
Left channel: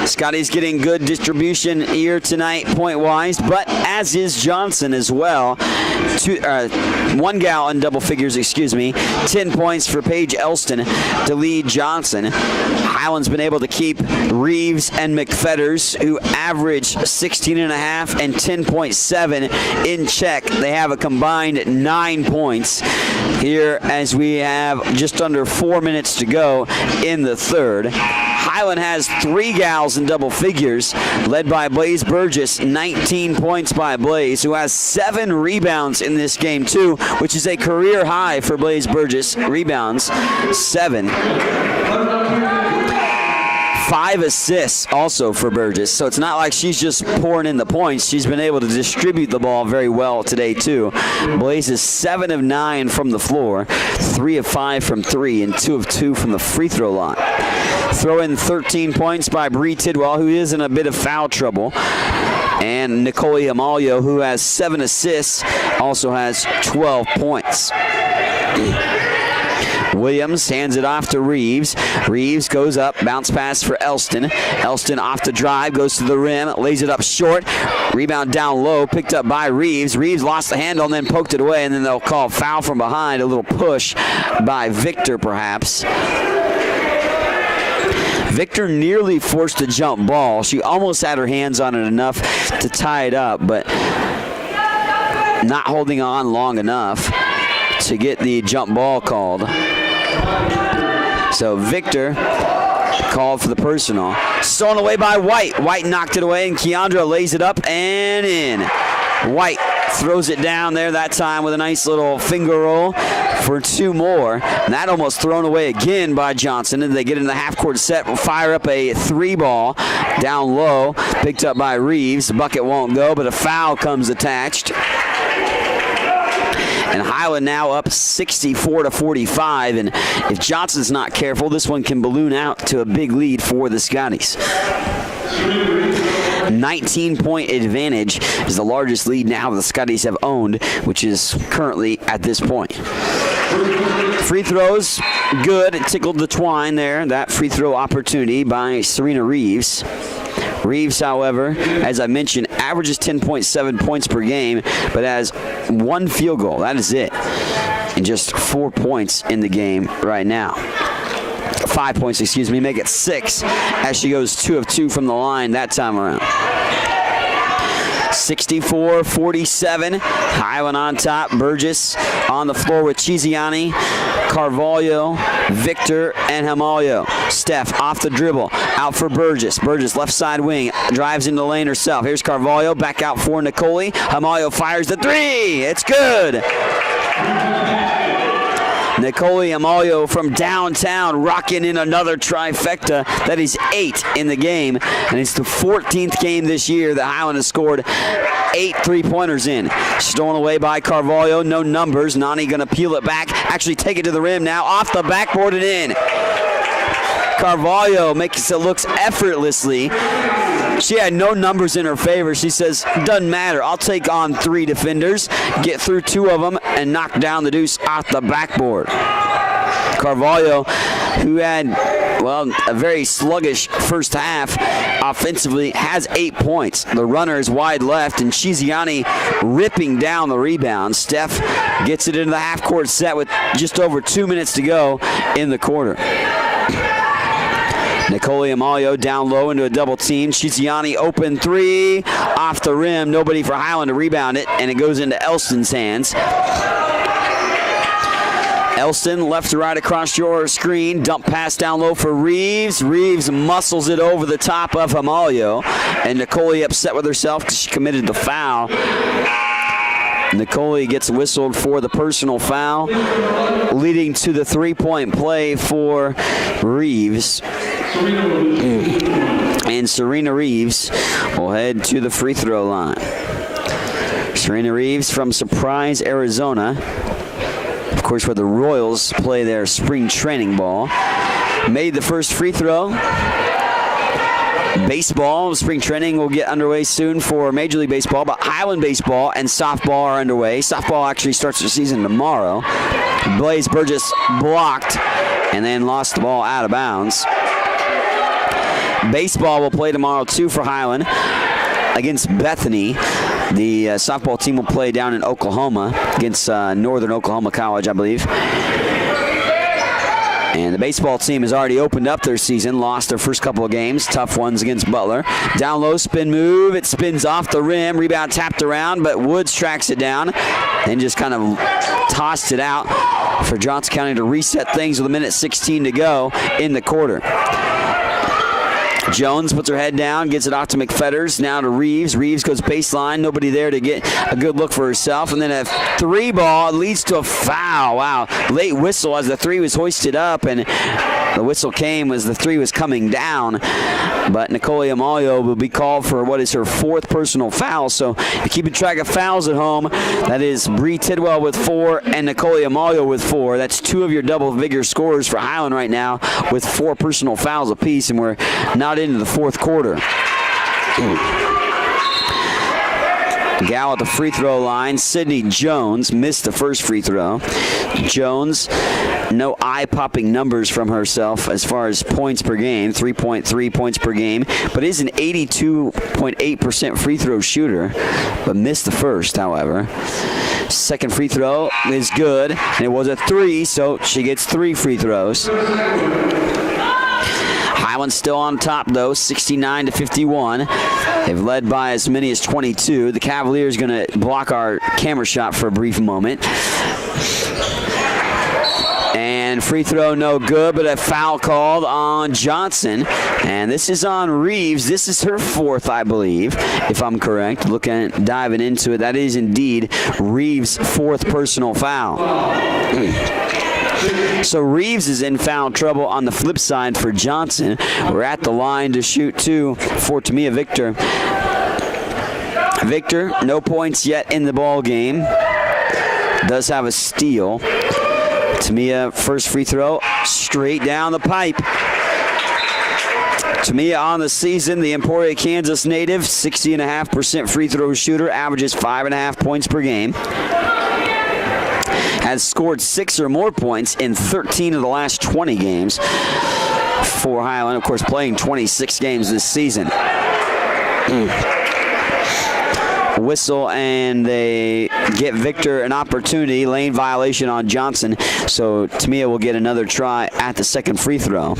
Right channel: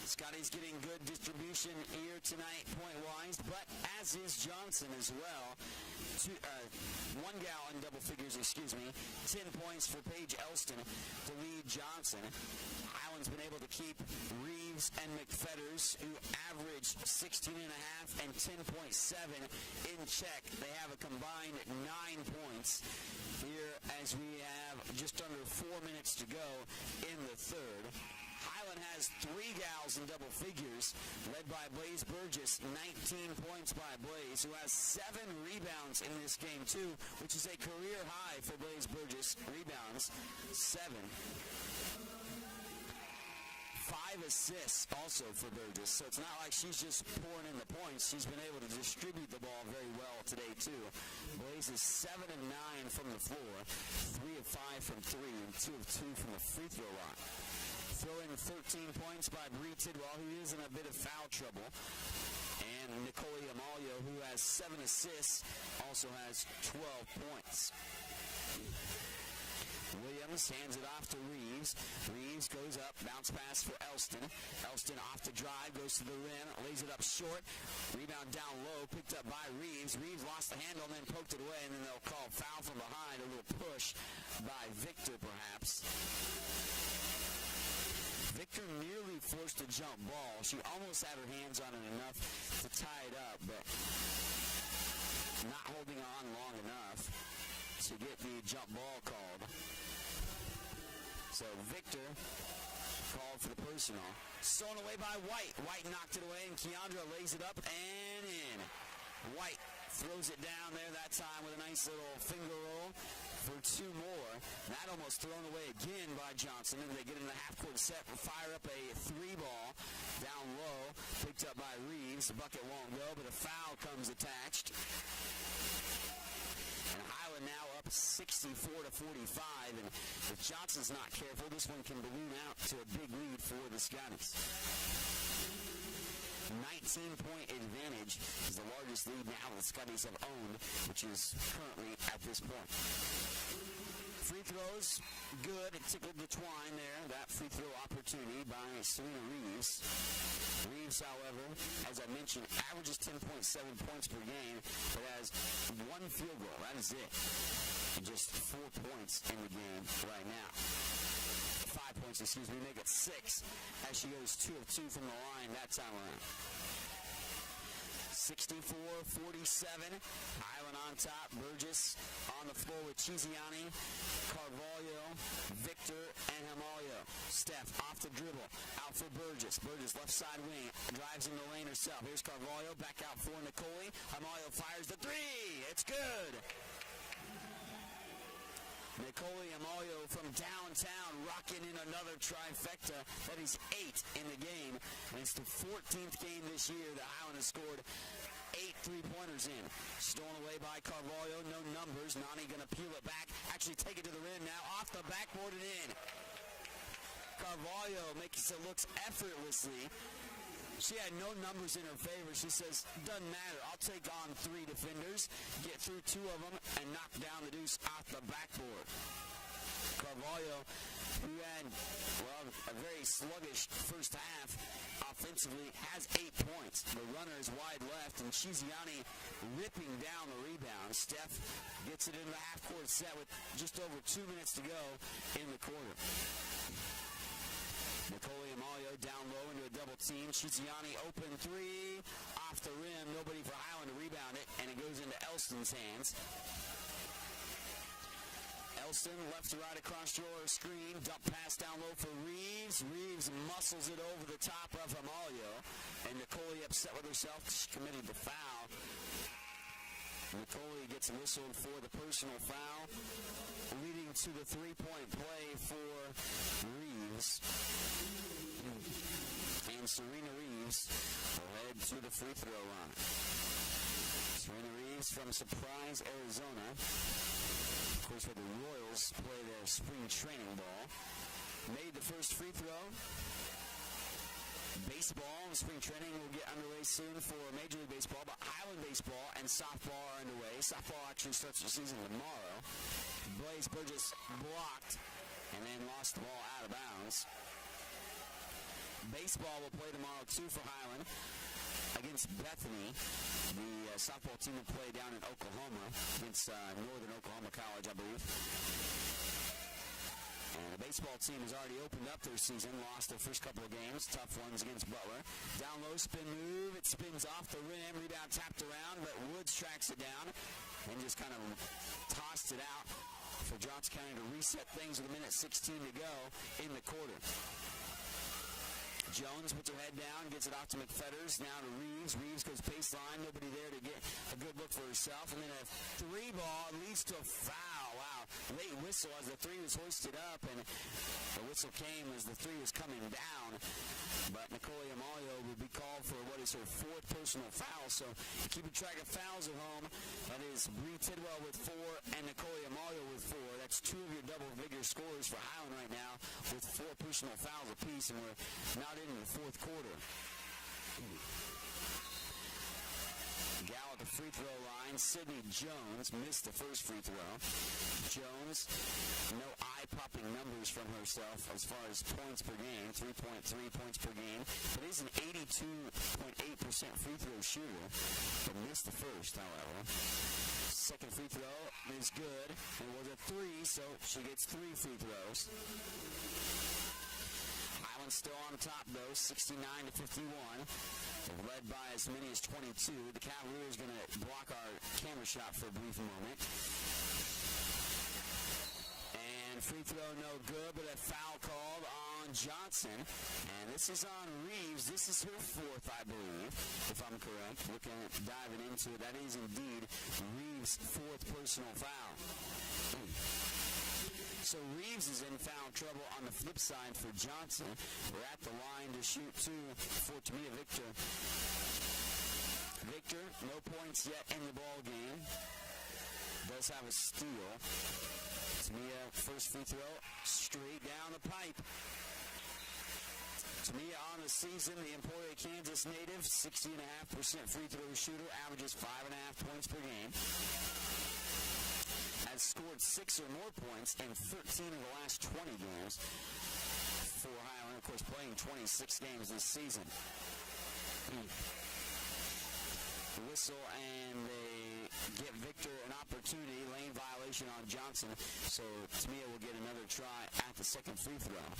Scotty's getting good distribution here tonight point-wise, but as is Johnson as well. 1 gal in double figures, 10 points for Paige Elston to lead Johnson. Highland's been able to keep Reeves and McFetters, who average 16.5 and 10.7 in check. They have a combined 9 points here as we have just under 4 minutes to go in the third. Highland has 3 gals in double figures, led by Blaze Burgess, 19 points by Blaze, who has 7 rebounds in this game too, which is a career high for Blaze Burgess. Rebounds, 7. 5 assists also for Burgess, so it's not like she's just pouring in the points. She's been able to distribute the ball very well today too. Blaze is 7 of 9 from the floor, 3 of 5 from 3, and 2 of 2 from the free throw line. Throw in 13 points by Bree Tidwell, who is in a bit of foul trouble. And Nicole Amalio, who has 7 assists, also has 12 points. Williams hands it off to Reeves. Reeves goes up, bounce pass for Elston. Elston off the drive, goes to the rim, lays it up short. Rebound down low, picked up by Reeves. Reeves lost the handle and then poked it away, and then they'll call foul from behind. A little push by Victor, perhaps. Victor nearly forced a jump ball. She almost had her hands on it enough to tie it up, but not holding on long enough to get the jump ball called. So Victor called for the personal. Stolen away by White. White knocked it away, and Keandra lays it up and in. White throws it down there that time with a nice little finger roll for 2 more. And that almost thrown away again by Johnson. And they get in the half-court set. Will fire up a 3-ball down low. Picked up by Reeves. The bucket won't go, but a foul comes attached. And Highland now up 64-45. And if Johnson's not careful, this one can balloon out to a big lead for the Scotties. 19-point advantage is the largest lead now the Scotties have owned, which is currently at this point. Free throws, good. It tickled the twine there. That free throw opportunity by Serena Reeves. Reeves, however, as I mentioned, averages 10.7 points per game, but has 1 field goal. That is it. And just 4 points in the game right now. 5 points, excuse me, make it 6 as she goes 2 of 2 from the line that time around. 64-47, Highland on top. Burgess on the floor with Chiziani, Carvalho, Victor, and Hamalio. Steph off the dribble, out for Burgess. Burgess left side wing, drives into the lane herself. Here's Carvalho, back out for Nicole. Hamalio fires the 3. It's good. Nicole Hamalio from downtown rocking in another trifecta. That is 8 in the game, and it's the 14th game this year that Highland has scored 8 3-pointers in. Stolen away by Carvalho, no numbers. Nani gonna peel it back, actually take it to the rim now, off the backboard and in. Carvalho makes it looks effortlessly. She had no numbers in her favor. She says, doesn't matter. I'll take on 3 defenders, get through 2 of them, and knock down the deuce off the backboard. Carvalho, who had, well, a very sluggish first half offensively, has 8 points. The runner is wide left, and Chiziani ripping down the rebound. Steph gets it into the half-court set with just over 2 minutes to go in the quarter. Nicole Hamalio down low into a double team. Chiziani open 3 off the rim. Nobody for Highland to rebound it, and it goes into Elston's hands. Elston left to right across your screen. Dump pass down low for Reeves. Reeves muscles it over the top of Hamalio, and Nicole upset with herself because she committed the foul. Nicole gets whistled for the personal foul, leading to the 3-point play for Reeves. And Serena Reeves will head to the free throw line. Serena Reeves from Surprise, Arizona. Of course, where the Royals play their spring training ball. Made the first free throw. Baseball, spring training will get underway soon for Major League Baseball, but Highland baseball and softball are underway. Softball actually starts the season tomorrow. Blaze Burgess blocked and then lost the ball out of bounds. Baseball will play tomorrow too for Highland against Bethany. The softball team will play down in Oklahoma against Northern Oklahoma College, I believe. And the baseball team has already opened up their season, lost their first couple of games, tough ones against Butler. Down low, spin move, it spins off the rim, rebound tapped around, but Woods tracks it down and just kind of tossed it out for Johnson County to reset things with 1:16 to go in the quarter. Jones puts her head down, gets it off to McFetters, now to Reeves. Reeves goes baseline, nobody there to get a good look for herself. And then a 3 ball leads to a foul. Wow, late whistle as the 3 was hoisted up, and the whistle came as the 3 was coming down. But Nicole Hamalio will be called for what is her 4th personal foul. So you're keeping track of fouls at home. That is Bree Tidwell with 4 and Nicole Hamalio with 4. That's 2 of your double-figure scorers for Highland right now with 4 personal fouls apiece, and we're not into the 4th quarter. Gal at the free throw line. Sydney Jones missed the first free throw. Jones, no eye-popping numbers from herself as far as points per game, 3.3 points per game, but is an 82.8% free throw shooter, but missed the first, however. Second free throw is good, and it was a 3, so she gets 3 free throws. Highland still on top, though, 69-51. They've led by as many as 22. The Cavaliers going to block our camera shot for a brief moment. And free throw no good, but a foul called on Johnson. And this is on Reeves. This is her 4th, I believe, if I'm correct. Diving into it, that is indeed Reeves' 4th personal foul. So Reeves is in foul trouble on the flip side for Johnson. We're at the line to shoot 2 for Tamia Victor. Victor, no points yet in the ball game. Does have a steal. Tamia, first free throw, straight down the pipe. Tamia on the season, the Emporia, Kansas native, 60.5% free throw shooter, averages 5.5 points per game. Has scored 6 or more points in 13 of the last 20 games for Highland. Of course, playing 26 games this season. Whistle, and they get Victor an opportunity. Lane violation on Johnson, so Tamia will get another try at the second free throw.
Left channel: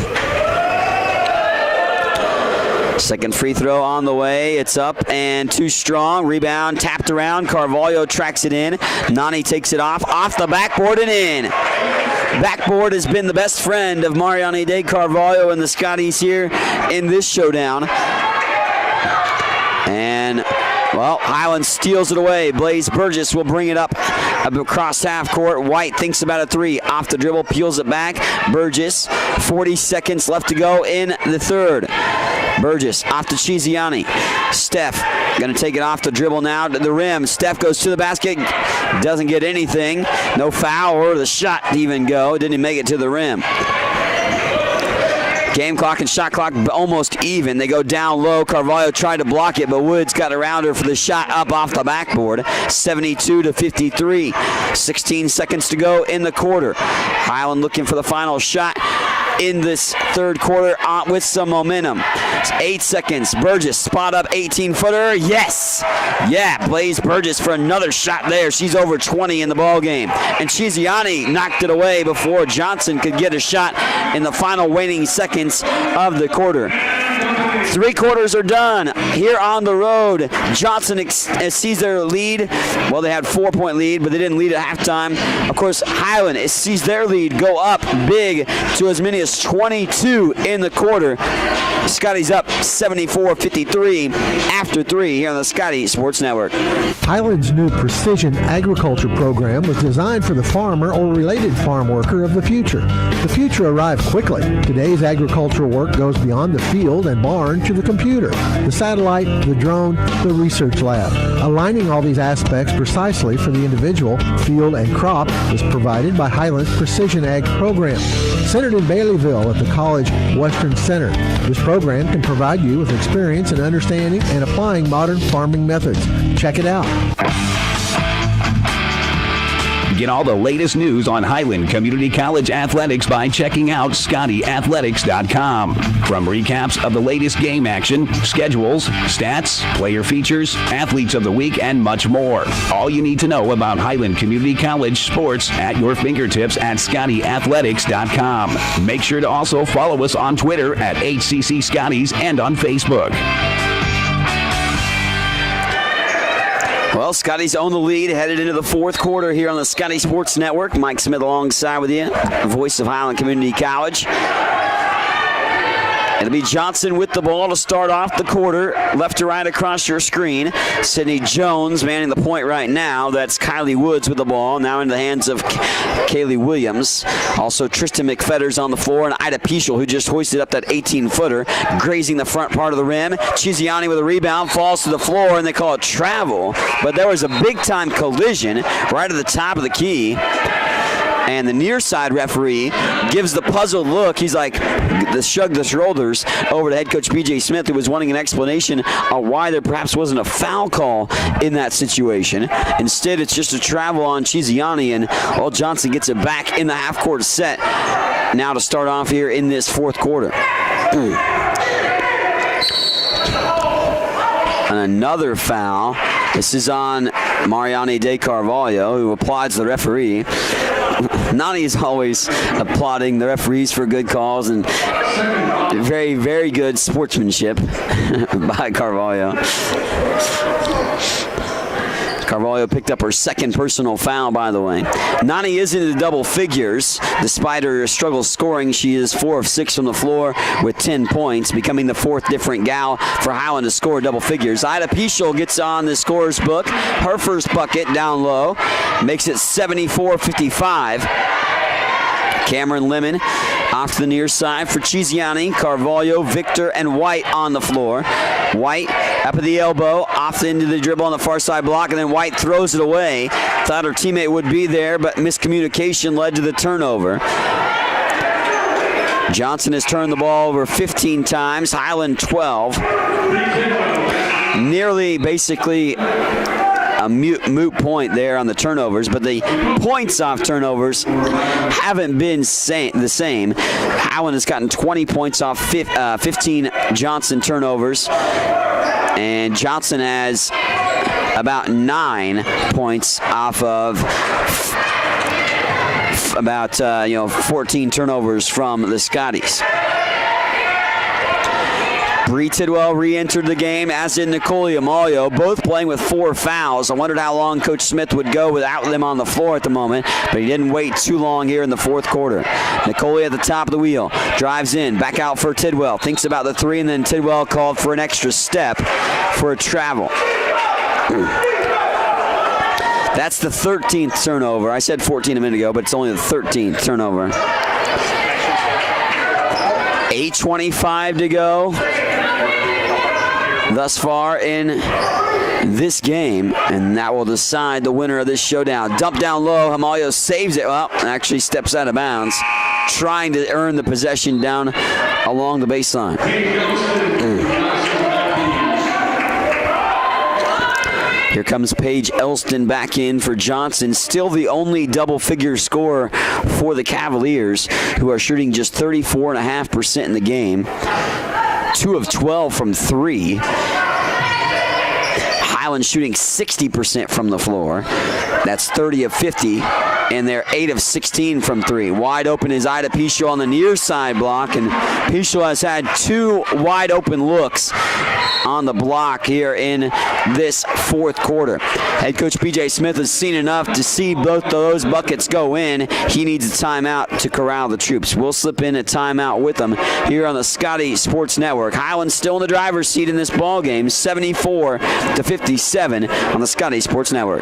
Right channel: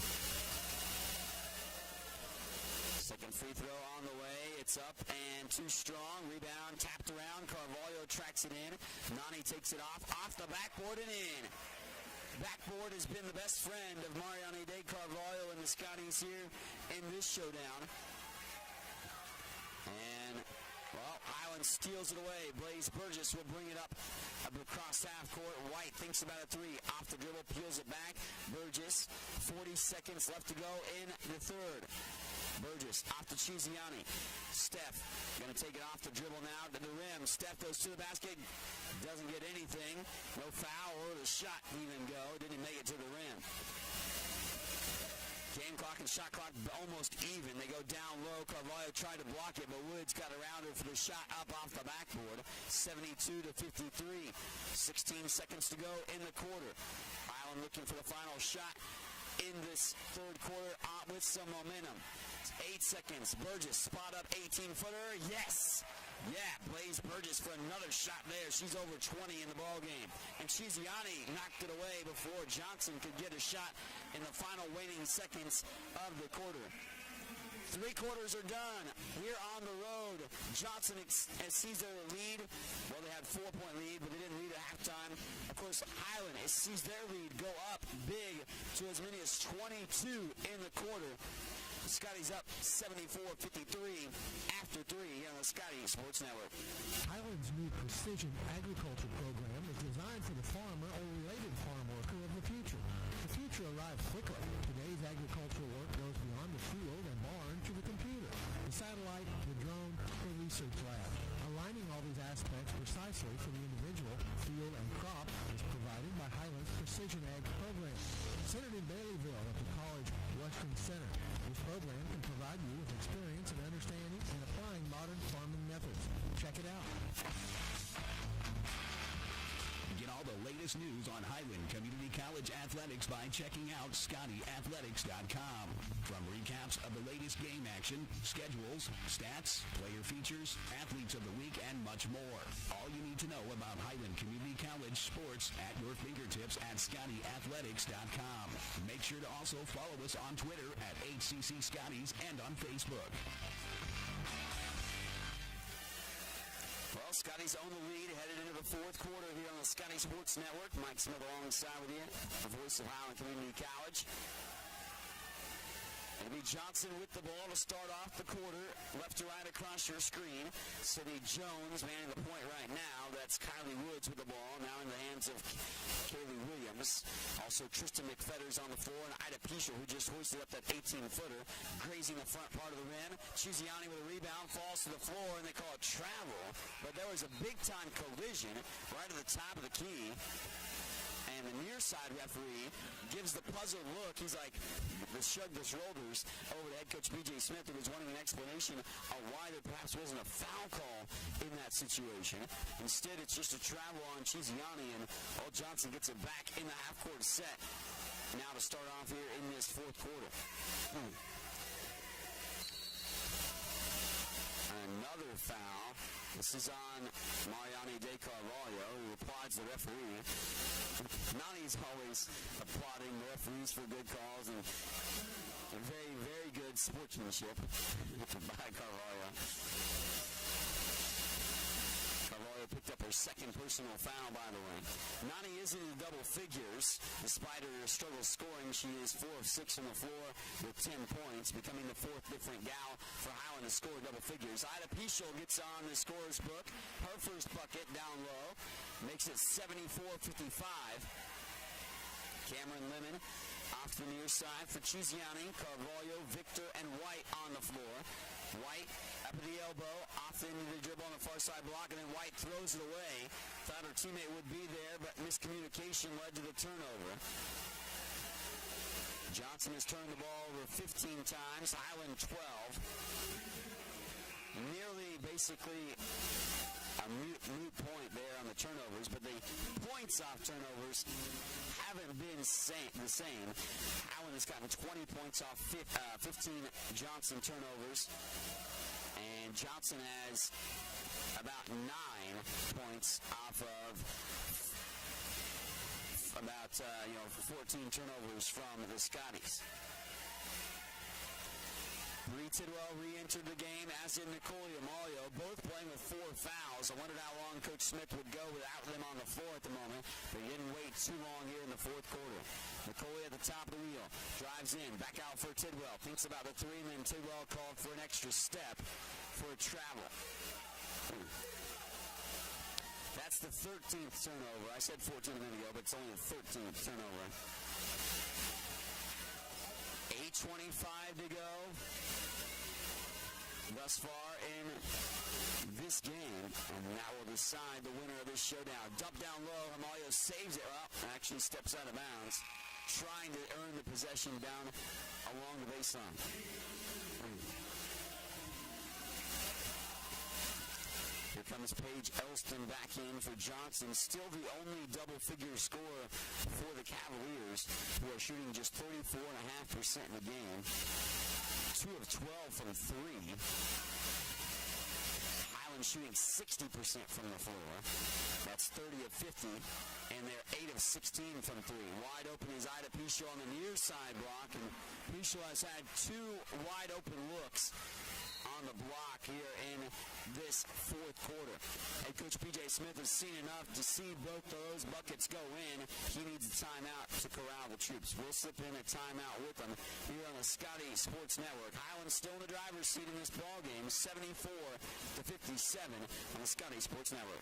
Second free throw on the way. It's up and too strong. Rebound tapped around. Carvalho tracks it in. Nani takes it off the backboard and in. Backboard has been the best friend of Mariani De Carvalho and the Scotties here in this showdown. And, well, Highland steals it away. Blaze Burgess will bring it up across half court. White thinks about a three. Off the dribble, peels it back. Burgess, 40 seconds left to go in the third. Burgess off to Chiziani. Steph going to take it off the dribble now to the rim. Steph goes to the basket. Doesn't get anything. No foul or the shot to even go. Didn't even make it to the rim. Game clock and shot clock almost even. They go down low. Carvalho tried to block it, but Woods got around her for the shot up off the backboard. 72-53. 16 seconds to go in the quarter. Highland looking for the final shot in this third quarter with some momentum. It's 8 seconds. Burgess spot up 18-footer. Yes. Yeah, Blaze Burgess for another shot there. She's over 20 in the ball game. And Chiziani knocked it away before Johnson could get a shot in the final waning seconds of the quarter. 3 quarters are done here on the road. Johnson sees their lead. Well, they had 4-point lead, but they didn't lead at halftime. Of course, Highland sees their lead go up big to as many as 22 in the quarter. Scotty's up 74-53 after 3 here on the Scotty Sports Network. Highland's new precision agriculture program was designed for the farmer or related farm worker of the future. The future arrived quickly. Today's agricultural work goes beyond the field and barn to the computer, the satellite, the drone, the research lab. Aligning all these aspects precisely for the individual, field, and crop is provided by Highland's Precision Ag program. Centered in Baileyville at the College Western Center, this program can provide you with experience in understanding and applying modern farming methods. Check it out. Get all the latest news on Highland Community College athletics by checking out ScottyAthletics.com. From recaps of the latest game action, schedules, stats, player features, athletes of the week, and much more. All you need to know about Highland Community College sports at your fingertips at ScottyAthletics.com. Make sure to also follow us on Twitter at HCC Scotties and on Facebook. Well, Scotty's own the lead, headed into the fourth quarter here on the Scotty Sports Network. Mike Smith alongside with you, voice of Highland Community College. It'll be Johnson with the ball to start off the quarter. Left to right across your screen. Sydney Jones manning the point right now. That's Kylie Woods with the ball. Now into the hands of Kaylee Williams. Also Tristan McFetters on the floor. And Ida Pischel, who just hoisted up that 18-footer, grazing the front part of the rim. Chiziani with a rebound, falls to the floor, and they call it travel. But there was a big-time collision right at the top of the key. And the near side referee gives the puzzled look. He's like, shrugged the shoulders over to head coach B.J. Smith, who was wanting an explanation on why there perhaps wasn't a foul call in that situation. Instead, it's just a travel on Chiziani, and Johnson gets it back in the half-court set now to start off here in this fourth quarter. And another foul. This is on Mariani De Carvalho, who applauds the referee. Nani is always applauding the referees for good calls and very, very good sportsmanship by Carvalho. Carvalho picked up her second personal foul, by the way. Nani is into double figures. Despite her struggle scoring, she is 4 of 6 from the floor with 10 points, becoming the 4th different gal for Highland to score double figures. Ida Pischel gets on the scorer's book. Her first bucket down low makes it 74-55. Cameron Lemon off to the near side for Chiziani, Carvalho, Victor, and White on the floor. White up at the elbow, off into the dribble on the far side block, and then White throws it away. Thought her teammate would be there, but miscommunication led to the turnover. Johnson has turned the ball over 15 times, Highland 12. Nearly basically a moot point there on the turnovers, but the points off turnovers haven't been the same. Highland has gotten 20 points off 15 Johnson turnovers. And Johnson has about 9 points off of about 14 turnovers from the Scotties. Bree Tidwell re-entered the game, as did Nicole Amalio, both playing with 4 fouls. I wondered how long Coach Smith would go without them on the floor at the moment, but he didn't wait too long here in the fourth quarter. Nicole at the top of the wheel, drives in, back out for Tidwell, thinks about the 3, and then Tidwell called for an extra step for a travel. That's the 13th turnover. I said 14 a minute ago, but it's only the 13th turnover. 8:25 to go thus far in this game, and that will decide the winner of this showdown. Dump down low, Amalio saves it. Well, actually steps out of bounds, trying to earn the possession down along the baseline. Here comes Paige Elston back in for Johnson, still the only double-figure scorer for the Cavaliers, who are shooting just 34.5% in the game. 2 of 12 from 3. Highland shooting 60% from the floor. That's 30 of 50, and they're 8 of 16 from 3. Wide open is Ida Pichot on the near side block, and Pichot has had 2 wide open looks on the block here in this fourth quarter. Head coach P.J. Smith has seen enough to see both of those buckets go in. He needs a timeout to corral the troops. We'll slip in a timeout with them here on the Scotty Sports Network. Highland still in the driver's seat in this ball game, 74-57 on the Scotty Sports Network.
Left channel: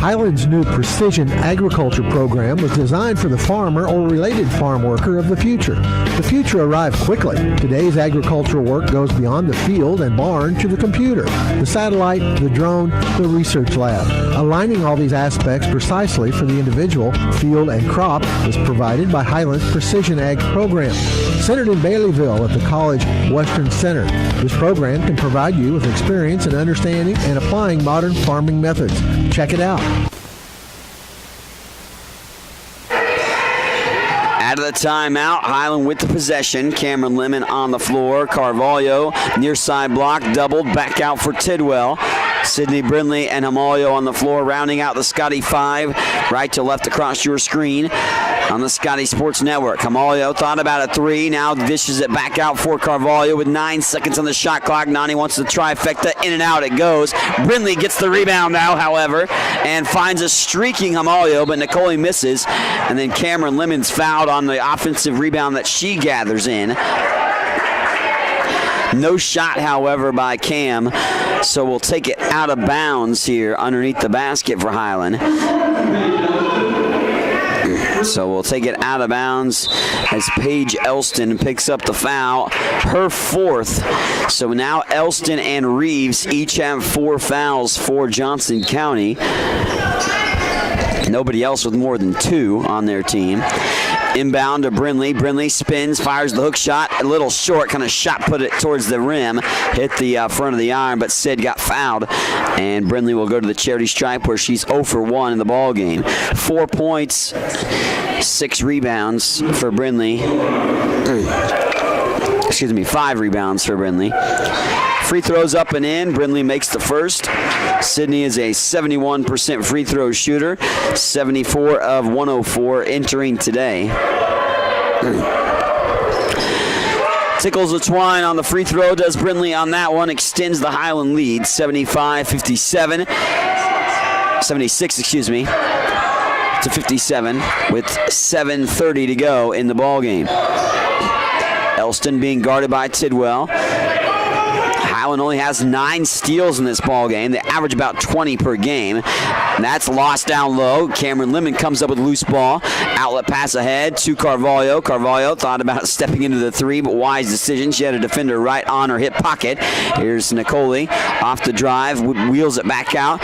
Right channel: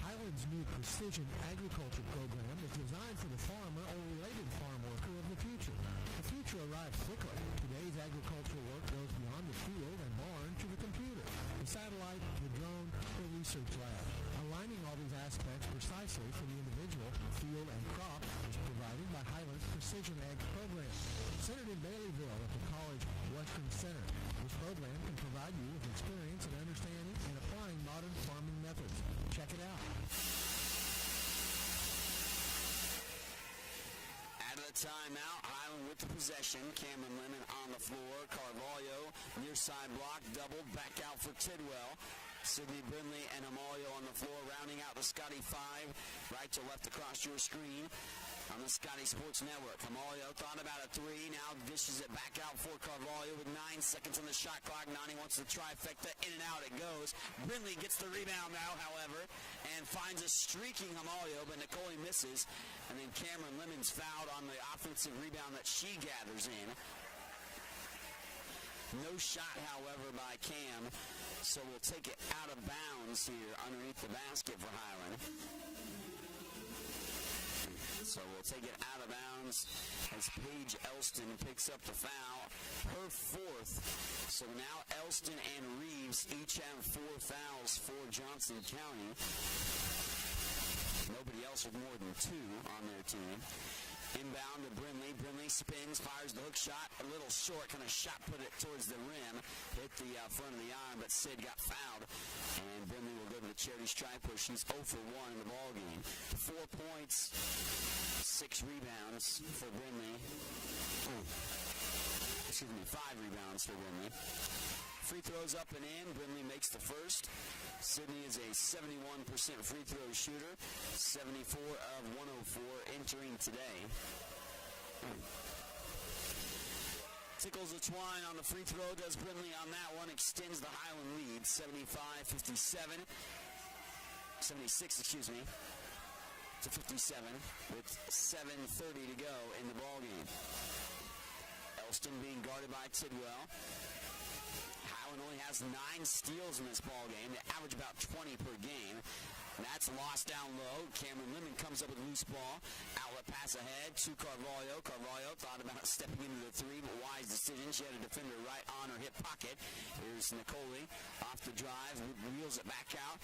Highland's new precision agriculture program was designed for the farmer or related farm worker of the future. The future arrived quickly. Today's agricultural work goes beyond the field and barn to the computer, the satellite, the drone, the research lab. Aligning all these aspects precisely for the individual, field, and crop is provided by Highland's Precision Ag program. Centered in Baileyville at the College Western Center, this program can provide you with experience in understanding and applying modern farming methods. Check it out. Out of the timeout, Highland with the possession. Cameron Lemon on the floor. Carvalho, near side block, doubled, back out for Tidwell. Sydney Brindley and Amalio on the floor, rounding out the Scotty 5. Right to left across your screen on the Scotty Sports Network. Amalio thought about a 3, now dishes it back out for Carvalho with 9 seconds on the shot clock. Nani wants the trifecta, in and out it goes. Brindley gets the rebound now, however, and finds a streaking Amalio, but Nicole misses. And then Cameron Lemon's fouled on the offensive rebound that she gathers in. No shot, however, by Cam, so we'll take it out of bounds here underneath the basket for Highland. So we'll take it out of bounds as Paige Elston picks up the foul, her 4th. So now Elston and Reeves each have 4 fouls for Johnson County. Nobody else with more than 2 on their team. Inbound to Brindley. Brindley spins, fires the hook shot. A little short, kind of shot put it towards the rim. Hit the front of the iron, but Sid got fouled. And Brindley will go to the charity stripe where she's 0 for 1 in the ball game. 4 points, 6 rebounds for Brindley. 5 rebounds for Brindley. Free throws up and in. Brindley makes the first. Sydney is a 71% free throw shooter. 74 of 104 entering today. Tickles the twine on the free throw. Does Brindley on that one. Extends the Highland lead. 76, to 57 with 7:30 to go in the ball game. Elston being guarded by Tidwell. Highland only has 9 steals in this ball game. They average about 20 per game. And that's lost down low. Cameron Lemon comes up with a loose ball. Outlet pass ahead to Carvalho. Carvalho thought about stepping into the 3, but wise decision. She had a defender right on her hip pocket. Here's Nicole off the drive, wheels it back out.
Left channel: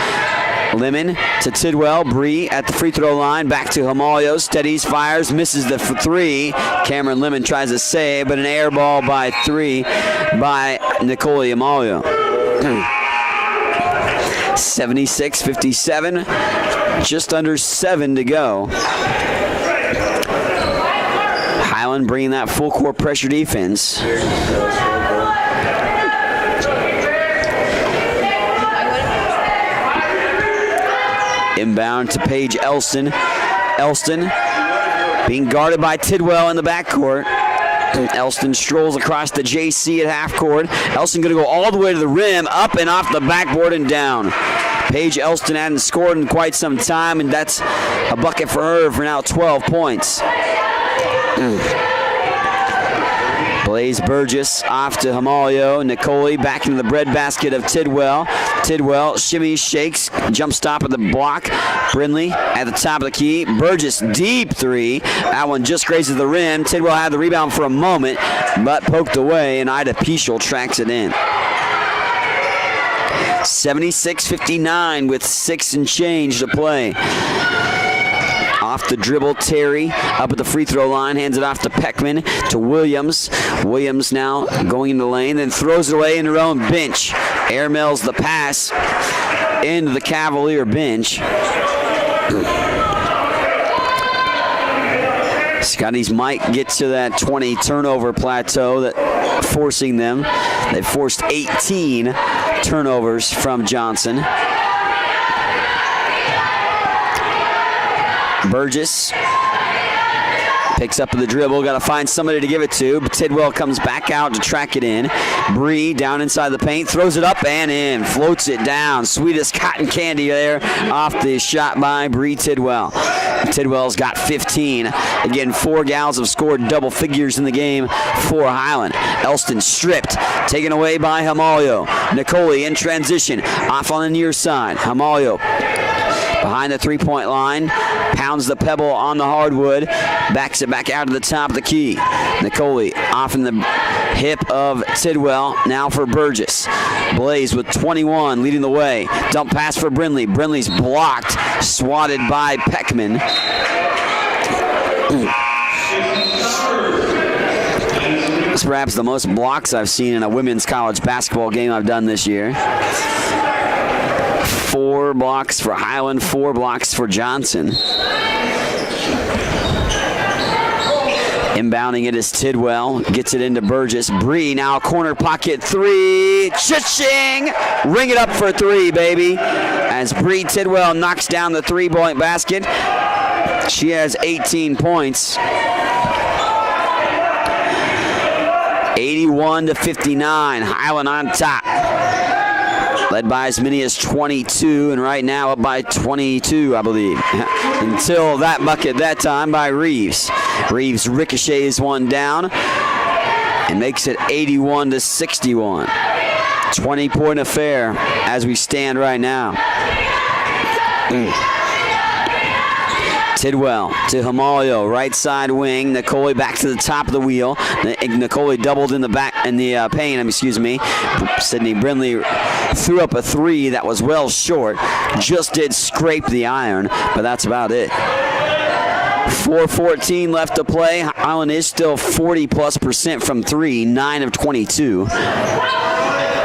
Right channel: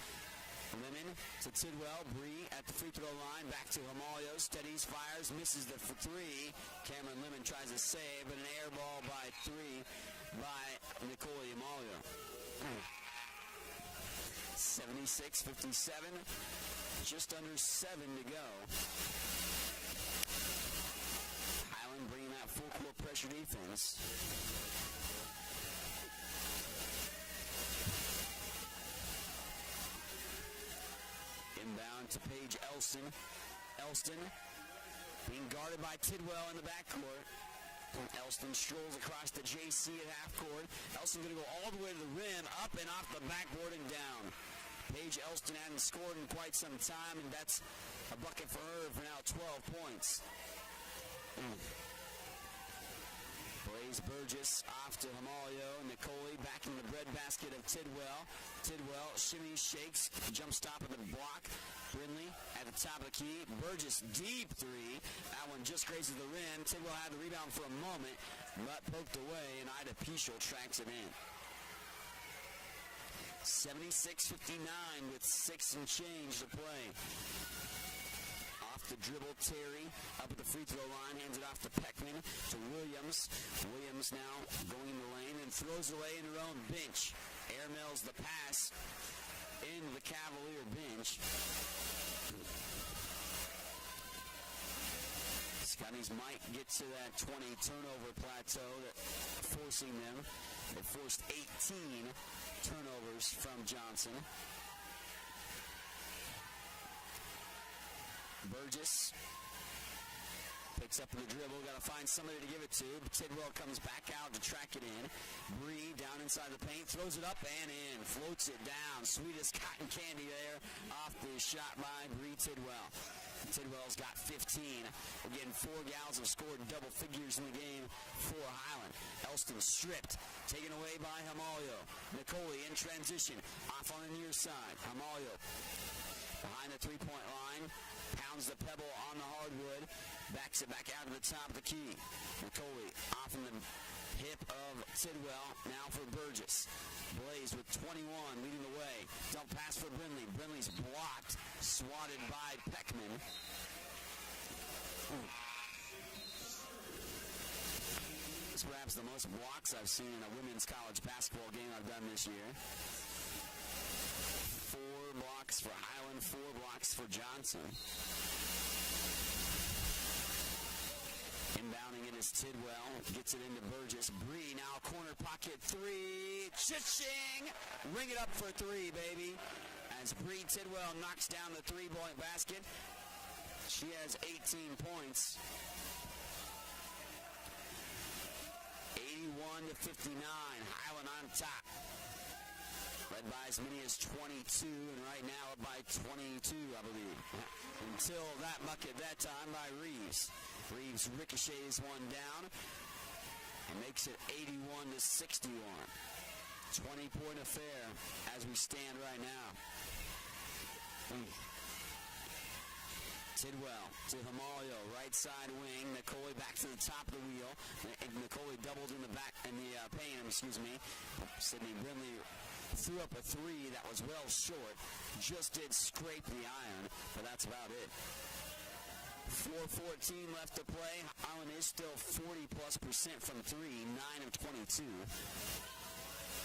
Lemon to Tidwell. Bree at the free throw line. Back to Amalio. Steadies, fires, misses the 3. Cameron Lemon tries to save, but an air ball by 3 by Nicole Amalio. 76-57. Just under 7 to go. Highland bringing that full court pressure defense. Inbound to Paige Elston. Elston being guarded by Tidwell in the backcourt. Elston strolls across the JC at half court. Elston going to go all the way to the rim, up and off the backboard and down. Paige Elston hadn't scored in quite some time, and that's a bucket for her for now 12 points. Blaze Burgess off to Hamalio. Nicole back into the breadbasket of Tidwell. Tidwell shimmies, shakes, jump stop at the block. Brindley at the top of the key. Burgess deep three. That one just grazes the rim. Tidwell had the rebound for a moment, but poked away, and Ida Peschel tracks it in. 76-59 with 6 and change to play. Off the dribble, Terry up at the free throw line, hands it off to Peckman, to Williams. Williams now going into the lane, then throws it away in her own bench. Airmails the pass into the Cavalier bench. Scotties might get to that 20 turnover plateau, that forcing them. They forced 18 turnovers from Johnson. Burgess picks up the dribble, got to find somebody to give it to, but Tidwell comes back out to track it in. Bree down inside the paint, throws it up and in, floats it down. Sweetest cotton candy there off the shot by Bree Tidwell. Tidwell's got 15. Again, 4 gals have scored double figures in the game for Highland. Elston stripped, taken away by Hamalio. Nicole in transition, off on the near side. Hamalio behind the three-point line, pounds the pebble on the hardwood, backs it back out to the top of the key. Nicole off in the hip of Tidwell, now for Burgess. Blaze with 21 leading the way. Dump pass for Brindley. Brindley's blocked, swatted by Peckman. That's perhaps the most blocks I've seen in a women's college basketball game I've done this year. 4 blocks for Highland, 4 blocks for Johnson. Inbounding it is Tidwell, gets it into Burgess. Bree now corner pocket 3, cha-ching! Ring it up for 3, baby. As Bree Tidwell knocks down the 3-point basket. She has 18 points. 81-59, Highland on top. Led by as many as 22, and right now up by 22, I believe. Until that bucket that time by Reeves. Reeves ricochets one down and makes it 81-61. 20-point affair as we stand right now. Tidwell to Hamalio, right side wing. Nicole back to the top of the wheel. Nicole doubled in the back in the paint. Excuse me. Sydney Brindley threw up a 3 that was well short. Just did scrape the iron, but that's about it. 4:14 left to play. Highland is still 40+% from 3, 9 of 22.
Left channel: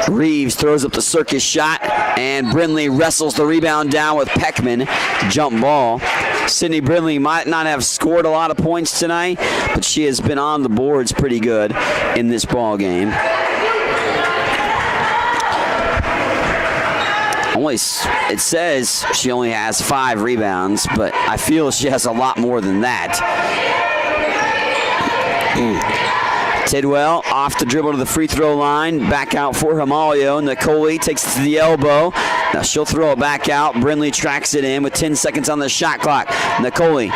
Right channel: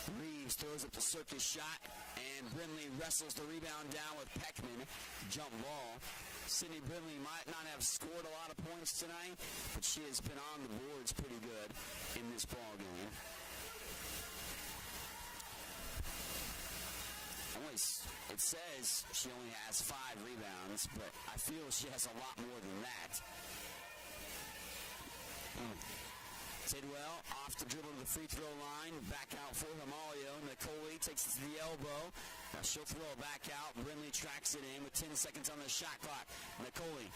Reeves throws up the circus shot, and Brindley wrestles the rebound down with Peckman. Jump ball. Sydney Brindley might not have scored a lot of points tonight, but she has been on the boards pretty good in this ball game. It says she only has 5 rebounds, but I feel she has a lot more than that. Tidwell off the dribble to the free throw line, back out for Hamalio. Nicole takes it to the elbow. Now she'll throw it back out. Brindley tracks it in with 10 seconds on the shot clock. Nicole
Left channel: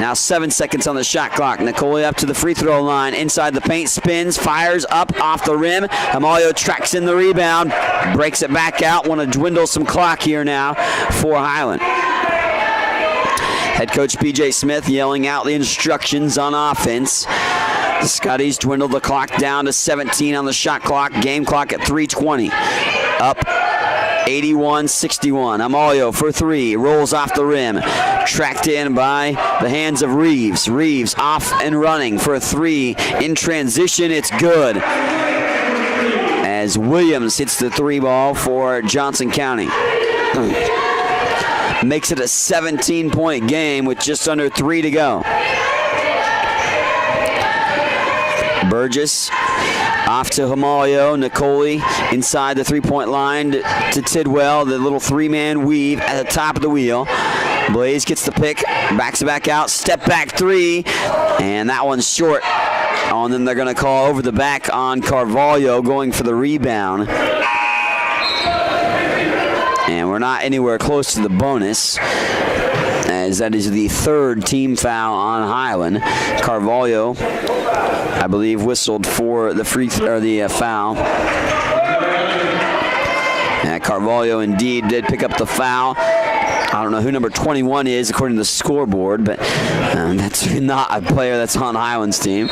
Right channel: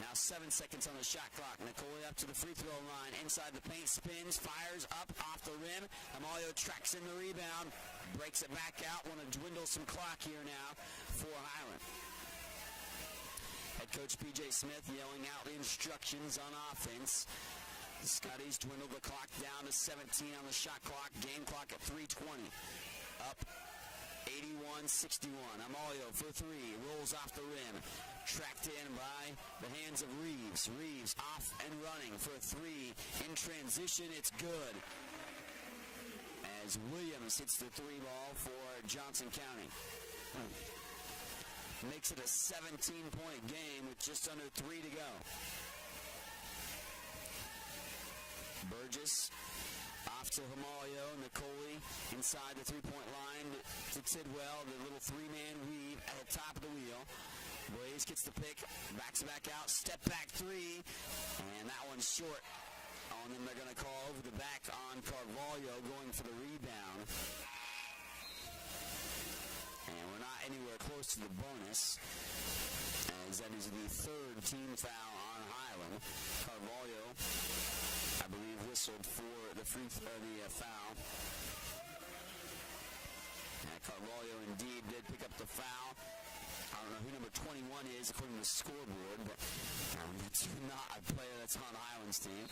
now 7 seconds on the shot clock. Nicole up to the free throw line, inside the paint, spins, fires up off the rim. Hamalio tracks in the rebound, breaks it back out. Want to dwindle some clock here now for Highland. Head coach PJ Smith yelling out the instructions on offense. The Scotties dwindle the clock down to 17 on the shot clock. Game clock at 3:20. Up 81-61. Hamalio for 3. Rolls off the rim. Tracked in by the hands of Reeves. Reeves off and running for a 3. In transition, it's good. As Williams hits the 3 ball for Johnson County. Makes it a 17-point game with just under 3 to go. Burgess off to Hamalio. Nicole inside the 3-point line to Tidwell. The little 3-man weave at the top of the wheel. Blaze gets the pick, backs it back out, step back three, and that one's short. Oh, and then they're going to call over the back on Carvalho going for the rebound. And we're not anywhere close to the bonus, as that is the third team foul on Highland. Carvalho, I believe, whistled for the foul. Carvalho indeed did pick up the foul. I don't know who number 21 is according to the scoreboard, but that's not a player that's on Highland's team.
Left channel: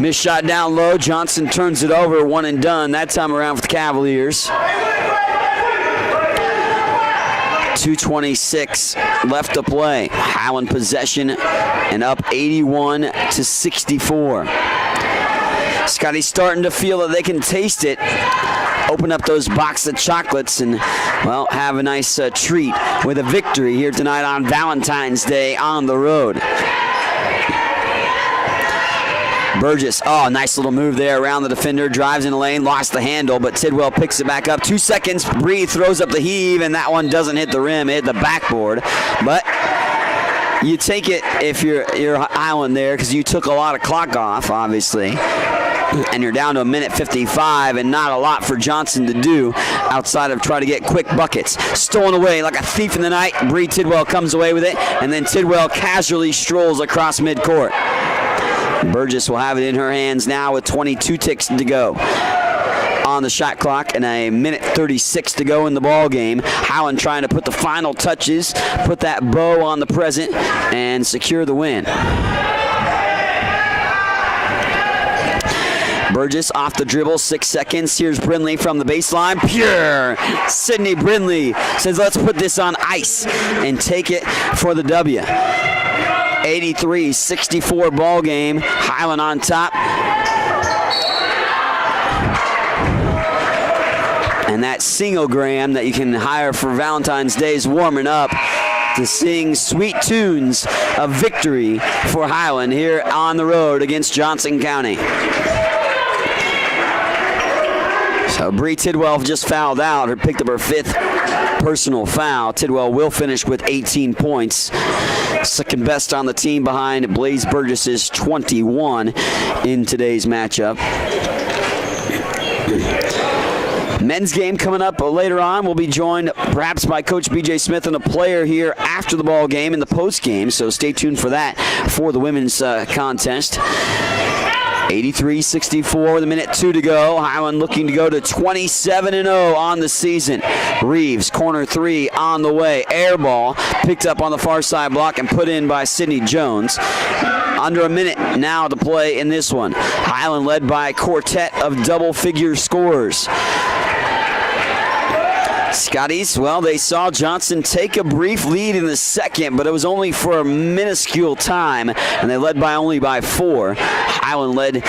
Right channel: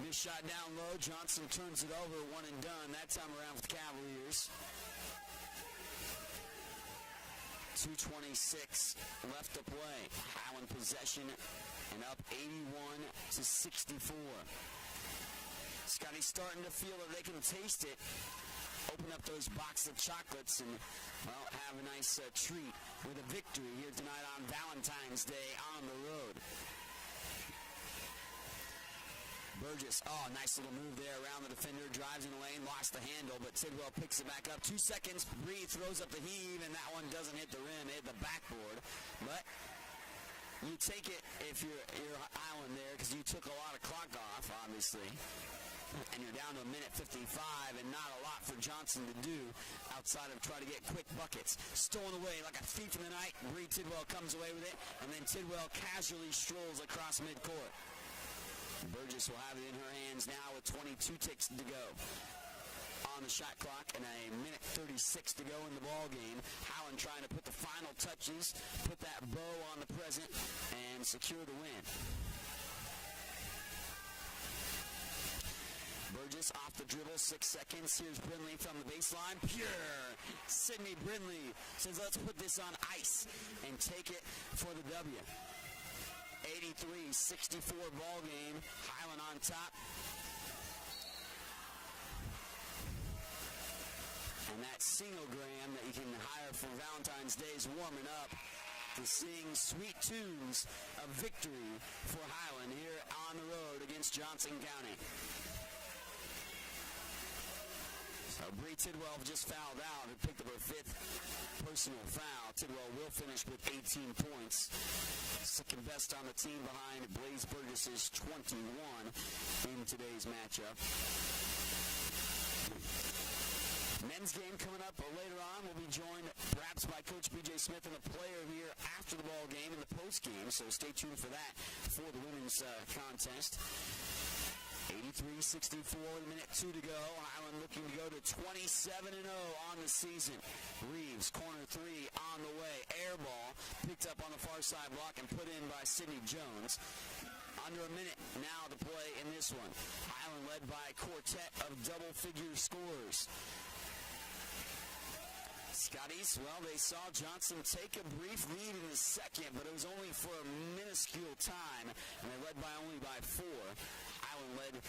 Missed shot down low. Johnson turns it over, one and done. That time around for the Cavaliers. 2:26 left to play. Highland possession and up 81-64. Scotty's starting to feel that they can taste it. Open up those box of chocolates and, well, have a nice treat with a victory here tonight on Valentine's Day on the road. Burgess, nice little move there around the defender, drives in the lane, lost the handle, but Tidwell picks it back up. 2 seconds, Bree throws up the heave, and that one doesn't hit the rim, it hit the backboard. But you take it if you're Highland there, because you took a lot of clock off, obviously. And you're down to 1:55 and not a lot for Johnson to do outside of try to get quick buckets. Stolen away like a thief in the night. Bree Tidwell comes away with it, and then Tidwell casually strolls across midcourt. Burgess will have it in her hands now with 22 ticks to go on the shot clock and a 1:36 to go in the ball game. Highland trying to put the final touches, put that bow on the present, and secure the win. Burgess off the dribble, 6 seconds. Here's Brindley from the baseline. Pure! Sydney Brindley says, let's put this on ice and take it for the W. 83-64 ball game. Highland on top. And that single-gram that you can hire for Valentine's Day is warming up to sing sweet tunes of victory for Highland here on the road against Johnson County. So Bree Tidwell just fouled out, or picked up her 5th personal foul. Tidwell will finish with 18 points. Second best on the team behind Blaze Burgess's 21 in today's matchup. Men's game coming up later on. We'll be joined perhaps by Coach B.J. Smith and a player here after the ball game in the post game, so stay tuned for that for the women's contest. 83-64 with 1:02 to go. Highland looking to go to 27-0 on the season. Reeves, corner three on the way. Air ball picked up on the far side block and put in by Sydney Jones. Under a minute now to play in this one. Highland led by a quartet of double-figure scorers. Scotties, well, they saw Johnson take a brief lead in the second, but it was only for a minuscule time, and they led only by 4. Highland led,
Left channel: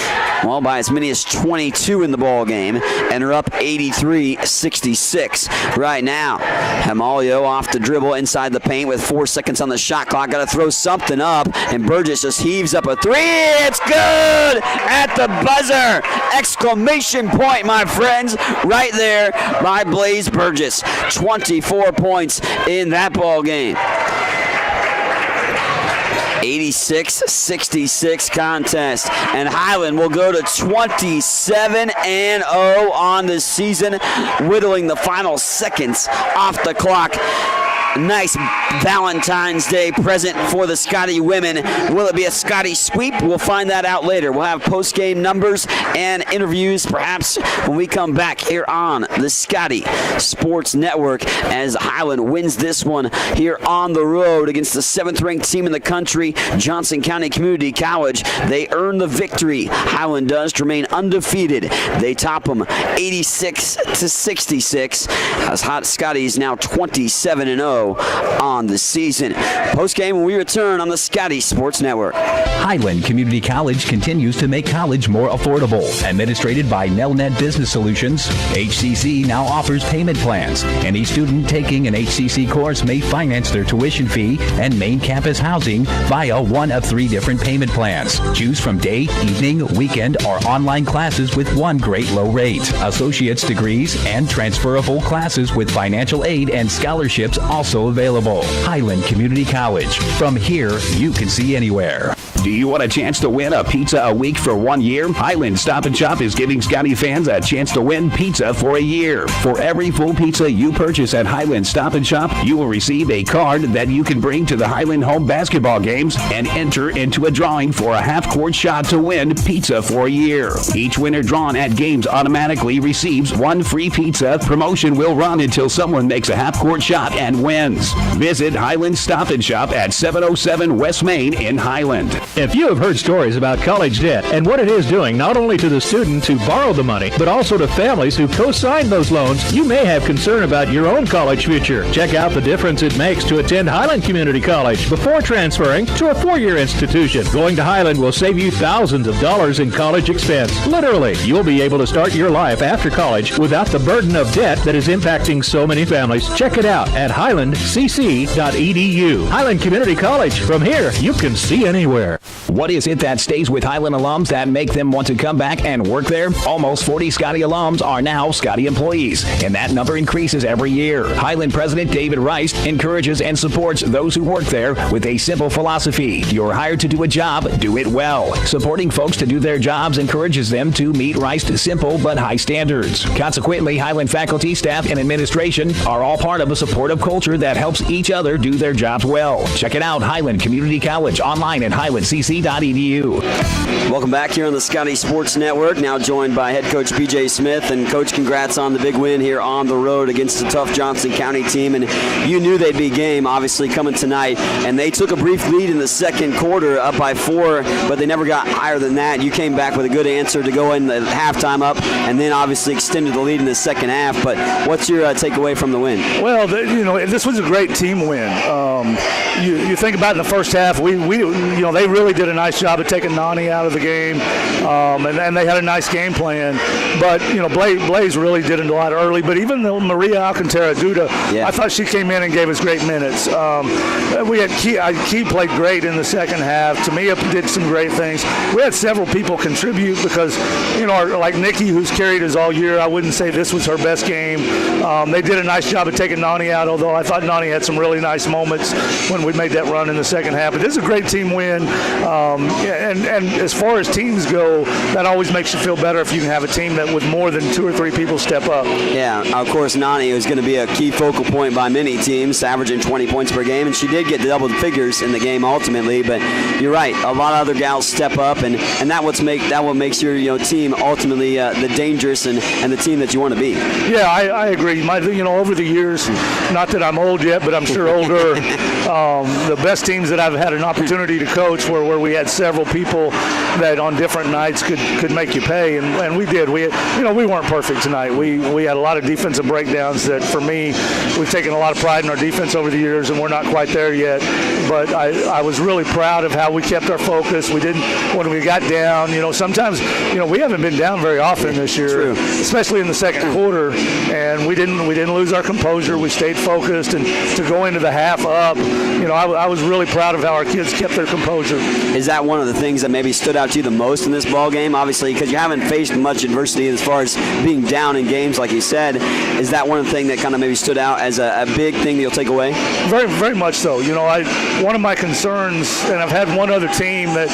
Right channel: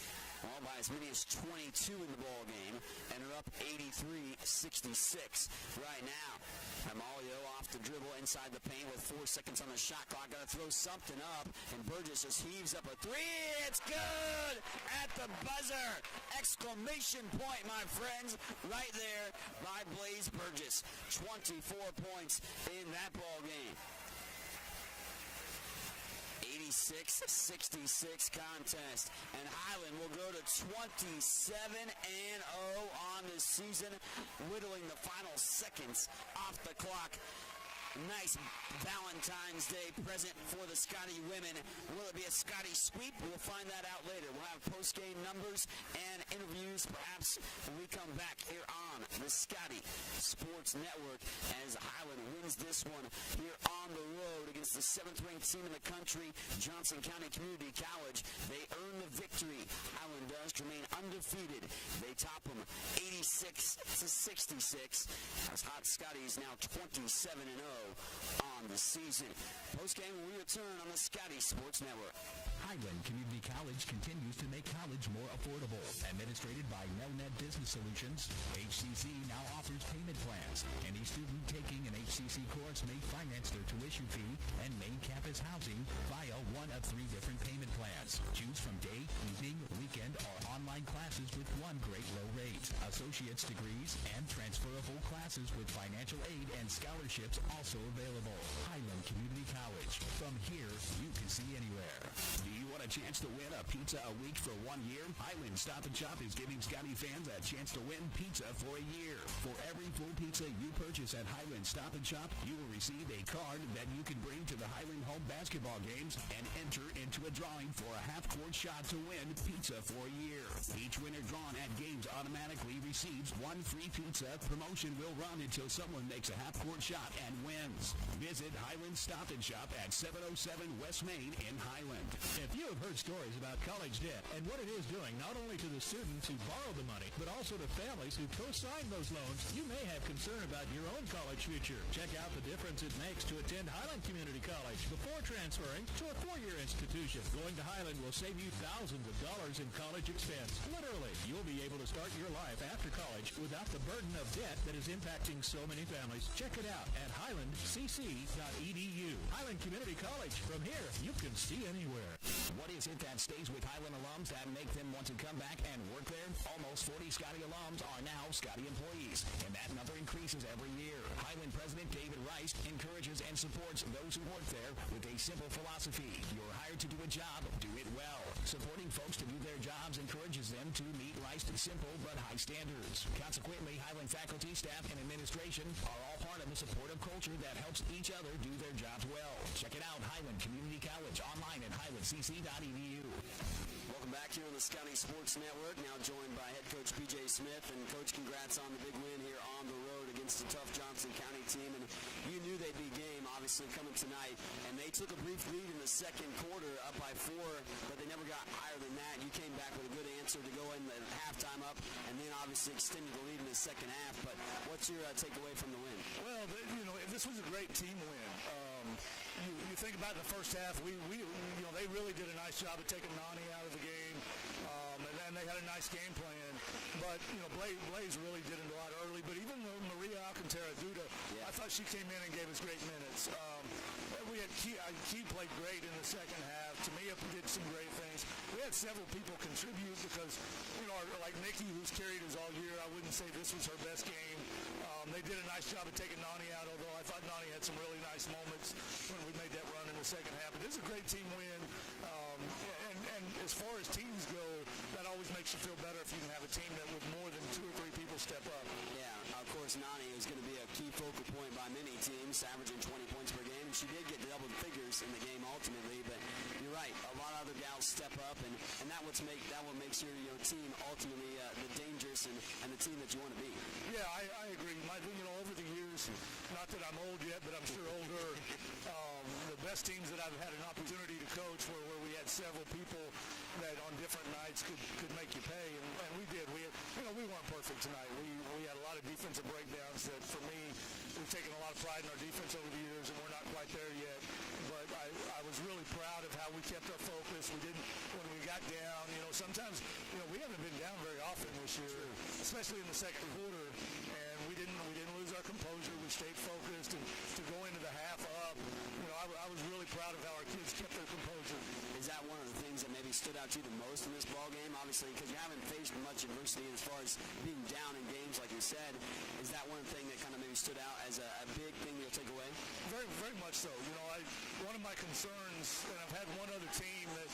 well, by as many as 22 in the ball game, and are up 83-66 right now. Hamalio off the dribble inside the paint with 4 seconds on the shot clock. Got to throw something up, and Burgess just heaves up a 3. It's good at the buzzer! Exclamation point, my friends, right there by Blaze Burgess. 24 points in that ball game. 86-66 contest, and Highland will go to 27-0 on the season, whittling the final seconds off the clock. Nice Valentine's Day present for the Scotty women. Will it be a Scotty sweep? We'll find that out later. We'll have post-game numbers and interviews perhaps when we come back here on the Scotty Sports Network as Highland wins this one here on the road against the 7th-ranked team in the country, Johnson County Community College. They earn the victory. Highland does to remain undefeated. They top them 86-66 as Hot Scotty's now 27-0 on the season. Post-game when we return on the Scotty Sports Network. Highland Community College continues to make college more affordable. Administrated by Nelnet Business Solutions, HCC now offers payment plans. Any student taking an HCC course may finance their tuition fee and main campus housing via one of 3 different payment plans. Choose from day, evening, weekend, or online classes with one great low rate. Associate's degrees and transferable classes with financial aid and scholarships also also available. Highland Community College. From here, you can see anywhere. Do you want a chance to win a pizza a week for 1 year? Highland Stop and Shop is giving Scotty fans a chance to win pizza for a year. For every full pizza you purchase at Highland Stop and Shop, you will receive a card that you can bring to the Highland home basketball games and enter into a drawing for a half-court shot to win pizza for a year. Each winner drawn at games automatically receives one free pizza. Promotion will run until someone makes a half-court shot and wins. Visit Highland Stop and Shop at 707 West Main in Highland. If you have heard stories about college debt and what it is doing not only to the student who borrowed the money, but also to families who co-signed those loans, you may have concern about your own college future. Check out the difference it makes to attend Highland Community College before transferring to a four-year institution. Going to Highland will save you thousands of dollars in college expense. Literally, you'll be able to start your life after college without the burden of debt that is impacting so many families. Check it out at highlandcc.edu. Highland Community College. From here, you can see anywhere. What is it that stays with Highland alums that make them want to come back and work there? Almost 40 Scotty alums are now Scotty employees, and that number increases every year. Highland President David Rice encourages and supports those who work there with a simple philosophy. You're hired to do a job, do it well. Supporting folks to do their jobs encourages them to meet Rice's simple but high standards. Consequently, Highland faculty, staff, and administration are all part of a supportive culture that helps each other do their jobs well. Check it out, Highland Community College, online at highlandcc.edu. Welcome back here on the Scotty Sports Network. Now joined by head coach B.J. Smith. And Coach, congrats on the big win here on the road against the tough Johnson County team. And you knew they'd be game, obviously, coming tonight. And they took a brief lead in the second quarter, up by 4, but they never got higher than that. You came back with a good answer to go in the halftime up, and then obviously extended the lead in the second half. But what's your takeaway from the win? Well, this was a great team win. You think about in the first half, they really did a nice job of taking Nani out of the game, and they had a nice game plan. But Blaze really did it a lot early. But even though Maria Alcantara-Duda, I thought she came in and gave us great minutes. We had Key played great in the second half. Tamia did some great things. We had several people contribute because, like Nikki, who's carried us all year, I wouldn't say this was her best game. They did a nice job of taking Nani out, although I thought Nani had some really nice moments when we made that run in the second half. But this is a great team win. And as far as teams go, that always makes you feel better if you can have a team that with more than 2 or 3 people step up. Yeah, of course, Nani is going to be a key focal point by many teams, averaging 20 points per game, and she did get double figures in the game ultimately. But you're right, a lot of other gals step up, and that what makes your team ultimately the dangerous and the team that you want to be. Yeah, I agree. Over the years, not that I'm old yet, but I'm sure older. The best teams that I've had an opportunity to coach were where we had several people that on different nights could make you pay, and we did. We weren't perfect tonight. We had a lot of defensive breakdowns that, for me, we've taken a lot of pride in our defense over the years, and we're not quite there yet. But I was really proud of how we kept our focus. We didn't, when we got down, sometimes, we haven't been down very often this year, especially in the second quarter, and we didn't lose our composure. We stayed focused, and to go into the half up, I was really proud of how our kids kept their composure. Is that one of the things that maybe stood out to you the most in this ball game? Obviously, because you haven't faced much adversity as far as being down in games, like you said. Is that one of the things that kind of maybe stood out as a big thing that you'll take away? Very, very much so. One of my concerns, and I've had one other team that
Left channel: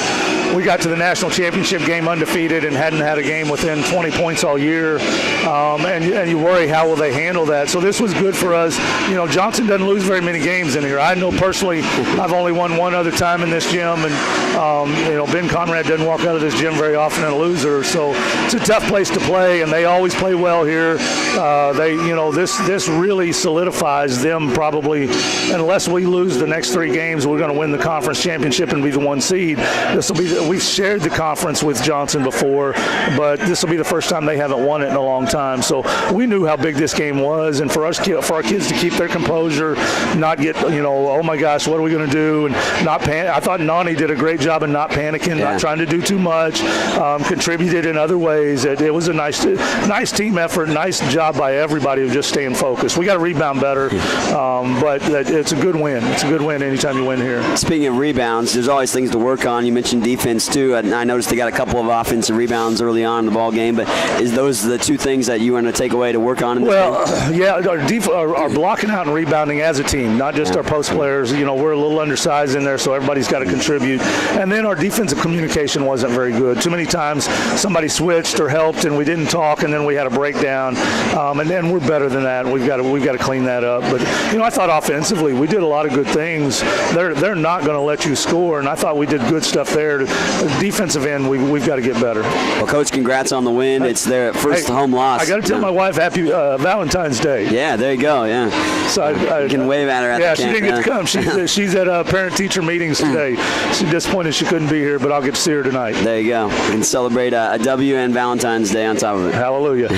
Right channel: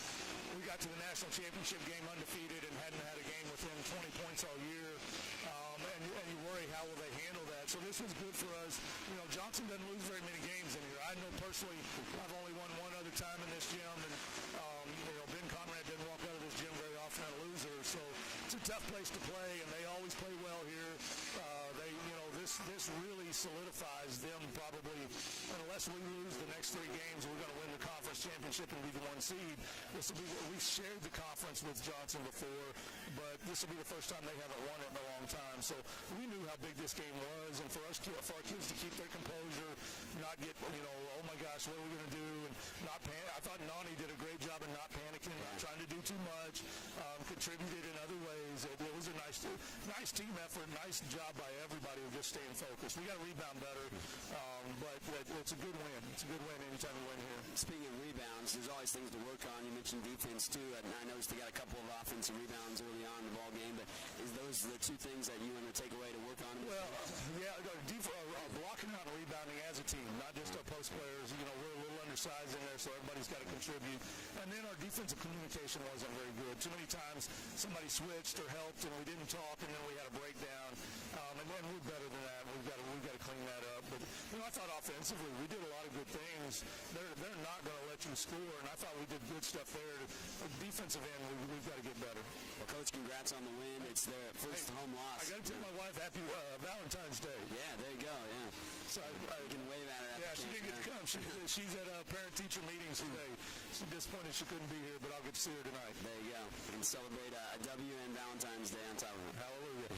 we got to the national championship game undefeated and hadn't had a game within 20 points all year, and you worry how will they handle that. So this was good for us. Johnson doesn't lose very many games in here. I know personally I've only won one other time in this gym, and Ben Conrad doesn't walk out of this gym very often and a loser. So it's a tough place to play, and they always play well here. This really solidifies them probably. Unless we lose the next 3 games, we're going to win the conference championship and be the 1 seed. We've shared the conference with Johnson before, but this will be the first time they haven't won it in a long time. So we knew how big this game was, and for our kids to keep their composure, not get oh my gosh, what are we going to do, and not panic. I thought Nani did a great job of not panicking, not trying to do too much, contributed in other ways. It was a nice team effort, nice job by everybody of just staying focused. We got to rebound better, but it's a good win. It's a good win anytime you win here. Speaking of rebounds, there's always things to work on. You mentioned defense. defense too. I noticed they got a couple of offensive rebounds early on in the ball game, but is those the two things that you want to take away to work on in this game? Yeah, our blocking out and rebounding as a team, not just our post players. You know, we're a little undersized in there, so everybody's got to contribute. And then our defensive communication wasn't very good. Too many times somebody switched or helped and we didn't talk, and then we had a breakdown. And then we're better than that. We've got to clean that up. But you know, I thought offensively we did a lot of good things. They're not going to let you score, and I thought we did good stuff there. The defensive end, we've got to get better. Well, Coach, congrats on the win. It's their first home loss. I got to tell my wife happy Valentine's Day. Yeah, there you go. Yeah. So you can wave at her at the camp. Yeah, she didn't get to come. She's at parent-teacher meetings today. She's disappointed she couldn't be here, but I'll get to see her tonight. There you go. We can celebrate a W and Valentine's Day on top of it. Hallelujah.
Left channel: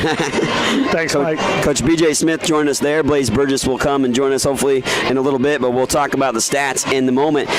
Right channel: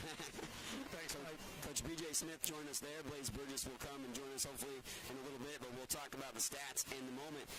Thanks, Mike. Coach B.J. Smith joined us there. Blaze Burgess will come and join us hopefully in a little bit, but we'll talk about the stats in the moment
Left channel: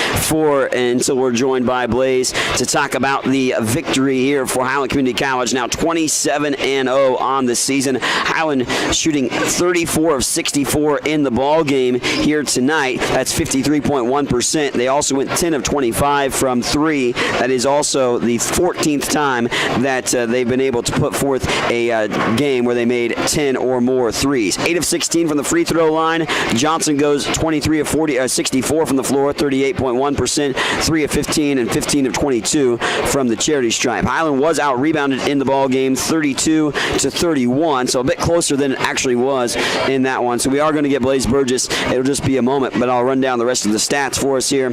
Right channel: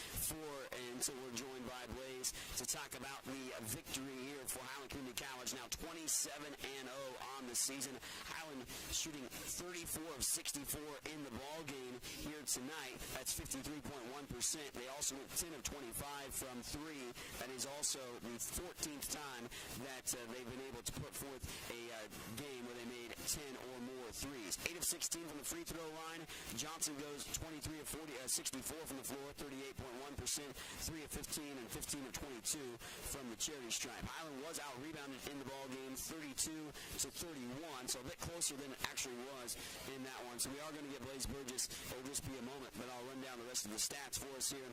until we're joined by Blaze to talk about the victory here for Highland Community College. Now 27-0 on the season. Highland shooting 34 of 64 in the ball game here tonight. That's 53.1%. They also went 10 of 25 from 3. That is also the 14th time that they've been able to put forth a game where they made 10 or more threes. 8 of 16 from the free throw line. Johnson goes 23 of 64 from the floor, 38.1%. 3 of 15 and 15 of 22 from the charity stripe. Highland was out-rebounded in the ball game 32-31, so a bit closer than it actually was in that one. So we are going to get Blaze Burgess. It'll just be a moment, but I'll run down the rest of the stats for us here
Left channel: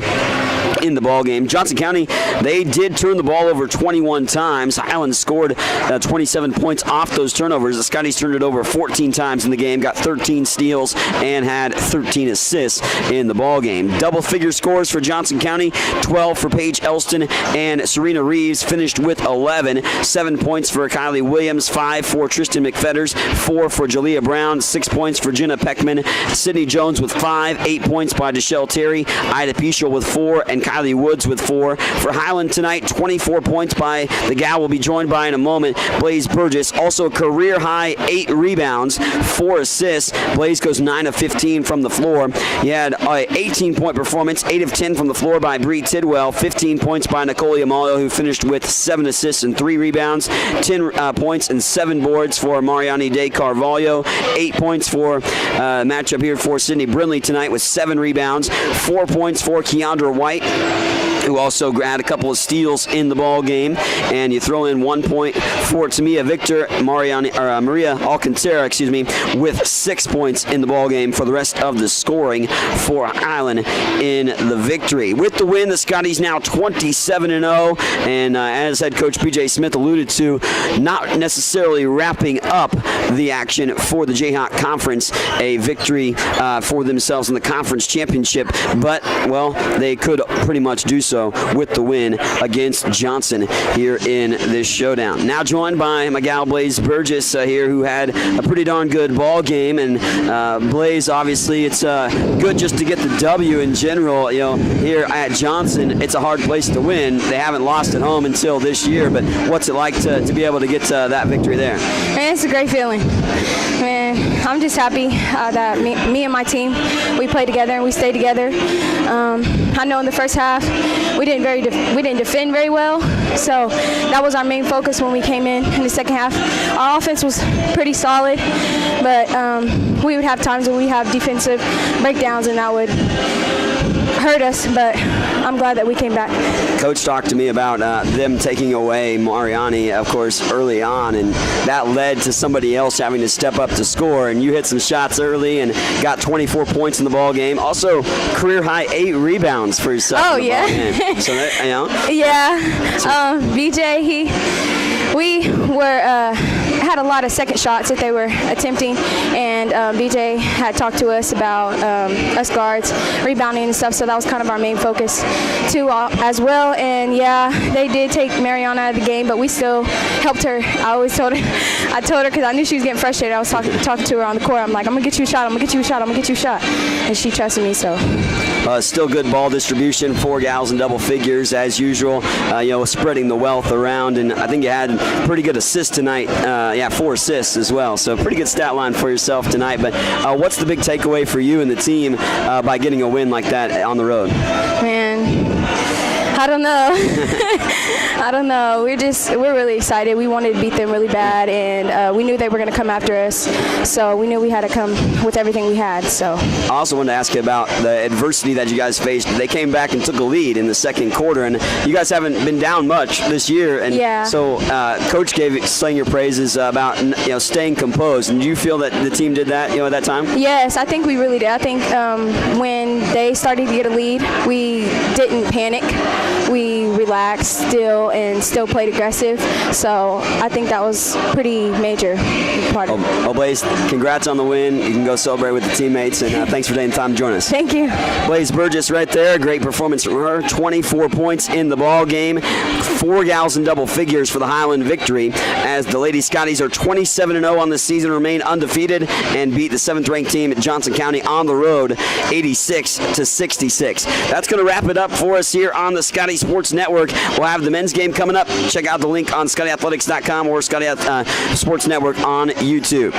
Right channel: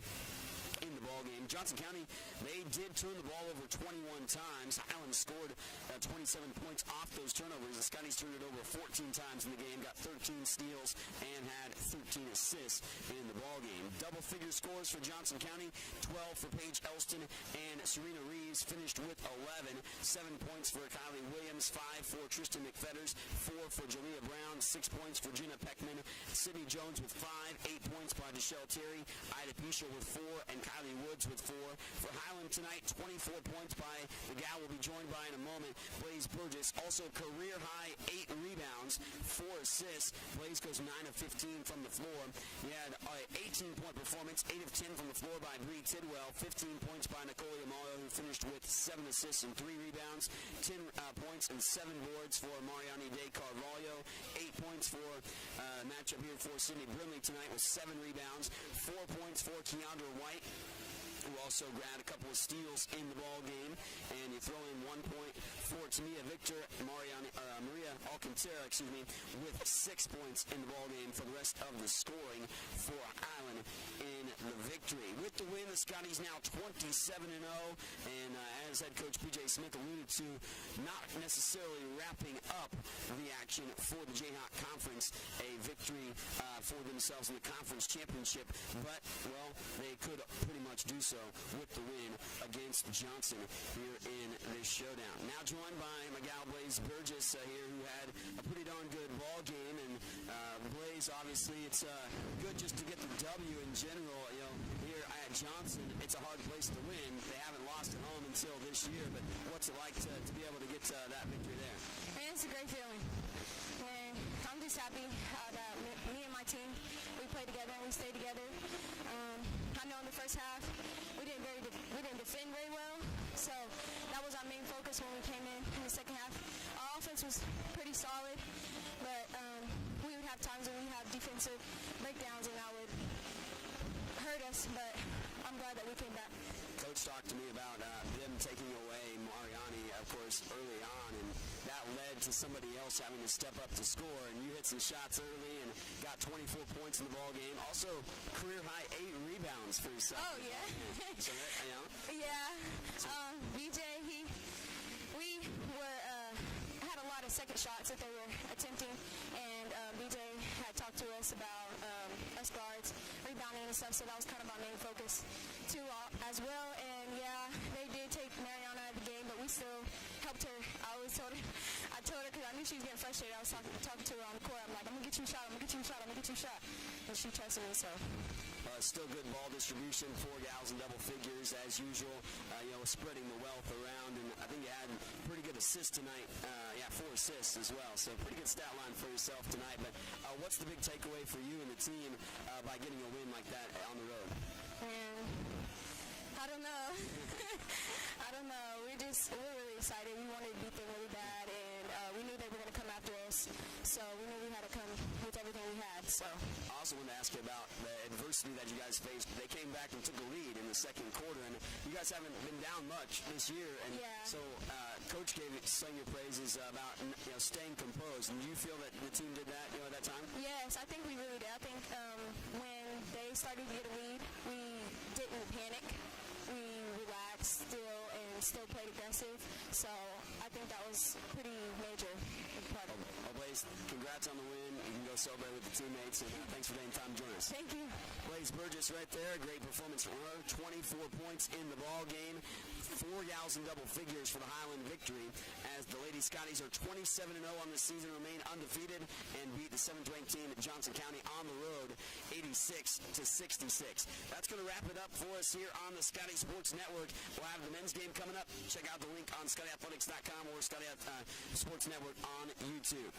in the ball game. Johnson County, they did turn the ball over 21 times. Highland scored 27 points off those turnovers. The Scotties turned it over 14 times in the game, got 13 steals, and had 13 assists in the ball game. Double-figure scores for Johnson County, 12 for Paige Elston, and Serena Reeves finished with 11. 7 points for Kylie Williams, 5 for Tristan McFetters, 4 for Jalea Brown, 6 points for Jenna Peckman, Sydney Jones with 5, 8 points by Deshelle Terry, Ida Pichel with 4, and Kylie Woods with 4. For Highland tonight, 24 points by the gal we'll be joined by in a moment, Blaze Burgess. Also career high 8 rebounds, 4 assists. Blaze goes 9 of 15 from the floor. He had an 18-point performance, 8 of 10 from the floor by Bree Tidwell, 15 points by Nicole Yamalio, who finished with 7 assists and 3 rebounds, 10 points and 7 boards for Mariani De Carvalho, 8 points for matchup here for Sydney Brinley tonight with 7 rebounds, 4 points for Keandra White, who also had a couple of steals in the ball game, and you throw in 1 point for Tamia Victor, Maria Alcantara, with 6 points in the ball game for the rest of the scoring for Highland in the victory. With the win, the Scotties now 27-0, and as head coach B.J. Smith alluded to, not necessarily wrapping up the action for the Jayhawk Conference, a victory for themselves in the conference championship, but, well, they could pretty much do so with the win against Johnson here in this showdown. Now joined by my gal Blaze Burgess here, who had a pretty darn good ball game, and Blaze, obviously it's good just to get the W in general. You know, here at Johnson, it's a hard place to win. They haven't lost at home until this year, but what's it like to be able to get that victory there? Man, it's a great feeling. Man, I'm just happy that me and my team, we played together and we stayed together. I know in the first half we didn't defend very well, so that was our main focus when we came in the second half. Our offense was pretty solid, but we would have times when we have defensive breakdowns, and that would hurt us, but I'm glad that we came back. Coach talked to me about them taking away Mariani, of course, early on, and that led to somebody else having to step up to score, and you hit some shots early and got 24 points in the ball game. Also, career high 8 rebounds for yourself. Oh, in the yeah. ball game. So that, you know. Yeah. BJ, we were had a lot of second shots that they were attempting, and BJ had talked to us about us guards rebounding and stuff, so that was kind of our main focus too as well. And yeah, they did take Mariana out of the game, but we still helped her. I told her because I knew she was getting frustrated. I was talking to her on the court. I'm like, I'm gonna get you a shot, I'm gonna get you a shot, I'm gonna get you a shot, and she trusted me. So still good ball distribution, 4 gals in double figures as usual, spreading the wealth around, and I think you had pretty good assists tonight. 4 assists as well, so pretty good stat line for yourself tonight. But what's the big takeaway for you and the team by getting a win like that on the road? Man, I don't know. I don't know. We're really excited. We wanted to beat them really bad, and we knew they were going to come after us. So we knew we had to come with everything we had. So I also wanted to ask you about the adversity that you guys faced. They came back and took a lead in the second quarter, and you guys haven't been down much this year. And yeah. So Coach sang your praises about staying composed. And do you feel that the team did that at that time? Yes, I think we really did. I think when they started to get a lead, we didn't panic. We relaxed and still played aggressive. So I think that was pretty major part of it. Blaze, congrats on the win. You can go celebrate with the teammates, and thanks for taking the time to join us. Thank you. Blaze Burgess right there. Great performance from her. 24 points in the ball game. 4 gals in double figures for the Highland victory, as the Lady Scotties are 27-0 on the season, remain undefeated, and beat the 7th-ranked team at Johnson County on the road 86-66. That's going to wrap it up for us here on the Scotty Sports Network. We'll have the men's game coming up. Check out the link on ScottyAthletics.com or Scotty Sports Network on YouTube.